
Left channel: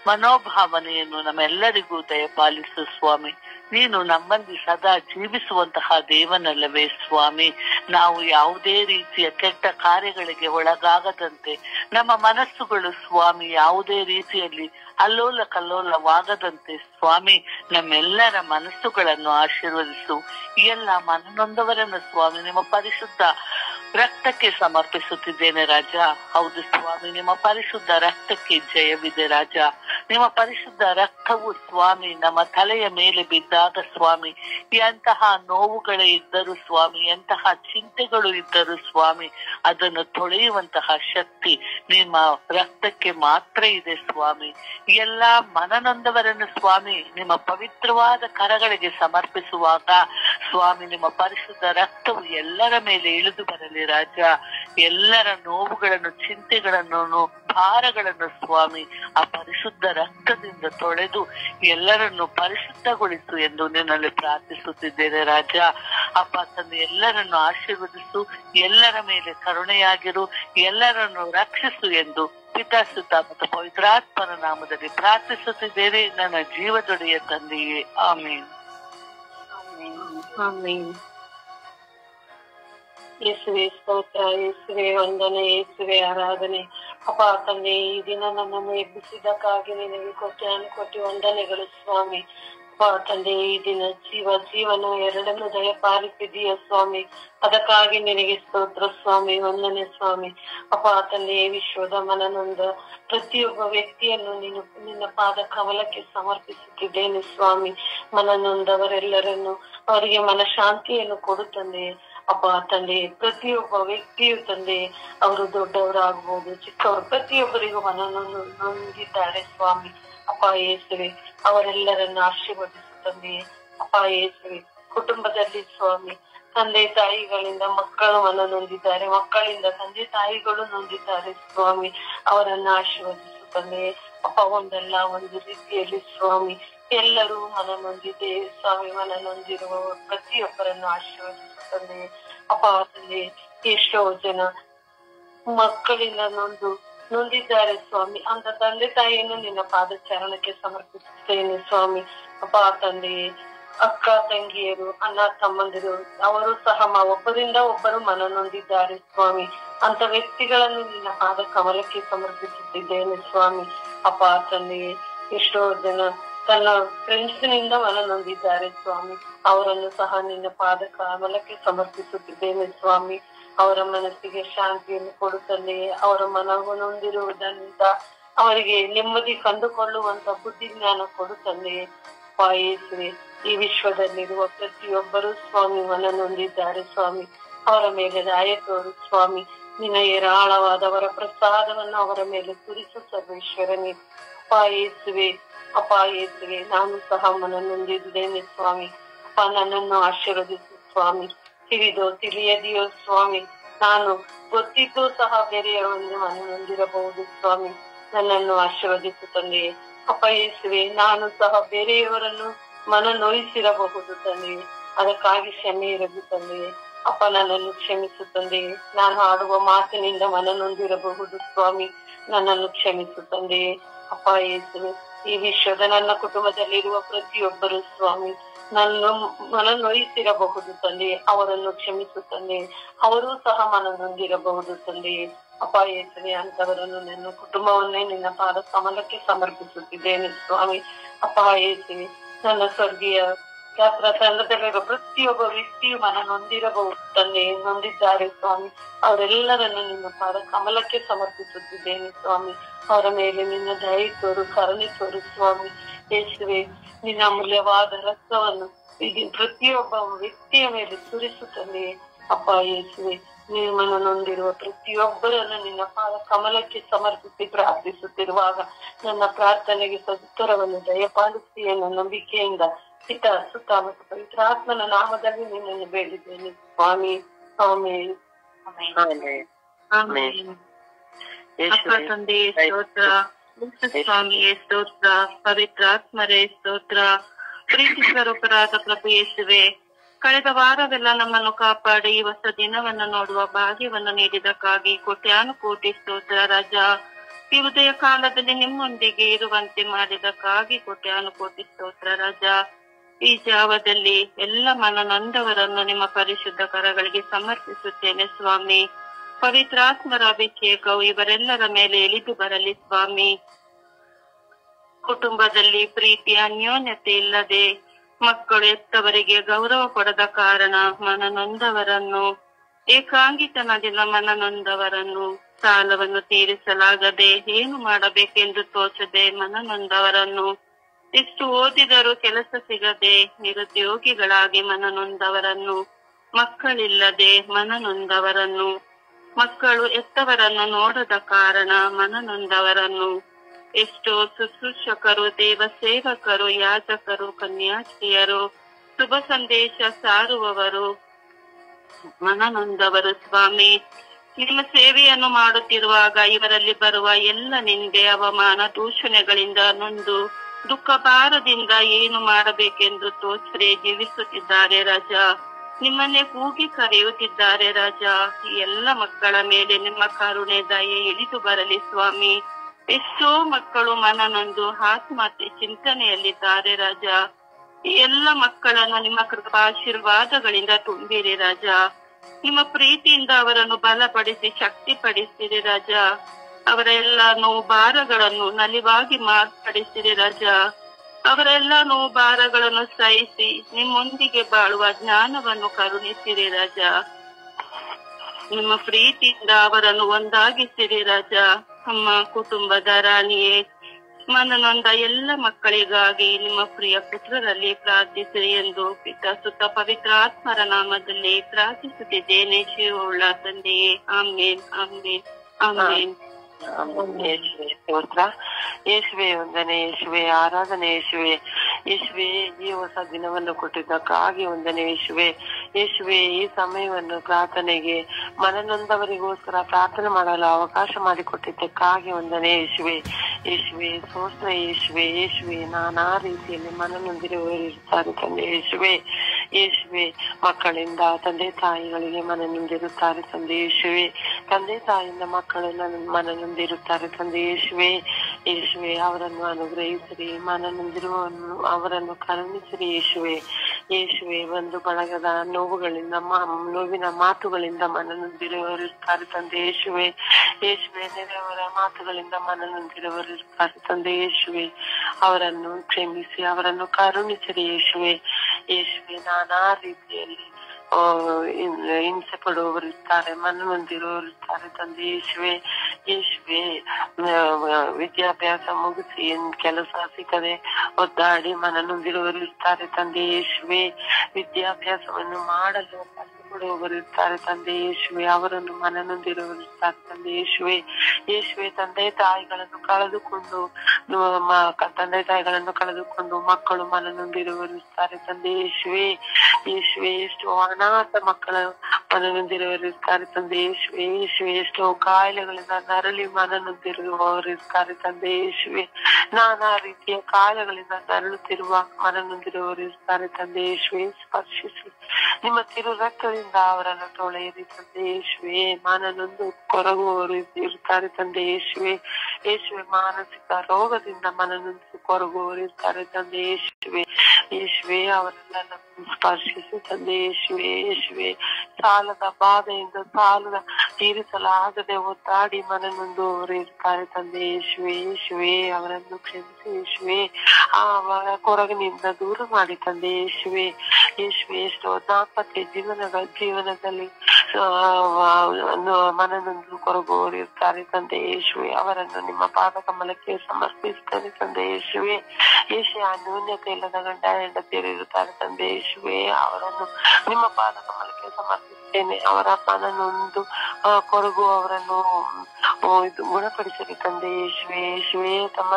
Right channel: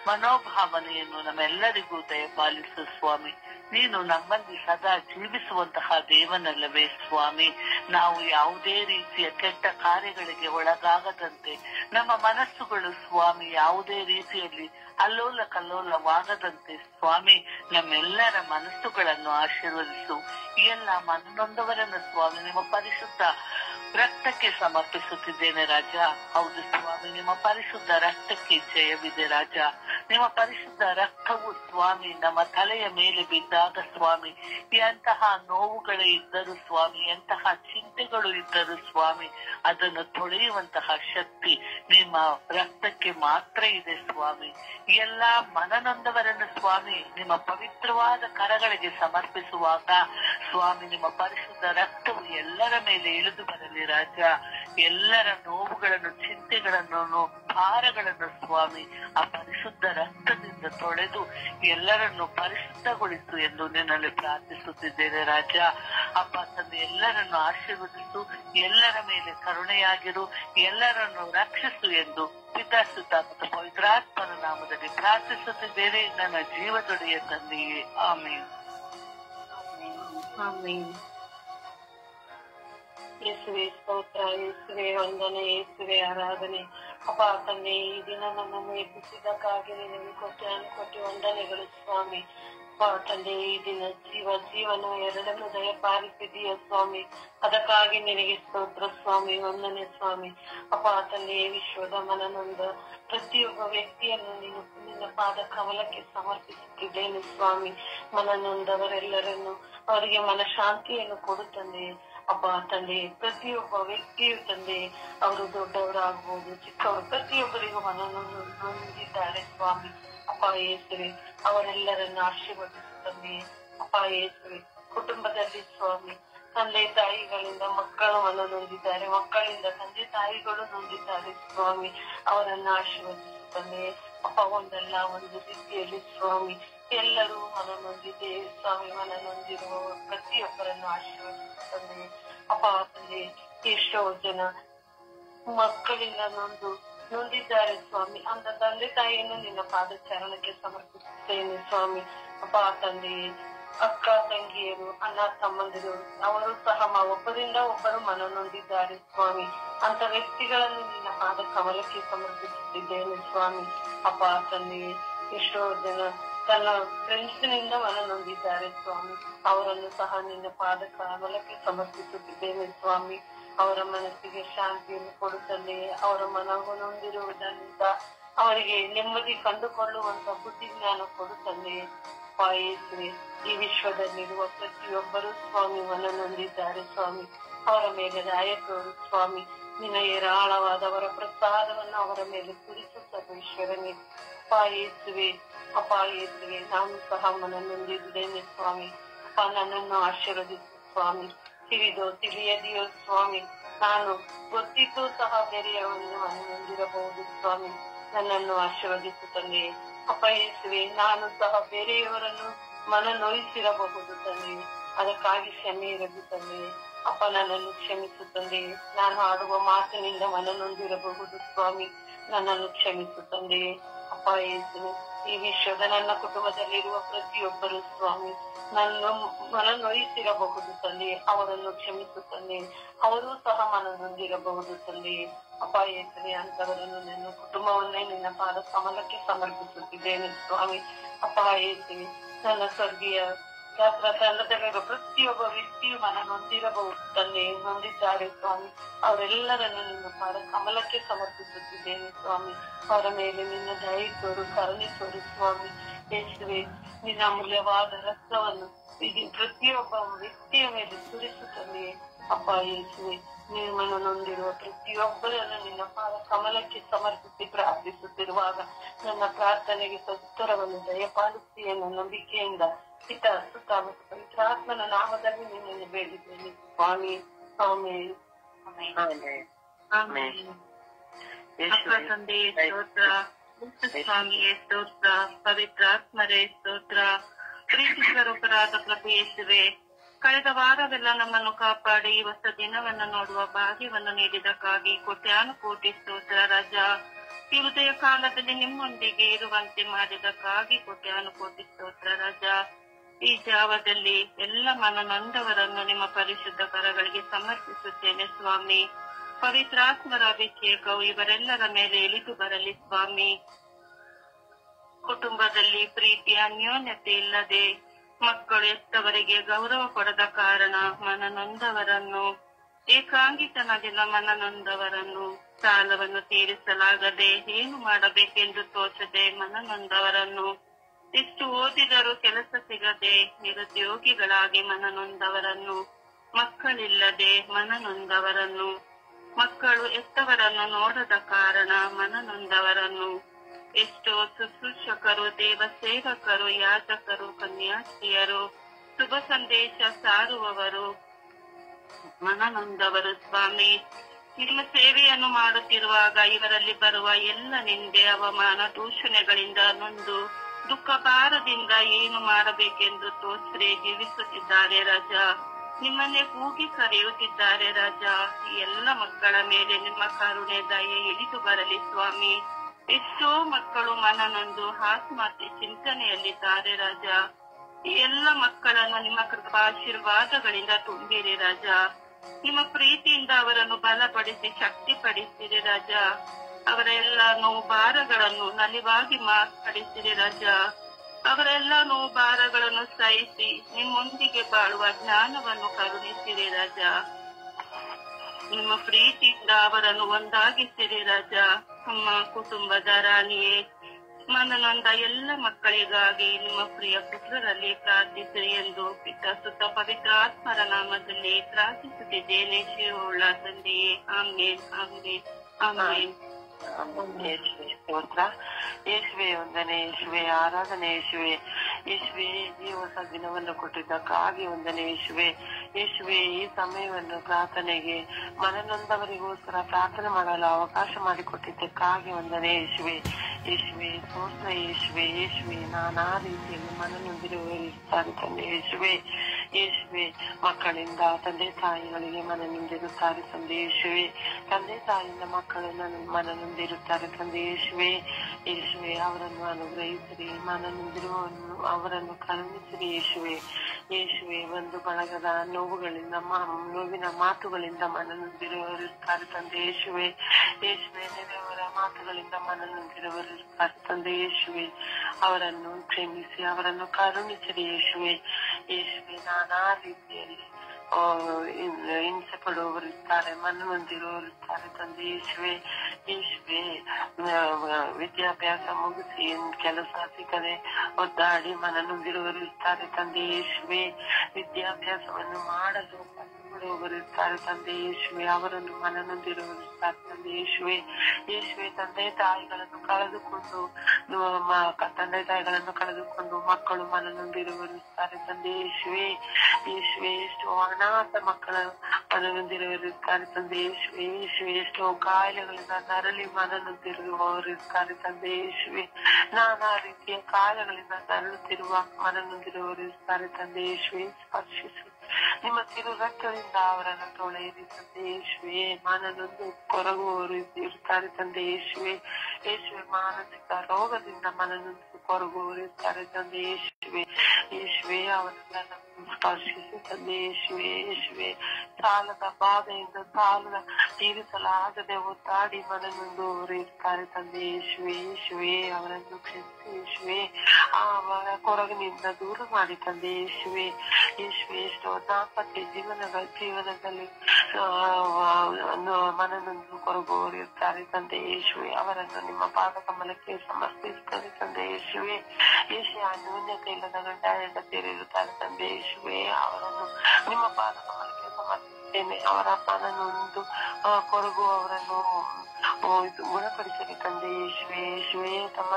ಮನೋಭಾವನೆಯನ್ನು ನಮ್ಮೆಲ್ಲರಿಗೂ ದಯಪಾಲಿಸು ಸ್ವಾಮಿ. ನೀನು ನಮ್ಮಲ್ಲಿ ಸದಾ ಜೀವಿಸುವಂತಹ ದೇವನಲ್ಲವೇ ಸ್ವಾಮಿ. ನಾವು ಯಾವುದೇ ರೀತಿಯ ಕೆಟ್ಟ ಕಾರ್ಯಗಳಿಗೆ ಒಳಗಾಗದಂತೆ ನಮ್ಮ ಮನಸ್ಸುಗಳು ಸ್ವಾಮಿ ಯಾವುದೇ ರೀತಿಯಲ್ಲಿ ಅಲ್ಲೋಲ ಕಲ್ಲೋಲವಾಗದಂತೆ ಸ್ವಾಮಿ ನಮ್ಮೆಲ್ಲರ ಮನಸ್ಸುಗಳನ್ನು ಆಶೀರ್ವದಿಸು. ಎಲ್ಲ ಮನನೊಂದವರನ್ನು ಸ್ವಾಮಿ ನಿಮ್ಮ ಪರಿಶುದ್ಧ ರಕ್ತಕ್ಕೆ ಸಮರ್ಪಿಸುತ್ತಿದ್ದೇನೆ ರಾಜ. ಹೌದು ಸ್ವಾಮಿ, ನಿಮ್ಮ ಪರಿಶುದ್ಧ ರಕ್ತಕ್ಕೆ ಜಯವಿದೆ ರಾಜ. ನಿಮ್ಮ ಪರಿಶುದ್ಧ ರಕ್ತವು ಸ್ವಾಮಿ ನಮ್ಮ ತಲೆಯ ಮೇಲೆ ಬಿದ್ದಾಗ ಸ್ವಾಮಿ ಎಂತಹ ನೋವುಗಳೇ ಇದ್ದರೂ ಸ್ವಾಮಿ, ಎಂತಹ ಚಿಂತೆಗಳು ಇದ್ದರೂ ಸ್ವಾಮಿ ಅದನ್ನು ತೊಳೆಯುವಂತಹ ಶಕ್ತಿ ನಿಮ್ಮ ರಕ್ತಕ್ಕೆ ಮಾತ್ರ ಇದೆ ಸ್ವಾಮಿ. ಎಲ್ಲಾ ಮನನೊಂದವರನ್ನು ಸ್ವಾಮಿ ನಿಮ್ಮ ಪವಿತ್ರವಾದ ಕರಗಳಿಗೆ ಸಮರ್ಪಿಸುವಾಗ ಸ್ವಾಮಿ ನಿಮ್ಮ ಪರಿಶುದ್ಧ ರಕ್ತವು ಎಲ್ಲರ ಮೇಲೆ ಇಳಿದು ಬರಲಿ ರಾಜ. ಎಲ್ಲರ ನೋವುಗಳನ್ನು, ಚಿಂತೆಗಳನ್ನು, ಭಾರಗಳನ್ನು ಸ್ವಾಮಿ ಆ ಪರಿಶುದ್ಧ ರಕ್ತದಿಂದ ತೊಳೆದು ಎಲ್ಲರನ್ನು ಪರಿಶುದ್ಧಗೊಳಿಸು ಎಂದು ನಿನ್ನಲ್ಲಿ ಪ್ರಾರ್ಥಿಸುತ್ತಿದ್ದೇನೆ ರಾಜ. ಅಪ್ಪ ತಂದೆ ಎಲ್ಲರನ್ನು ಆಶೀರ್ವದಿಸು, ಎಲ್ಲರ ಮೇಲೆ ಕರುಣೆಯಾಗಿರು, ಎಲ್ಲರನ್ನು ರಕ್ಷಿಸು ಎಂದು ಪಿತಾಸುತ್ತ ಮತ್ತು ಪವಿತ್ರಾತ್ಮನ ನಾಮದಲ್ಲಿ ಪ್ರಾರ್ಥಿಸುತ್ತಿದ್ದೇನೆ ನನ್ನ ಜೀವದೊಡೆಯ ತಂದೆಯೇ, ಆಮೇನ್. ಆಮೇನ್. ಯೇಸುವೆ ಸ್ತೋತ್ರ, ಯೇಸುವೆ ವಂದನೆ, ಯೇಸುವೆ ಆರಾಧನೆ. ಅಪ್ಪ ತಂದೆ, ಈ ದಿನ ನನ್ನನ್ನು ಎಬ್ಬಿಸಿದ್ದಕ್ಕಾಗಿ ನಿನಗೆ ಕೋಟಿ ವಂದನೆಗಳು ಸ್ವಾಮಿ. ಅಪ್ಪ ತಂದೆ, ಈ ದಿನ ಜೀವನ ಎರಡನ್ನು ದಯಪಾಲಿಸಿದೀಯ ಸ್ವಾಮಿ. ಅದಕ್ಕಾಗಿ ನಿನಗೆ ಸ್ತೋತ್ರ ಸ್ವಾಮಿ, ವಂದನೆ ಸ್ವಾಮಿ. ಅಪ್ಪ ತಂದೆ, ವಿಶ್ವದ ಮನನೊಂದ ಪ್ರತಿಯೊಬ್ಬ ವ್ಯಕ್ತಿಯನ್ನು ನಿನ್ನ ಪಾದ ಕಮಲಕ್ಕೆ ಸಮರ್ಪಿಸುತ್ತಿದ್ದೇನೆ ಸ್ವಾಮಿ. ಮನನೊಂದವರೆಲ್ಲರನ್ನು ಅವರಿಗೆ ಮನಶಾಂತಿಯನ್ನು ಕೊಡು ತಂದೆ. ಅಪ್ಪ ತಂದೆ, ಪ್ರತಿಯೊಬ್ಬ ವ್ಯಕ್ತಿಯು ತಂದೆ ಅವರು ದೊಡ್ಡವರಾಗಬಹುದು, ಚಿಕ್ಕವರು, ಪ್ರತಿಯೊಬ್ಬರಿಗೂ ಮನನೊಂದಿದ್ದಾರೆ ಸ್ವಾಮಿ. ಅಪ್ಪ ಯೇಸುವೆ ಅವರೆಲ್ಲರನ್ನು ಆಶೀರ್ವದಿಸು ತಂದೆ. ಅಪ್ಪ ಯೇಸುವೆ ಕುಟುಂಬದಲ್ಲಿ ಸ್ವಾಮಿ ತಂದೆ ತಾಯಿಗಳಿಂದ ಮಕ್ಕಳು ಮನನೊಂದಿದ್ದಾರೆ, ಮಕ್ಕಳಿಂದ ತಂದೆ ತಾಯಿಗಳು ನೊಂದಿದ್ದಾರೆ ಸ್ವಾಮಿ. ಅವರನ್ನ ಆಶೀರ್ವದಿಸು ತಂದೆ. ಅಪ್ಪ ಒಂದಲ್ಲ ಒಂದು ರೀತಿಯಲ್ಲಿ ಸ್ವಾಮಿ ಎಲ್ಲರೂ ಮನನೊಂದಿದ್ದೇವೆ ಸ್ವಾಮಿ. ಮನನೊಂದಿರುವ ಪ್ರತಿಯೊಬ್ಬರನ್ನು ಆಶೀರ್ವದಿಸು ತಂದೆ. ಅಪ್ಪ ತಂದೆ, ಎಷ್ಟೋ ಜನ ಮಕ್ಕಳಿಂದ ನೊಂದಿದ್ದಾರೆ ಸ್ವಾಮಿ. ಅಂತ ತಂದೆ ತಾಯಿಯನ್ನು ನಿನ್ನ ಪಾದ ಚರಣಕ್ಕೆ ಸಮರ್ಪಿಸುತ್ತೇನೆ ಸ್ವಾಮಿ. ಅಪ್ಪ ತಂದೆ, ಅಕ್ಕ ತಂಗಿಯರು, ಅಣ್ಣ ತಮ್ಮಂದಿರು ಅವರು ಸಹ ಒಬ್ಬರಿಂದ ಒಬ್ಬರು ಮನನೊಂದಿದ್ದಾರೆ ಸ್ವಾಮಿ. ಅಂತ ವ್ಯಕ್ತಿಗಳನ್ನು ನಿನ್ನ ಪಾದ ಕಮಲಕ್ಕೆ ಸಮರ್ಪಿಸುತ್ತಿದ್ದೇನೆ ಸ್ವಾಮಿ. ಅಪ್ಪ ತಂದೆ, ಎಷ್ಟೋ ಜನ ತನ್ನ ಫ್ರೆಂಡ್ಸ್ ನಿಂದ ಮನನೊಂದಿದ್ದಾರೆ ಸ್ವಾಮಿ. ಅವರನ್ನು ಸಹ ನಿನ್ನ ಪಾದ ಕಮಲಕ್ಕೆ ಸಮರ್ಪಿಸುತ್ತಿದ್ದೇನೆ ಸ್ವಾಮಿ. ಅವರ ಮನಸ್ಸಿಗೆ ಶಾಂತಿಯನ್ನು ಕೊಡುತ್ತಲೇ ಅವರ ಮನನೊಂದಿರುವುದರಿಂದ ಅವರಿಗೆ ನೆಮ್ಮದಿ ಕಂಡುಕೊಳ್ಳುವಂತ ಬುದ್ಧಿ ಜ್ಞಾನ ಕೊಡುತ್ತಲೇ. ಯೇಸುವೆ, ಈ ವಿಶ್ವದಲ್ಲಿರುವ ಪ್ರತಿಯೊಬ್ಬರು ಸ್ವಾಮಿ ಮನನೊಂದಿದ್ದಾರೆ ಸ್ವಾಮಿ. ಅವರ ಮೇಲೆ ದಯೆ ತೋರು ಸ್ವಾಮಿ. ನಿನ್ನ ಏರಾಳವಾದವರ ಪ್ರಸಾದವನ್ನು ಅವರ ಮೇಲೆ ಸುರಿಸು ಸರ್ವೇಶ್ವರನೇ. ಯೇಸುವೆ, ಯೇಸುವೆ, ನಾನು ಸಹ ಮನನೊಂದಿದ್ದೇನೆ ಸ್ವಾಮಿ. ನನ್ನನ್ನು ಆಶೀರ್ವದಿಸು ಸ್ವಾಮಿ. ತಿಳಿದೋ ತಿಳಿಯದೆಯೋ ಸ್ವಾಮಿ, ನಾನು ಗೊತ್ತಿದ್ದು ಸಹ ಬೇರೆಯ ಒಂದು ಮನನೊಂದಿರಬಹುದು ಸ್ವಾಮಿ. ನನ್ನನ್ನು ಆಶೀರ್ವದಿಸು ತಂದೆಯೇ. ಯೇಸುವೆ, ನಾನು ಸಹ ಬೇರೆಯವರನ್ನು ಮನ ನೋಯಿಸಿರಬಹುದು ತಂದೆಯೇ. ಅದಕ್ಕಾಗಿ ಕ್ಷಮೆ ಇರದು ತಂದೆಯೇ. ನನ್ನನ್ನು ಕ್ಷಮಿಸು ತಂದೆಯೇ. ನಾನು ಆಡುವ ಮಾತಿನಿಂದ ಮನನೊಂದಿರಬಹುದು ಸ್ವಾಮಿ. ನನ್ನನ್ನು ಕ್ಷಮಿಸು ತಂದೆಯೇ. ಯೇಸುವೆ, ಈ ವಿಶ್ವದ ನನ್ನ ಕುಟುಂಬದಲ್ಲಿರುವ ಪ್ರತಿಯೊಬ್ಬರು ಸ್ವಾಮಿ ನನ್ನ ಮನ ನೋಯಿಸಿರಬಹುದು ತಂದೆಯೇ. ಅವರನ್ನು ಕ್ಷಮಿಸು ತಂದೆಯೇ. ಅವರೂ ಸಹ ಮನನೊಂದಿರಬಹುದು ತಂದೆಯೇ. ಯೇಸುವೆ, ಅಂತವರನ್ನು ನನ್ನ ಕುಟುಂಬವನ್ನೇ ನಿನ್ನ ಪಾದ ಕಮಲಕ್ಕೆ ಸಮರ್ಪಿಸುತ್ತಿದ್ದೇನೆ ಸ್ವಾಮಿ. ಯೇಸುವೆ, ನನ್ನ ಸ್ವರ್ಗೀಯ ಯಾತ್ರ ತಂಡದಲ್ಲಿರುವ ಪ್ರತಿಯೊಬ್ಬ ವ್ಯಕ್ತಿಯು ಮನ ನೊಂದಿರಬಹುದು ತಂದೆ, ನೊಂದಿದ್ದಾರೆ ಸ್ವಾಮಿ. ಅವರೆಲ್ಲರನ್ನು ನಿನ್ನ ಪಾದ ಕಮಲಕ್ಕೆ ಸಮರ್ಪಿಸುತ್ತಿದ್ದೇನೆ ಸ್ವಾಮಿ. ಅವರ ಮೇಲೆ ನಿನ್ನ ದಯೆ ತೋರು, ಕರುಣೆ ತೋರು ಸ್ವಾಮಿ. ಯೇಸುವೆ, ನಿನ್ನ ಅಮೂಲ್ಯವಾದ ರಕ್ತವನ್ನು ಪ್ರತಿಯೊಬ್ಬ ವ್ಯಕ್ತಿಯ ಮೇಲೆ ಸುರಿಸುತ್ತಂದೆ ಅಪ್ಪ. ಯೇಸುವೆ, ನೀವು ಮನ ನೊಂದಿರುವ ಪ್ರತಿಯೊಬ್ಬರನ್ನು ನಿನ್ನ ಪಾದ ಕಮಲಕ್ಕೆ ಸಮರ್ಪಿಸಿ ಪ್ರಾರ್ಥಿಸುತ್ತಿರುವಾಗ ನನ್ನ ಪ್ರಾರ್ಥನೆಗೆ ಸದುತ್ತರವನ್ನು ದಯಪಾಲಿಸಿ ಎನ್ನ ನಂಬಿಕೆಯಿಂದ ಹಿತ ಸುತ್ತ ಮತ್ತು ಪವಿತ್ರಾತ್ಮನ ನಾಮದಲ್ಲಿ ನಿನ್ನನ್ನು ಬೇಡಿದ್ದೇನೆ ಸ್ವಾಮಿ. ಆಮೇಲೆ ತಂದೆಯೇ ಸ್ತೋತ್ರ, ಸ್ವಾಮಿಯೇ ಸ್ತೋತ್ರ, ಪವಿತ್ರಾತ್ಮರೇ ಸ್ತೋತ್ರ. ಪ್ರೀತಿ ಸ್ವರೂಪರಾದ ಪ್ರಭು ಯೇಸುವೆ, ಕಳೆದ ವಾರವೆಲ್ಲ ನಮ್ಮನ್ನು ಕಾಪಾಡಿ ಈ ಹೊಸ ದಿನವನ್ನು ನೋಡುವ ಭಾಗ್ಯವನ್ನು ನೀಡಿದಕ್ಕಾಗಿ ಕೋಟ್ಯಾನುಕೋಟಿ ಸ್ತೋತ್ರ ರಾಜ. ಈ ಉದಯ ಕಾಲದಲ್ಲಿ ನಿಮ್ಮೊಂದಿಗೆ ಇರುವಂತೆ ಮಾಡಿದಕ್ಕಾಗಿ ಕೋಟ್ಯಾನುಕೋಟಿ ಸ್ತೋತ್ರ ರಾಜ. ಈ ಜಾವದಲ್ಲಿ ಎಲ್ಲ ಮನನೊಂದವರನ್ನು ನಿಮ್ಮ ಪರಿಶುದ್ಧ ಕರಗಳಿಗೆ ಸಮರ್ಪಿಸುತ್ತೇನೆ ಸ್ವಾಮಿ. ಪವಿತ್ರಾತ್ಮರ ಅಭಿಷೇಕವು ಇವರೆಲ್ಲರ ಮೇಲೆ ಇಳಿದು ಬರಲಿ ಸ್ವಾಮಿ. ಕುಟುಂಬದಲ್ಲಿ ಪ್ರೀತಿ ಅನ್ಯೋನ್ಯತೆ ಇಲ್ಲದೆ ಮಕ್ಕಳು ಹೆತ್ತವರಿಗೆ ಗೌರವ ಕೊಡದ ಕಾರಣ ಮನನೊಂದವರನ್ನು, ಏಕಾಂಗಿತನದಿಂದ ಮನನೊಂದವರನ್ನು, ಸಾಲವನ್ನು ತೀರಿಸಲಾಗದೆ ಏನು ಮಾಡಬೇಕೆಂದು ತೋಚದೆ ಮನನೊಂದವರನ್ನು, ಎಷ್ಟು ಓದಿದರೂ ಕೆಲಸ ಸಿಗದೆ ನಿರುದ್ಯೋಗಿಗಳಾಗಿ ಮನನೊಂದವರನ್ನು, ಮಕ್ಕಳಿಲ್ಲದೆ ಮನನೊಂದವರನ್ನು, ಮಕ್ಕಳು ಹೆತ್ತವರನ್ನು ನೋಡದ ಕಾರಣ ಮನನೊಂದವರನ್ನು, ಎಷ್ಟೋ ಶುಶ್ರೂಷಕರು, ದೇವ ಸೇವಕರು, ಯಾಜಕರು, ಕನ್ಯಾಸ್ತ್ರೀಯರು, ಶುಭ ಸಂದೇಶ ಸಾರುವವರು ಮನನೊಂದವರು ಸ್ವಾಮಿ. ನಿಮ್ಮ ಸೇವೆಯನ್ನು ಮಾಡುತ್ತಿರುವಾಗ ಇವರಲ್ಲಿ ಬರುವ ಎಲ್ಲ ನಿಂದೆ, ಅವಮಾನ, ದೂಷಣೆಗಳಿಂದ ನೊಂದು ದುಃಖ ಭಾರದಿಂದ ಏನು ಮಾಡಬೇಕೆಂದು ತೋಚದೆ ಜೀವಿಸುತ್ತಿದ್ದಾರೆ ರಾಜ. ನಿಮ್ಮನ್ನೇ ಕೂಗಿ ಕರೆಯುತ್ತಿದ್ದಾರೆ ರಾಜ. ಈ ಎಲ್ಲ ಮಕ್ಕಳ ಮೇಲೆ ನಿಮ್ಮ ಕರುಣೆ ದಯೆ ಇಳಿದು ಬರಲಿ ಸ್ವಾಮಿ. ಎಷ್ಟೋ ಮಕ್ಕಳು ಮನನೊಂದು ಆತ್ಮಹತ್ಯೆ ಚಿಂತನೆಯಲ್ಲಿದ್ದಾರೆ ರಾಜ. ಈ ಎಲ್ಲ ಮಕ್ಕಳನ್ನು ನಿಮ್ಮ ಕೃಪಾಶೀರ್ವಾದಗಳಿಂದ ತುಂಬಿರಿ ರಾಜ. ನಿಮ್ಮ ಪ್ರೀತಿಯಿಂದ ಅವರನ್ನು ಬಲಪಡಿಸಿ ಶಕ್ತಿಪಡಿಸಿರಿ ರಾಜ. ಅವರ ಎಲ್ಲ ನೋವು ಭಾರಗಳನ್ನು ನಲಿವಾಗಿ ಮಾರ್ಪಡಿಸಿರಿ ರಾಜ. ಅವರೆಲ್ಲ ನೋವು ಭಾರಗಳನ್ನು ಸಹಿಸಿ ನಿಮ್ಮೊಂದಿಗೆ ಬಾಳುವ ಜ್ಞಾನವನ್ನು ಕರುಣಿಸಿರಿ ರಾಜ. ನಿಮ್ಮ ಪ್ರೀತಿಯಿಂದ ಅವರನ್ನು ಒಂದಾಗಿಸಿರಿ ರಾಜ. ನಮ್ಮ ಕುಟುಂಬದ ರಾಣಿಯೇ, ಮನನೊಂದ ಎಲ್ಲ ಮಕ್ಕಳಿಗಾಗಿ ನಿಮ್ಮ ಪ್ರಿಯ ಪುತ್ರರಲ್ಲಿ ಪ್ರಾರ್ಥಿಸಿರಿ ಎಂದು ಪಿತ ಸುತ್ತ ಪವಿತ್ರಾತ್ಮರ ನಾಮದಲ್ಲಿ ಪ್ರಾರ್ಥಿಸುತ್ತಿದ್ದೇನೆ ಜೀವವುಳ್ಳ ತಂದೆಯೇ. ಆಮೇನ್, ಆಮೇನ್, ಆಮೇನ್. ಯೇಸುವೆ ಸ್ತೋತ್ರ, ಯೇಸುವೆ ವಂದನೆ, ಯೇಸುವೆ ಆರಾಧನೆ, ಯೇಸುವೆ ಯೇಸುವೆ ಈ ಹೊಸ ದಿನವನ್ನು ಕೊಟ್ಟಿದ್ದಕ್ಕಾಗಿ ವಂದನೆ ಯೇಸುವೆ. ಯೇಸುವೆ ಈ ಸಮಯವನ್ನು ಪ್ರಾರ್ಥನೆಗೆ ಮನನೊಂದವರಿಗೋಸ್ಕರ ಪ್ರಾರ್ಥನೆ ಮಾಡಲು ಅವಕಾಶ ಮಾಡಿಕೊಟ್ಟಿದ್ದಕ್ಕಾಗಿ ವಂದನೆ ಯೇಸುವೆ. ಯೇಸುವೆ ಸ್ತೋತ್ರ ಯೇಸುವೆ. ಯೇಸುವೆ ನಾನಾ ರೀತಿಯಲ್ಲಿ ಮನನೊಂದಿರುವವರು ಇರ್ತಾರೆ ತಂದೆ ಯೇಸುವೆ. ಯೇಸುವೆ ಮಕ್ಕಳಿಂದ ತಂದೆ ತಾಯಿಗಳಿಗೆ ಮನನೊಂದಿರುತ್ತಾರೆ ತಂದೆ ಯೇಸುವೆ. ತಂದೆ ತಾಯಿಯಿಂದ ಮಕ್ಕಳನ್ನು ಮನನೊಂದಿರುತ್ತಾರೆ ತಂದೆ ಯೇಸುವೆ. ಯೇಸುವೆ ಅವರನ್ನು ಅನುಗ್ರಹಿಸಿರಿ, ಮನನೊಂದಿರುವವರನ್ನು ಅವರನ್ನು ಕರುಣಿಸಿರಿ ಯೇಸುವೆ. ಯೇಸುವೆ ಒಂದು ಬಳಗದ ನೋವುಗಳಿಂದ ನೋವಿನ ಮಾತುಗಳಿಂದ ಮನನೊಂದಿರುವವರು ಇರ್ತಾರೆ ತಂದೆ ಯೇಸುವೆ. ಯೇಸುವೆ ನೆರೆಯವರ ಮಾತುಗಳಿಂದ ಮನನೊಂದಿರುವವರು ಇರ್ತಾರೆ ತಂದೆ ಯೇಸುವೆ. ಅವರನ್ನು ಕ್ಷಮಿಸಿ, ಅವರನ್ನು ಕರುಣಿಸಿರಿ ಯೇಸುವೆ. ಯೇಸುವೆ ನಾನಾ ರೀತಿಯಲ್ಲಿ ಹಿಂಸೆ ಪಡುವವರು ಇರ್ತಾರೆ, ಮನನೊಂದಿರುವವರು ಇರ್ತಾರೆ ತಂದೆ ಯೇಸುವೆ. ಯೇಸುವೆ ವಿದ್ಯಾಭ್ಯಾಸ ಮುಗಿಸಿ ಕೆಲಸ ಸಿಗದೆ ಒದ್ದಾಡಿ ಮನನೊಂದಿರುವವರು ಇರ್ತಾರೆ ತಂದೆ ಯೇಸುವೆ. ವಿದ್ಯಾಭ್ಯಾಸವನ್ನು ಮಾಡಲು ಕಷ್ಟಪಡುವವರು ಇರ್ತಾರೆ ತಂದೆ ಯೇಸುವೆ. ಅವರನ್ನು ಮನನೊಂದಿರುವವರು ಇರ್ತಾರೆ ತಂದೆ ಯೇಸುವೆ. ಯೇಸುವೆ ತಂದೆ ತಾಯಿಗಳನ್ನು ಕಳೆದುಕೊಂಡು ಮಕ್ಕಳು ಮನನೊಂದಿರುವವರು ಇರ್ತಾರೆ ತಂದೆ ಯೇಸುವೆ. ಯೇಸುವೆ ಎಷ್ಟೋ ಅನಾಥ ಮಕ್ಕಳ ಮನನೊಂದಿರುವವರು ಇರ್ತಾರೆ ತಂದೆ ಯೇಸುವೆ. ಯೇಸುವೆ ಎಷ್ಟೋ ಕಾಯಿಲೆಗಳಿಂದ ನರಳಿ ಮನನೊಂದಿರುವವರು ಇರ್ತಾರೆ ತಂದೆ ಯೇಸುವೆ. ನಾನಾ ರೀತಿಯ ಕಾಯಿಲೆಗಳಿಂದ ನರಳುತ್ತಿರುವ ಮನನೊಂದಿರುವವರು ಇರ್ತಾರೆ ತಂದೆ ಯೇಸುವೆ. ಸ್ಪರ್ಶಿಸಿ ನಿಮ್ಮ ತಿರು ರಕ್ತದಿಂದ ಅವರನ್ನು ತೊಳೆಯಿರಿ ತಂದೆ ಯೇಸುವೆ. ಮನನೊಂದು ಕೊರಗುವವರು ಇರ್ತಾರೆ ತಂದೆ ಯೇಸುವೆ. ಯೇಸುವೆ ಮಾನಸಿಕ ರೋಗದಿಂದ ಮನನೊಂದು ಕೊರಗುವವರು ಇರ್ತಾರೆ ತಂದೆ ಯೇಸುವೆ. ಯೇಸುವೆ ಅವರೆಲ್ಲ ಸ್ಪರ್ಶಿಸು ತಂದೆ ಯೇಸುವೆ. ಯೇಸುವೆ, ಸಾಲದ ಬಾಧೆಯಿಂದ ಸಾಲದ ತೀರಿಸಲಾಗದೆ ಒತ್ತಾಡಿ ಮನನೊಂದು ಅವರು ಇರ್ತಾರೆ ತಂದೆ ಯೇಸುವೆ. ಯೇಸುವೆ, ಅವರನ್ನು ಕ್ಷಮಿಸಿ ಯೇಸುವೆ. ಅವರ ಕೊರಗಿನಿಂದ ದೂರ ಮಾಡಿ ತಂದೆ ಯೇಸುವೆ. ಯೇಸುವೆ, ಎಷ್ಟೋ ದಾಂಪತ್ಯ ಜೀವನದಲ್ಲಿ ಮನನೊಂದು ಕೊರಗುವವರು ಇರ್ತಾರೆ ತಂದೆ ಯೇಸುವೆ. ಅವರನ್ನು ನಿಮ್ಮ ಪಾದ ಕಮಲಕ್ಕೆ ಸಮರ್ಪಿಸುತ್ತಾರೆ ತಂದೆ ಯೇಸುವೆ. ಯೇಸುವೆ, ಅನ್ಯೋನ್ಯತೆ ಇಲ್ಲದ ಗಂಡ ಹೆಂಡತಿಯರು ಇರುತ್ತಾರೆ ತಂದೆ ಯೇಸುವೆ. ಅವರನ್ನು ನಿಮ್ಮ ಪಾದ ಕಮಲಕ್ಕೆ ಸಮರ್ಪಿಸುತ್ತೇನೆ. ಅವರ ಮನನೊಂದು ಕೊರಗುವವರನ್ನು ಗುಣಪಡಿಸಲಿ ತಂದೆ ಯೇಸುವೆ. ಯೇಸುವೆ, ತಮ್ಮ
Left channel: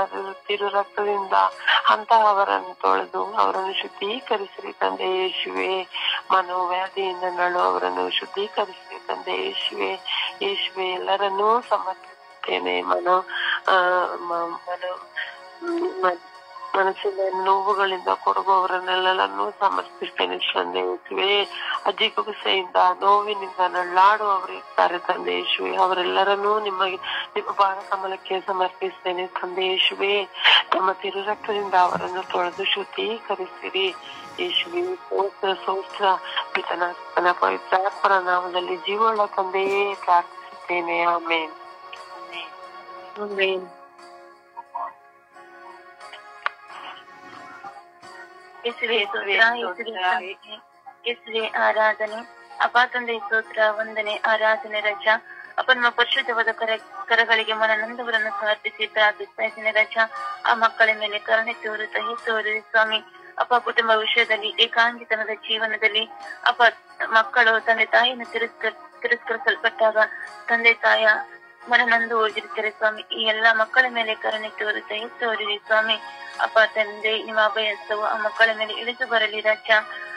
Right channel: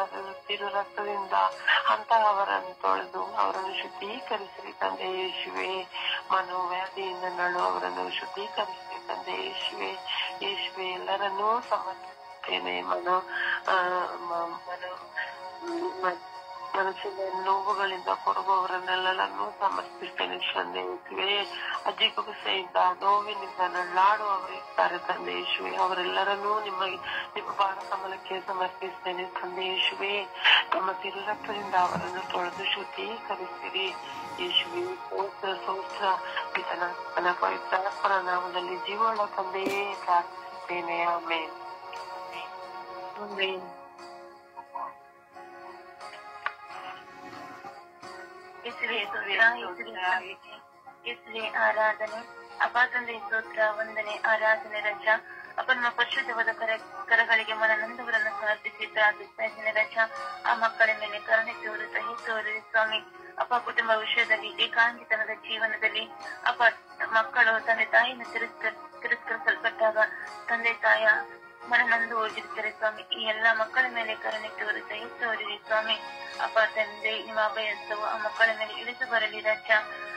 ತಿರು ರಕ್ತದಿಂದ ಅಂತಹವರನ್ನು ತೊಳೆದು ಅವರನ್ನು ಶುದ್ಧೀಕರಿಸಲಿ ತಂದೆ ಯೇಸುವೆ. ಮನೋವ್ಯಾಧಿಯಿಂದ ನಳುವವರನ್ನು ಶುದ್ಧೀಕರಿಸಲಿ ತಂದೆ ಯೇಸುವೆ. ಯೇಸುವೆ, ಎಲ್ಲರನ್ನೂ ಸಮರ್ಪಿಸುತ್ತೇನೆ. ಮನಸ್ಸಿನ ನೋವುಗಳಿಂದ ಕೊರಗುವವರನ್ನೆಲ್ಲರನ್ನೂ ಸಮರ್ಪಿಸ್ತೇನೆ ತಂದೆ ಯೇಸುವೆ. ಅಜ್ಜಿಗುಸೆಯಿಂದ ನೋವಿನಿಂದ ನಳ್ಳಾಡುವವರು ಇರ್ತಾರೆ ತಂದೆ ಯೇಸುವೆ. ಅವರೆಲ್ಲರನ್ನೂ ನಿಮ್ಮ ಪಾದ ಕಮಲಕ್ಕೆ ಸಮರ್ಪಿಸ್ತೇನೆ ತಂದೆ ಯೇಸುವೆ. ತಮ್ಮ ತಿರುರಕ್ತದಿಂದ ಅವರನ್ನು ತೊಳೆದು ಶುದ್ಧೀಕರಿಸಿರಿ ಯೇಸುವೆ. ಸೋಸ್ತ್ರ ಪಿತನ ಪವಿತ್ರಾತ್ಮನ ನಾಮದಲ್ಲಿ ಜೀವನ ತಂದೆಯೇ ಪ್ರಾರ್ಥಿಸುತ್ತೇನೆ. ಆಮೇನ್. ಯೇಸುವೆ ಆರಾಧನೆ. ಅಪ್ಪ ತಂದೆ ಸ್ತೋತ್ರ, ವಂದನೆ, ಆರಾಧನೆ ರಜ. ಅಪ್ಪ ನಮ್ಮ ಪರಿಶುದ್ಧವಾದ ಕರಗಳಿಗೆ ಮನನೊಂದವರನ್ನು ಸಮರ್ಪಿಸಿ ಪ್ರಾರ್ಥಿಸ್ತಾ ಇದ್ದೀನಿ ರಜ. ಆ ಮಕ್ಕಳ ಮೇಲೆ ಕರುಣೆ ತೋರಿ ಸ್ವಾಮಿ. ಅಪ್ಪ ಕುಟುಂಬ ವಿಷಯದಲ್ಲಿ ಏಕಾಂಗಿತನದ ಜೀವನದಲ್ಲಿ ಅಪ್ಪ ಮಕ್ಕಳು ತಂದೆ ತಾಯಿಯನ್ನು ತಿರಸ್ಕರಿಸಲ್ಪಟ್ಟಾಗ ತಂದೆ ತಾಯ ಮನನೊಂದು ಹೋಗಿರ್ತಾರೆ ಸ್ವಾಮಿ. ಈ ಎಲ್ಲಾ ಮಕ್ಕಳ ಮೇಲೆ ಕರುಣೆ ತೋರಿರಿ ಸ್ವಾಮಿ. ಅಪ್ಪ ತಂದೆ, ನಿಮ್ಮ ಅಭಯಸ್ತವು ಆ ಮಕ್ಕಳ ಮೇಲೆ ಇಳಿದು ಬರಲಿ ರಾಜ.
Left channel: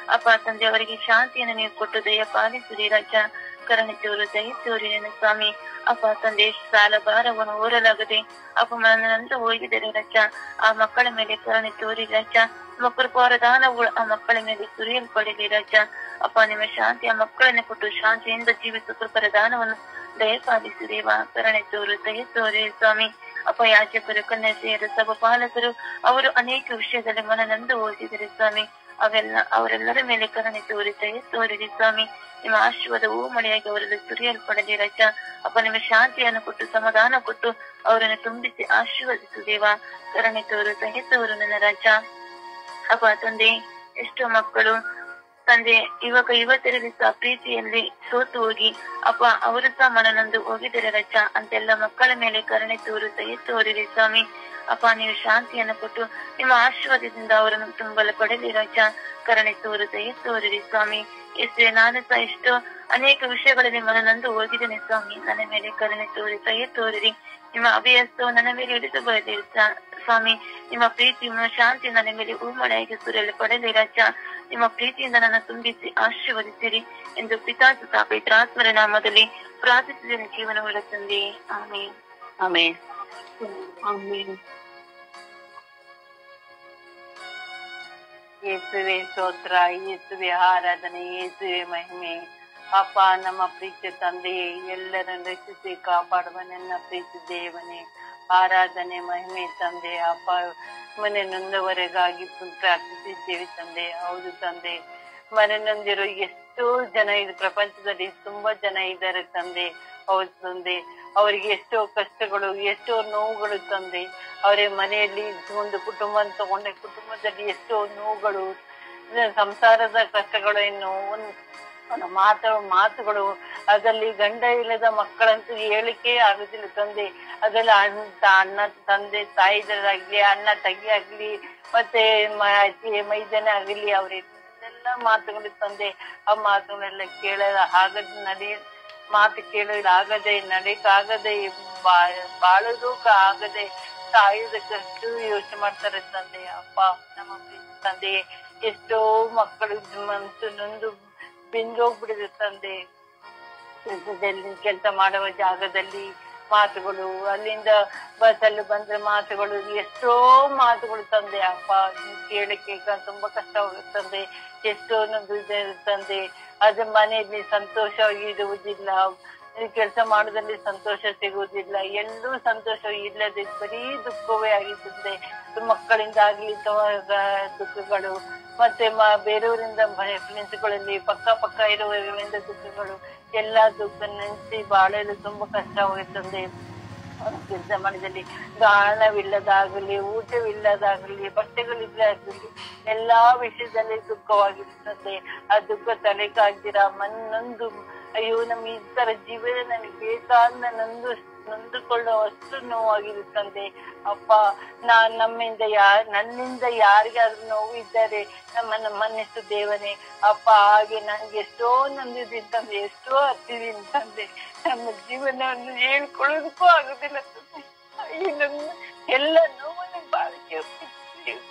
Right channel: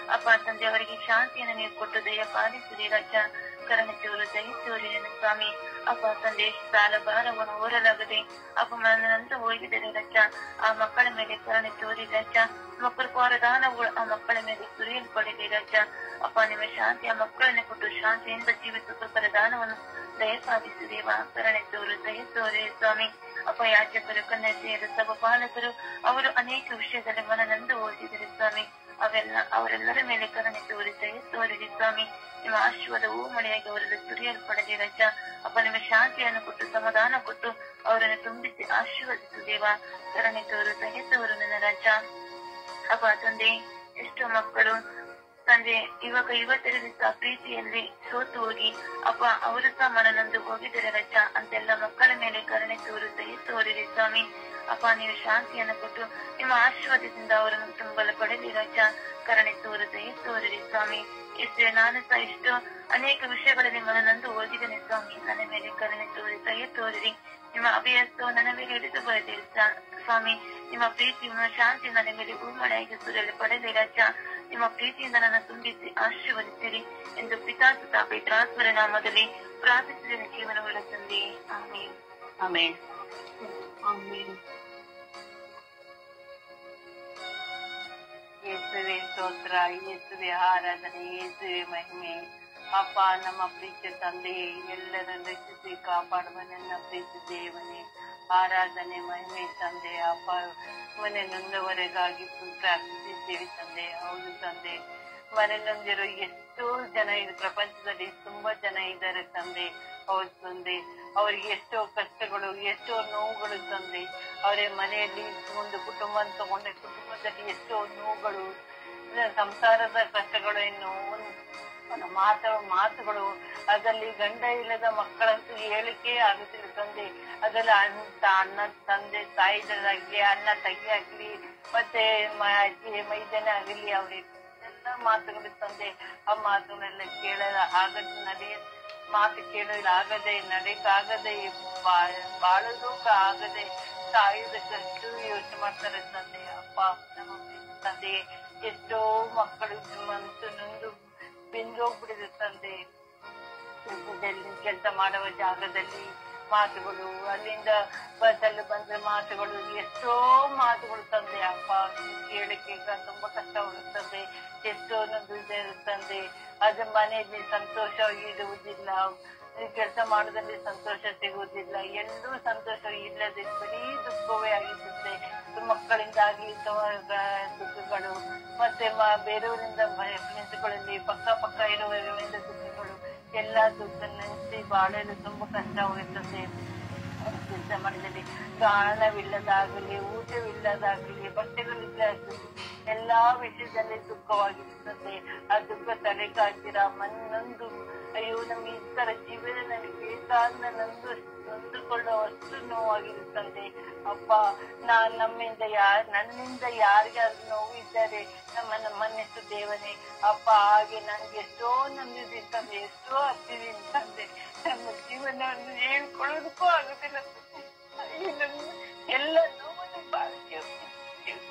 ಅಪ್ಪ ತಂದೆ, ಅವರಿಗೆ ಶಾಂತಿಯನ್ನು ನೀವು ಕೊಟ್ಟು ದಯ ಪಾಲಿಸಿರಿ ರಾಜ. ಕರುಣೆ ತೋರಿರೇನು ಸ್ವಾಮಿ. ಅಪ್ಪ ತಂದೆ, ಸಾಲ ಭಾರವನ್ನು ಓರಲಾಗದೆ ಅಪ್ಪ ಮನನೊಂದು ಹೋಗಿದರೆ ರಾಜ. ಆ ಮಕ್ಕಳ ಮೇಲೆ ಕರುಣೆ ತೋರಿ ರಾಜ. ನಿಮ್ಮ ಕೃಪಾವರದಾನಗಳು ಆ ಮಕ್ಕಳ ಮೇಲೆ ಸುರಿಯಲ್ಪಡಲಿ ರಾಜ. ಅಪ್ಪ ನಿಮ್ಮ ಶಾಂತಿ ಆ ಮಕ್ಕಳನ್ನು ಕೊಟ್ಟು ಶಾಂತಿಯಿಂದ ಜೀವಿಸುವ ಕೃಪಾವರದಾನವನ್ನು ದಯಪಾಲಿಸಿ ದೇವ. ಕರುಣೆ ತೋರಿ ಸ್ವಾಮಿ. ಅಪ್ಪ ಯಾಜಕರು, ಕನ್ಯೆಯರು, ಸಭಾಪಾಲಕರು ಅವರು ಅನೇಕ ವಿಷಯದಲ್ಲಿ ಮನನೊಂದು ಹೋಗಿದ್ದಾರೆ ಸ್ವಾಮಿ. ಅವರೆಲ್ಲರ ಮೇಲೆ ಕರುಣೆ ತೋರಿರಿ ಸ್ವಾಮಿ. ನಿಮ್ಮ ಆಶೀರ್ವಾದವೂ ಮಳೆಯಾಗಿ ಅವರಲ್ಲಿ ಸುರಿಯಲ್ಪಡಲಿ ರಾಜ. ಅಪ್ಪ ನಿಮ್ಮ ಶಾಂತಿಯನ್ನು ಕೊಟ್ಟು ಸಮಾಧಾನ ಕೊಟ್ಟು ಅವರನ್ನು ತುಂಬಿಸಿ ಆಶೀರ್ವದಿಸು ದೇವ. ಕರುಣೆ ತೋರು ನನ್ನ ರಾಜ. ಅಪ್ಪ ತಂದೆ, ಎಷ್ಟೋ ಮಕ್ಕಳು ತಂದೆ ಯುವಕರಲ್ಲಿ ಸಹ ಪ್ರೀತಿಯಲ್ಲಿ ಸೋತು ಹೋಗಿ ಅಪ್ಪ ಅವರು ಸಹ ಮನನೊಂದು ಹೋಗಿದ್ದಾರೆ ರಜ. ಅಂತೆಲ್ಲ ಮಕ್ಕಳ ಮೇಲೆ ಕರುಣೆ ತೋರಿರಿ ಸ್ವಾಮಿ. ಅಪ್ಪ ನೀವು ಶಾಂತಿಯನ್ನು ಕೊಟ್ಟು ನಿಮ್ಮ ಆಶೀರ್ವಾದದಿಂದ ಅವರನ್ನು ತುಂಬಲು ಪಡೆಯಲಿ ರಜ. ಕರುಣೆ ತೋರಿರಿ ಸ್ವಾಮಿ. ಯೇಸುವೆ, ನಾನು ಸಹ ಎಷ್ಟೋ ಅನೇಕ ವಿಷಯಗಳಲ್ಲಿ ಮನನೊಂದು ಹೋಗಿದ್ದೇನೆ ಸ್ವಾಮಿ. ನನ್ನ ಮೇಲೆ ಕರುಣೆ ತೋರಿರಿ. ನಿಮ್ಮ ಅಭಯಸ್ತವು ನನ್ನ ಮೇಲೆ ಹಿಡಿದು ಬರಲಿ ಸ್ವಾಮಿ. ನಿಮ್ಮ ಪ್ರೀತಿ, ನಿಮ್ಮ ಶಾಂತಿ ನನ್ನ ಮೇಲೆ ಹೂಮಳೆಯಾಗಿ ಸುರಿಯಲು ಪಡೆಯಲಿ ರಾಜ. ನಿಮ್ಮ ಪ್ರೀತಿಯಿಂದ ನನ್ನ ತುಂಬಿಸಿ ಆಶೀರ್ವದಿಸಿರಿ ಎಂದು ಪಿತಾಸುತ ಪವಿತ್ರಾತ್ಮರ ನಾಮದಲ್ಲಿ ಪ್ರಾರ್ಥಿಸಿದ ಜೀವನವುಳ್ಳ ತಂದೆ. ಆಮೇನ್. ಆಮೇನ್. ಆಮೇನ್. ಯೇಸುವೆ ಸ್ತೋತ್ರ, ಯೇಸುವೆ ಆರಾಧನೆ, ಯೇಸುವೆ ಮಹಿಮೆ. ಅಪ್ಪ, ನಮ್ಮ ಪ್ರೀತಿಯ ತಂದೆಯೇ, ಎಲ್ಲರನ್ನು ರಕ್ಷಿಸಿ ಕಾಪಾಡುವ ನನ್ನ ಪ್ರೀತಿ ದೇವನೇ, ಆರಾಧನೆ ಮಹಿಮೆ ತಂದೆ. ಅಪ್ಪ, ಮನೆ ನೊಂದವರೆಗಾಗಿ ಪ್ರಾರ್ಥಿಸಿದ್ದೇವೆ ತಂದೆ. ಹೌದು ತಂದೆ, ಮನೆ ನೊಂದಿರೋ ಎಷ್ಟೋ ಜನ ಇದು ಪ್ರಪಂಚದಲ್ಲಿ ತುಂಬಾ ಜನ ಇದ್ದಾರೆ ತಂದೆ. ಹೌದು ತಂದೆ, ಅವರಿಗೆ ಎಷ್ಟೋ ಕಷ್ಟಗಳು, ಎಷ್ಟೋ ನೋವುಗಳು ತಂದೆ. ಅವರೇ ಮನೆಯಲ್ಲಿ ಒಂದು ಕುಟುಂಬ ತಗೊಂಡೆ, ಕುಟುಂಬದಲ್ಲಿ ಎಷ್ಟೋ ನೋವುಗಳು, ಸಂಸಾರದ ಕಷ್ಟಗಳು, ಇನ್ನು ಮಾತುಗಳು, ಅದರಲ್ಲಿ ಗಂಡ ಇಲ್ಲದ ಮಕ್ಕಳಂತೂ ಹೇಳಿಕೆ ಆಗುದಿಲ್ಲ ತಂದೆ. ಅದೆಲ್ಲ ಅಣ್ಣ ತಂದೆ ತಾಯಿದಾಗ್ಲಿ, ಅಣ್ಣ ತಂಗಿ ಆಗ್ಲಿ, ಮತ್ತೆ ಮೈದನ ಆಗಲಿ, ಅವ್ರೆಲ್ಲ ಮಾತುಗಳು ತಂದೆ. ಆ ಮಾತುಗಳೆಲ್ಲ ಮಾತು ಕೇಳಲಾಗದೆ, ನಡೆಯಕ್ಕಾಗದೆ, ಬಾಳೋದಕ್ಕ ಆಗದೆ, ಸಾಯುವುದಕ್ಕಷ್ಟು ಯೋಚನೆ ಮಾಡ್ತಾರೆ ತಂದೆ. ಅಪ್ಪ, ನಮ್ಮ ತಂದೆ, ಎಷ್ಟೋ ಮಕ್ಕಳು ನೊಂದು ಬೆಂದೋಗ್ಬಿಡಿದೆ ತಂದೆ. ಕೆಲಸ ಮಾಡುವ ಜಾಗದಲ್ಲಿ ಮಾತುಗಳು, ಅಲ್ಲಿಂದ ಬಸ್ಸಲ್ಲಿ ಬಂದ್ರೆ ಮಾತುಗಳು, ಎಷ್ಟೋ ಮಾತುಗಳು ತಂದೆ. ಅಪ್ಪ, ಕೇಳಕ್ಕೆ ತುಂಬಾ ಕಷ್ಟವಾಗುತ್ತದೆ. ಎಷ್ಟೋ ತಂದೆ. ಅದು ಮನೆಯಲ್ಲಿ ಸಂತೋಷವಾಗಿ ಇರುವುದಿಲ್ಲ. ಈ ಕೆಲಸ ಮಾಡೋದ್ರಲ್ಲಿ ಸಂತೋಷ ಸಿಗುವುದಿಲ್ಲ. ಎಲ್ಲೂ ಸಂತೋಷ ಇಲ್ಲದೆ ಬರೀ ದುಃಖವೇ ಆಗಿರ್ತದೆ. ಮಕ್ಕಳಿಂದ ಆಗ್ಲಿ ದುಃಖಗಳು, ಮತ್ತೆ ಬೇರೆಯವರಿಂದ ಫ್ರೆಂಡ್ಸ್ಗಳಲ್ಲಿ ಪಕ್ಕ ಇರುವವರಿಂದ ದುಃಖಗಳು, ಎಲ್ಲಾ ದುಃಖ ನೆನೆಸಿ ಬಾಳಲು ತುಂಬಾ ಕಷ್ಟವಾಗುತ್ತದೆ. ಕೆಲಸ ಮಾಡಿದಲ್ಲಿ ಹಣವಿಲ್ಲದಾಗಲಿ, ಊಟವಿಲ್ಲದಾಗಲಿ, ಬಟ್ಟೆಗಳಿಲ್ಲದಾಗಲಿ, ಎಲ್ಲಾ ವಿಷಯದಲ್ಲಿ ದುಃಖವಾಗಿರುತ್ತದೆ. ಆ ದುಃಖ ತಲೆಗಾಗ್ದಿರ ನೊಂದು ಅಯ್ಯೋ ನಮ್ಮ ಈ ತರ ಜೀವನ ನನಗೆ ಬೇಕಾದ ನೊಂದುಕೊಳ್ಳುವಷ್ಟು ನೋವಾಗಿರುತ್ತದೆ. ಅಪ್ಪ, ನನ್ನಿಂದ ಯಾರಿಗಾದ್ರೂ ನೋವು ಇದ್ದಾರೆ ನಮ್ಮನ್ನು ಮನ್ನಿಸು ದೇವನೇ. ಅಪ್ಪ, ಹಾಗೆ ನನ್ಗೆ ಎಷ್ಟೋ ನೊಂದಿದ್ದೀನಿ ತಂದೆ, ಎಷ್ಟೋ ಹತ್ತಿದ್ದೀನಿ ತಂದೆ. ನಮ್ಮ ಜೀವನವನ್ನು ಹೇಳ್ಕೊಳ್ಳೋದಕ್ಕೂ ಆಗುದಿಲ್ಲ ತಂದೆ. ಎಲ್ಲ ನೋವನ್ನು ಬಾಳಿಕೆ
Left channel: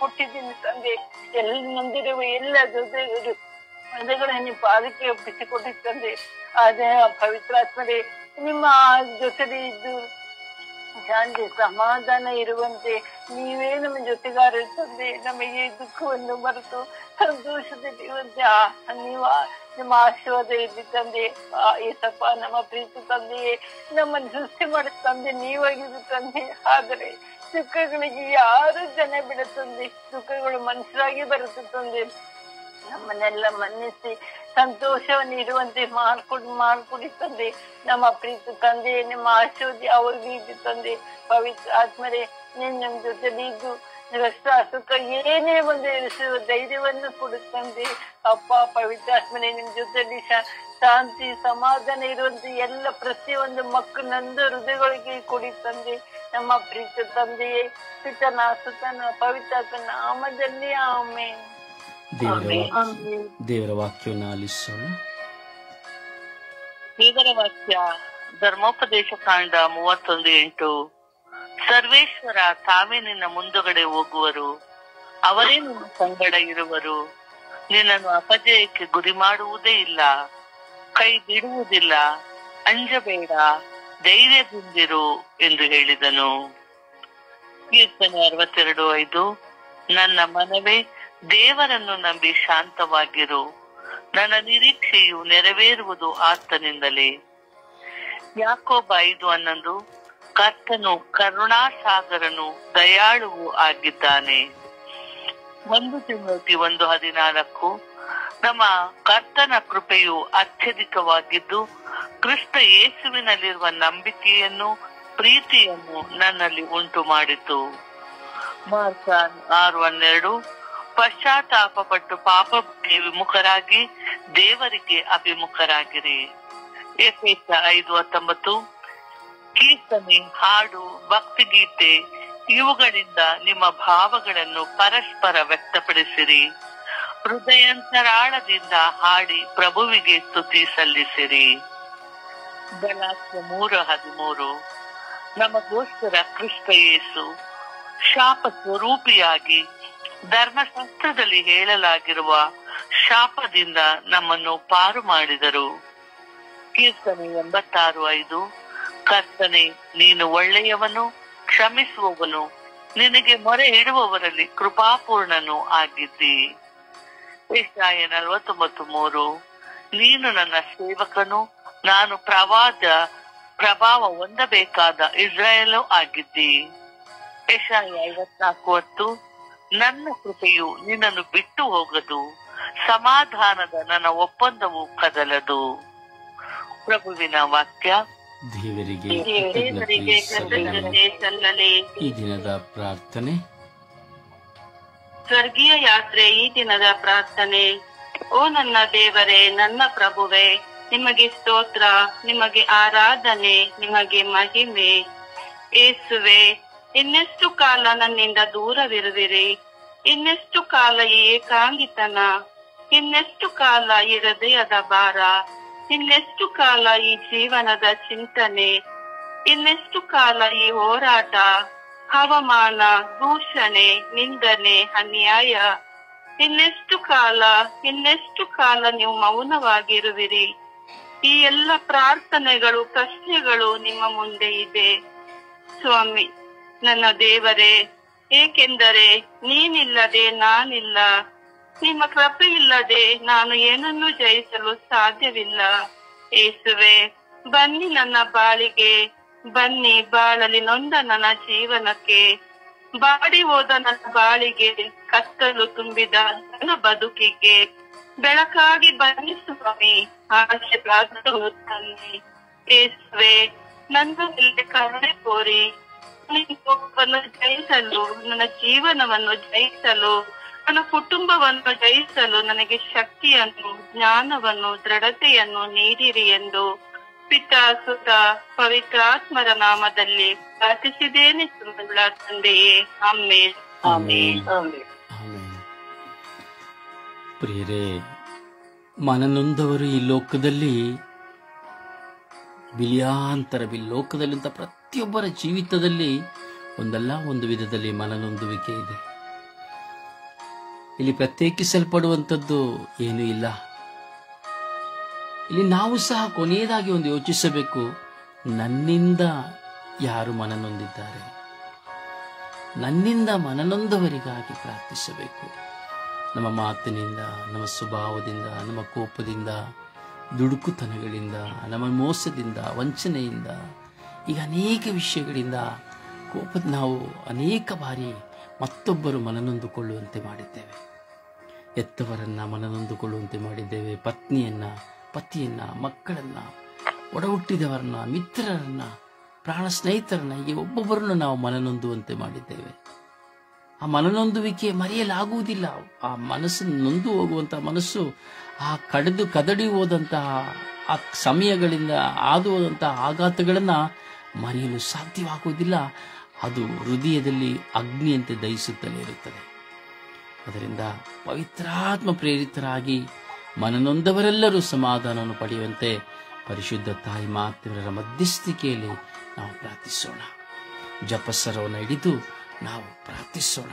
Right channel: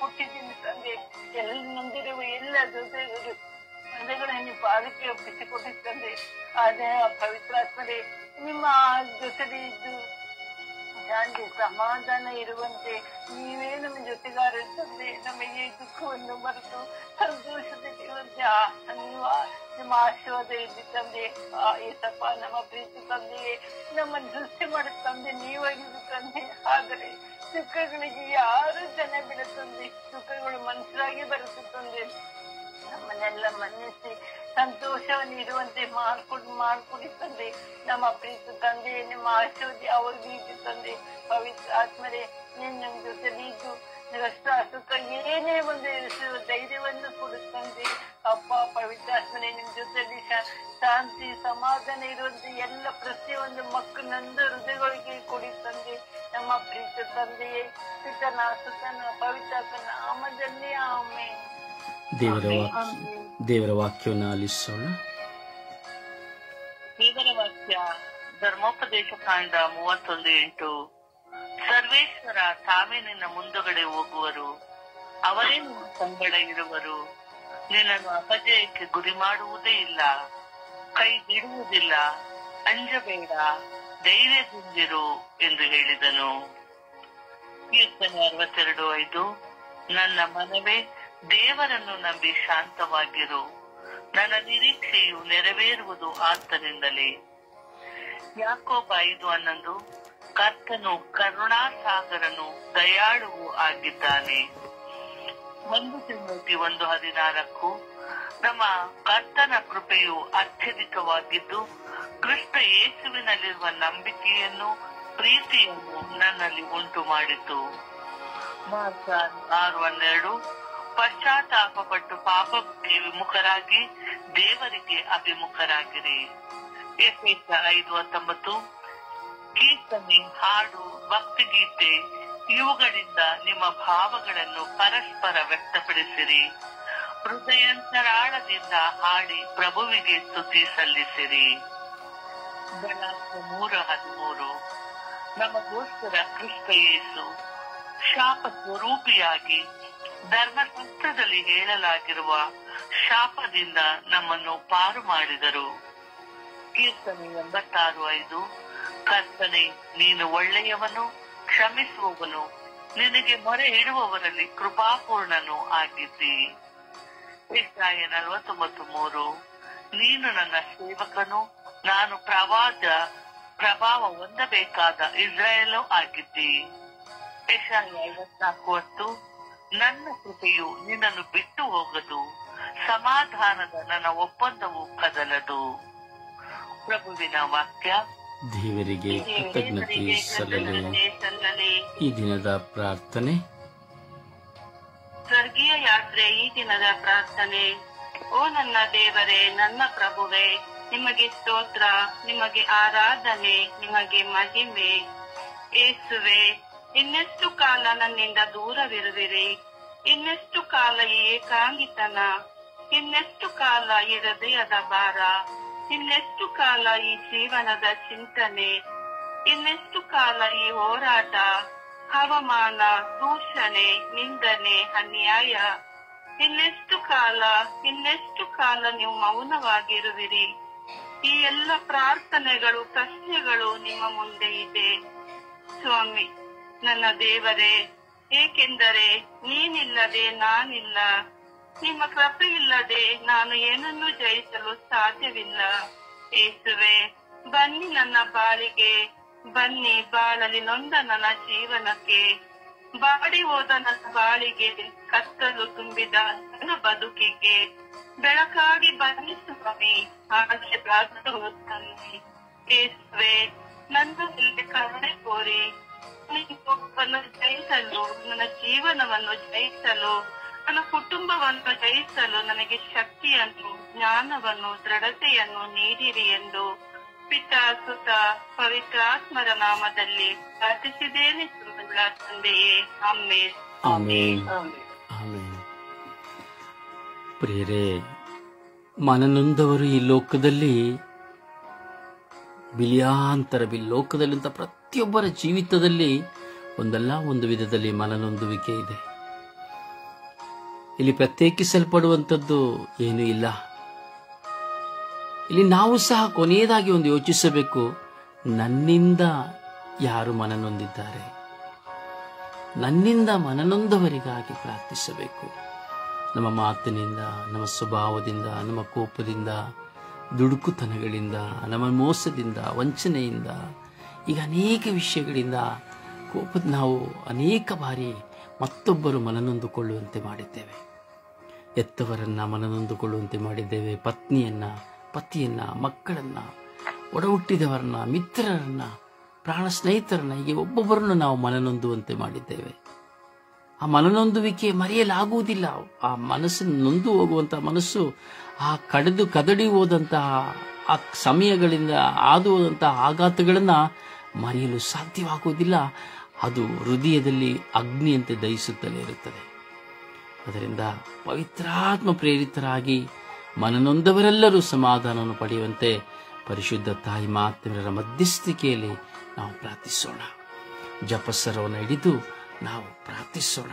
ಕೊಟ್ಟಿದ್ದೀನಿ ತಂದೆ. ಎಲ್ಲ ನೊಂದಿರುವ ಎಲ್ಲ ಜೊತೆಗಳನ್ನು ಪಾದಕ್ಕೆ ಒಪ್ಪಿಸಿಕೊಟ್ಟಿರ್ತಂದೆ. ಅದೇ ಪವಿತ್ರಾತ್ಮರೇ, ನಿಮ್ಮ ಜೊತೆಗೆ ಇದ್ದು ಶಾಂತಿ ಸಮಾಧಾನ ಇರುವಂತೆ ನೀವೇ ನಮ್ಮ ಜೊತೆಗಾರ ತಂದೆ. ನಮಗೆ ದುಃಖವನ್ನು ಮರೆತು ಸಂತೋಷದಿರುವಂತೆ ನಿಮ್ಮ ಆಶೀರ್ವಾದ ಇದ್ದು ತಂದೆ. ಏಸಪ್ಪ, ನಮ್ಮ ಪ್ರೀತಿ ತಂದೆಯೇ, ನಮ್ಮನ್ನು ಸೃಷ್ಟಿ ಮಾಡಿದ ತಂದೆ ನೀವಾಗಿದ್ದು ತಂದೆ. ಆದರೆ ದುಃಖಗಳಿಗೆ ಯಾರು ಜನ ಬಿಡುತ್ತಂದೆ. ದುಃಖಗಳು ಮನುಷ್ಯರಾಗಿ ಬರುತ್ತೆ ತಂದೆ. ನಮ್ಮನ್ನೆಲ್ಲ ಮನ್ನಿಸಿ ಸಂತೋಷವನ್ನು ಇರುವಂತೆ ಮಾಡ್ಕೊಡಿ ತಂದೆ. ನಮ್ಮ ಪ್ರೀತಿ ತಂದೆ, ನಿಮ್ಮ ಆಶೀರ್ವಾದ ಅವ್ರಿಗೂ ಇದ್ದು ತಂದೆ. ಪವಿತ್ರ ಆತ್ಮರೇ, ನಿಮ್ ಜೊತೆಲಿ ಇದ್ದು ರಕ್ತ ಸುಖ ಏನೇ ಒಂದು ಎನಿಸುವ ಧೈರ್ಯವನ್ನು ಕೊಡುತ್ತಂದೆ. ಅಪ್ಪ ಪವಿತ್ರ ಆತ್ಮರೇ, ನಿಮ್ ಜೊತೆಲಿ ಶಾಂತಿ ಸಮಾಧಾನ ಇರುವಂತೆ ಎಲ್ಲ ಪ್ರತಿಯೊಂದು ಮಕ್ಕಳನ್ನೊಂದು ಹೃದಯಗಳಿಗೆ ಕೊಡಿ ತಂದೆ. ನಮ್ಮ ಪ್ರೀತಿ ತಂದೆಯೇ, ಸುತನ ಪವಿತ್ರ ನಾಮದಲ್ಲಿ ಆಮೆನ್. ದೇವರ ವಾಕ್ಯವನ್ನು ಆಲಿಸೋಣ. ದೇವರ ವಾಕ್ಯ ಧರ್ಮೋಪದೇಶ ಕಾಂಡ 31:8. ಸರ್ವೇಶ್ವರ ತಾವೇ ನಿನ್ನ ಮುಂದುಗಡೆ ಹೋಗುವರು, ಅವರೇ ನಿನ್ನ ಸಂಗಡ ಇರುವರು, ನಿನ್ನನ್ನು ಅಪಜಯಕ್ಕೆ ಗುರಿ ಮಾಡುವುದೇ ಇಲ್ಲ, ಕೈ ಬಿಡುವುದಿಲ್ಲ, ಅಂಜಬೇಡ, ಧೈರ್ಯದಿಂದಿರು ಎಂದು ಹೇಳಿದನು. ಕೀರ್ತನೆ 62:5. ನನ್ನ ಮನವೇ, ದೇವರನ್ನು ನಂಬಿ ಶಾಂತವಾಗಿರು, ನನ್ನ ನಿರೀಕ್ಷೆಯು ನೆರವೇರುವುದು ಆತನಿಂದಲೇ. ಯಾಕೋಬ 5:11. ಕರ್ತನು ಕರುಣಾಸಾಗರನು, ದಯಾಳುವು ಆಗಿದ್ದಾನೆ. 1 ತಿಮೋತಿ 1:14. ನಮ್ಮ ಕರ್ತನ ಕೃಪೆಯು ಅತ್ಯಧಿಕವಾಗಿದ್ದು ಕ್ರಿಸ್ತ ಯೇಸುವಿನಲ್ಲಿರುವ ನಂಬಿಕೆಯನ್ನು ಪ್ರೀತಿಯನ್ನು ನನ್ನಲ್ಲಿ ಉಂಟು ಮಾಡಿತು. ಮಾರ್ಕ 6:12. ಪಶ್ಚಾತ್ತಾಪ ಪಟ್ಟು ಪಾಪಕ್ಕೆ ವಿಮುಖರಾಗಿ ದೇವರಿಗೆ ಅಭಿಮುಖರಾಗಿರಿ. ಎಫೆಸ 5:19. ಕೀರ್ತನೆ, ಹಾಡು, ಭಕ್ತಿಗೀತೆ ಇವುಗಳಿಂದ ನಿಮ್ಮ ಭಾವಗಳನ್ನು ಪರಸ್ಪರ ವ್ಯಕ್ತಪಡಿಸಿರಿ. ಹೃದಯಾಂತರಾಳದಿಂದ ಹಾಡಿ ಪ್ರಭುವಿಗೆ ಸ್ತುತಿ ಸಲ್ಲಿಸಿರಿ. ಗಲಾತ್ಯ 3:13. ನಮಗೋಸ್ಕರ ಕ್ರಿಸ್ತ ಯೇಸು ಶಾಪ ಸ್ವರೂಪಿಯಾಗಿ ಧರ್ಮಶಾಸ್ತ್ರದಲ್ಲಿ ಹೇಳಲಾಗಿರುವ ಶಾಪದಿಂದ ನಮ್ಮನ್ನು ಪಾರು ಮಾಡಿದರು. ಕೀರ್ತನೆ 86:5. ಕರ್ತನೆ, ನೀನು ಒಳ್ಳೆಯವನು, ಕ್ಷಮಿಸುವವನು, ನಿನಗೆ ಮೊರೆ ಇಡುವವರಲ್ಲಿ ಕೃಪಾಪೂರ್ಣನು ಆಗಿದ್ದಿ. ಯೆಶಾಯ 49:3. ನೀನು ನನ್ನ ಸೇವಕನು, ನಾನು ಪ್ರಭಾವ ಹೊಂದಬೇಕಾದ ಇಸ್ರಾಯೇಲು ಆಗಿದ್ದಿ. ಯೆಶಾಯ 54:10. ನನ್ನ ಕೃಪೆಯು ನಿನ್ನನ್ನು ಬಿಟ್ಟು ಹೋಗದು, ಸಮಾಧಾನದ ನನ್ನ ಒಪ್ಪಂದವು ಕದಲದು. ಪ್ರಭುವಿನ ವಾಕ್ಯ. ದೇವರಿಗೆ ಕೃತಜ್ಞತೆ ಸಲ್ಲಲಿ. ಈ ದಿನದ ಪ್ರಾರ್ಥನೆ. ಸ್ವರ್ಗೀಯ ಯಾತ್ರೆ. ಈ ದಿನದ ಪ್ರಾರ್ಥನೆ. ಓ ನನ್ನ ದೇವರೇ, ನನ್ನ ಪ್ರಭುವೇ, ನಿಮಗೆ ಸ್ತೋತ್ರ, ನಿಮಗೆ ಆರಾಧನೆ, ನಿಮಗೆ ಮಹಿಮೆ. ಯೇಸುವೆ, ಇನ್ನೆಷ್ಟು ಕಾಲ ನನ್ನಿಂದ ದೂರವಿರುವಿರಿ? ಇನ್ನೆಷ್ಟು ಕಾಲ ಈ ಏಕಾಂಗಿತನ? ಇನ್ನೆಷ್ಟು ಕಾಲ ಈ ಹೃದಯದ ಭಾರ? ಇನ್ನೆಷ್ಟು ಕಾಲ ಈ ಜೀವನದ ಚಿಂತನೆ? ಇನ್ನೆಷ್ಟು ಕಾಲ ಈ ಹೋರಾಟ, ಅವಮಾನ, ದೂಷಣೆ, ನಿಂದನೆ, ಅನ್ಯಾಯ? ಇನ್ನೆಷ್ಟು ಕಾಲ ನೀವು ಮೌನವಾಗಿರುವಿರಿ? ಈ ಎಲ್ಲ ಪ್ರಾರ್ಥನೆಗಳು, ಪ್ರಶ್ನೆಗಳು ನಿಮ್ಮ ಮುಂದೆ ಇದೆ ಸ್ವಾಮಿ. ನನ್ನ ದೇವರೇ, ಏಕೆಂದರೆ ನೀನಿಲ್ಲದೆ ನಾನಿಲ್ಲ, ನಿಮ್ಮ ಕೃಪೆ ಇಲ್ಲದೆ ನಾನು ಏನನ್ನೂ ಜಯಿಸಲು ಸಾಧ್ಯವಿಲ್ಲ. ಯೇಸುವೆ, ಬನ್ನಿ ನನ್ನ ಬಾಳಿಗೆ, ಬನ್ನಿ ಬಾಳಲಿ ನೊಂದ ನನ್ನ ಜೀವನಕ್ಕೆ. ಬಾಡಿ ಹೋದ ನನ್ನ ಬಾಳಿಗೆ, ಕತ್ತಲು ತುಂಬಿದ ನನ್ನ ಬದುಕಿಗೆ ಬೆಳಕಾಗಿ ಬನ್ನಿ ಸ್ವಾಮಿ, ಆಶೀರ್ವಾದವು ತನ್ನಿ. ಯೇಸುವೆ, ನನ್ನ ಮೇಲೆ ಕರುಣೆ ಕೋರಿ ನನ್ನ ಕೋಪವನ್ನು ಜಯಿಸಲು, ನನ್ನ ಜೀವನವನ್ನು ಜಯಿಸಲು, ನನ್ನ ಕುಟುಂಬವನ್ನು ಜಯಿಸಲು ನನಗೆ ಶಕ್ತಿಯನ್ನು, ಜ್ಞಾನವನ್ನು, ದೃಢತೆಯನ್ನು ನೀಡಿರಿ ಎಂದು ಪಿತಾ, ಸುತ, ಪವಿತ್ರಾತ್ಮರ ನಾಮದಲ್ಲಿ ಪ್ರಾರ್ಥಿಸಿದ್ದೇನೆ ಸುಳ್ಳ ತಂದೆಯೇ. ಆಮೆನ್. ಆಮೆನ್. ಆಮೆನ್. ಪ್ರಿಯರೇ, ಮನನೊಂದವರು ಈ ಲೋಕದಲ್ಲಿ ಲೋಕದಲ್ಲಿಂತ ಪ್ರತಿಯೊಬ್ಬರ ಜೀವಿತದಲ್ಲಿ ಒಂದಲ್ಲ ಒಂದು ವಿಧದಲ್ಲಿ ಮನನೊಂದುವಿಕೆ ಇದೆ. ಇಲ್ಲಿ ಪ್ರತ್ಯೇಕಿಸಲ್ಪಡುವಂಥದ್ದು ಏನೂ ಇಲ್ಲ. ಇಲ್ಲಿ ನಾವು ಸಹ ಕೊನೆಯದಾಗಿ ಒಂದು ಯೋಚಿಸಬೇಕು, ನನ್ನಿಂದ ಯಾರು ಮನನೊಂದಿದ್ದಾರೆ, ನನ್ನಿಂದ ಮನನೊಂದವರಿಗಾಗಿ ಪ್ರಾರ್ಥಿಸಬೇಕು. ನಮ್ಮ ಮಾತಿನಿಂದ, ನಮ್ಮ ಸ್ವಭಾವದಿಂದ, ನಮ್ಮ ಕೋಪದಿಂದ, ದುಡುಕುತನಗಳಿಂದ, ನಮ್ಮ ಮೋಸದಿಂದ, ವಂಚನೆಯಿಂದ, ಈಗ ಅನೇಕ ವಿಷಯಗಳಿಂದ ನಾವು ಅನೇಕ ಬಾರಿ ಮತ್ತೊಬ್ಬರು ಮನನೊಂದುಕೊಳ್ಳುವಂತೆ ಮಾಡಿದ್ದೇವೆ. ಎತ್ತವರನ್ನ ಮನನೊಂದುಕೊಳ್ಳುವಂತೆ ಮಾಡಿದ್ದೇವೆ. ಪತಿಯನ್ನ, ಮಕ್ಕಳನ್ನ, ಒಡ ಹುಟ್ಟಿದವರನ್ನ, ಮಿತ್ರರನ್ನ, ಪ್ರಾಣ ಸ್ನೇಹಿತರನ್ನ, ಹೀಗೆ ಒಬ್ಬೊಬ್ಬರನ್ನು ನಾವು ಮನನೊಂದುವಂತೆ ಮಾಡಿದ್ದೇವೆ. ಆ ಮನನೊಂದುವಿಕೆ ಮರೆಯಲಾಗುವುದಿಲ್ಲ. ಆ ಮನಸ್ಸನ್ನು ನೊಂದು ಹೋಗುವಂತಹ ಮನಸ್ಸು, ಆ ಕದಡಿ ಹೋದಂತಹ ಆ ಸಮಯಗಳಿಂದ ಹಾದು ಹೋದಂತಹ ಆಘಾತಗಳನ್ನ ಮರೆಯಲು ಸಾಧ್ಯವಾಗುವುದಿಲ್ಲ. ಅದು ಹೃದಯದಲ್ಲಿ ಅಗ್ನಿಯಂತೆ ದಹಿಸುತ್ತಲೇ ಇರುತ್ತದೆ. ಅದರಿಂದ ಪವಿತ್ರಾತ್ಮ ಪ್ರೇರಿತರಾಗಿ ಮನನೊಂದವರೆಲ್ಲರೂ ಸಮಾಧಾನವನ್ನು ಪಡೆಯುವಂತೆ ಪರಿಶುದ್ಧ ತಾಯಿ ಮಾತೆಯರ ಮಧ್ಯಸ್ಥಿಕೆಯಲ್ಲಿ ನಾವು ಪ್ರಾರ್ಥಿಸೋಣ. ಜಪಸರವನ್ನು ಹಿಡಿದು ನಾವು ಪ್ರಾರ್ಥಿಸೋಣ.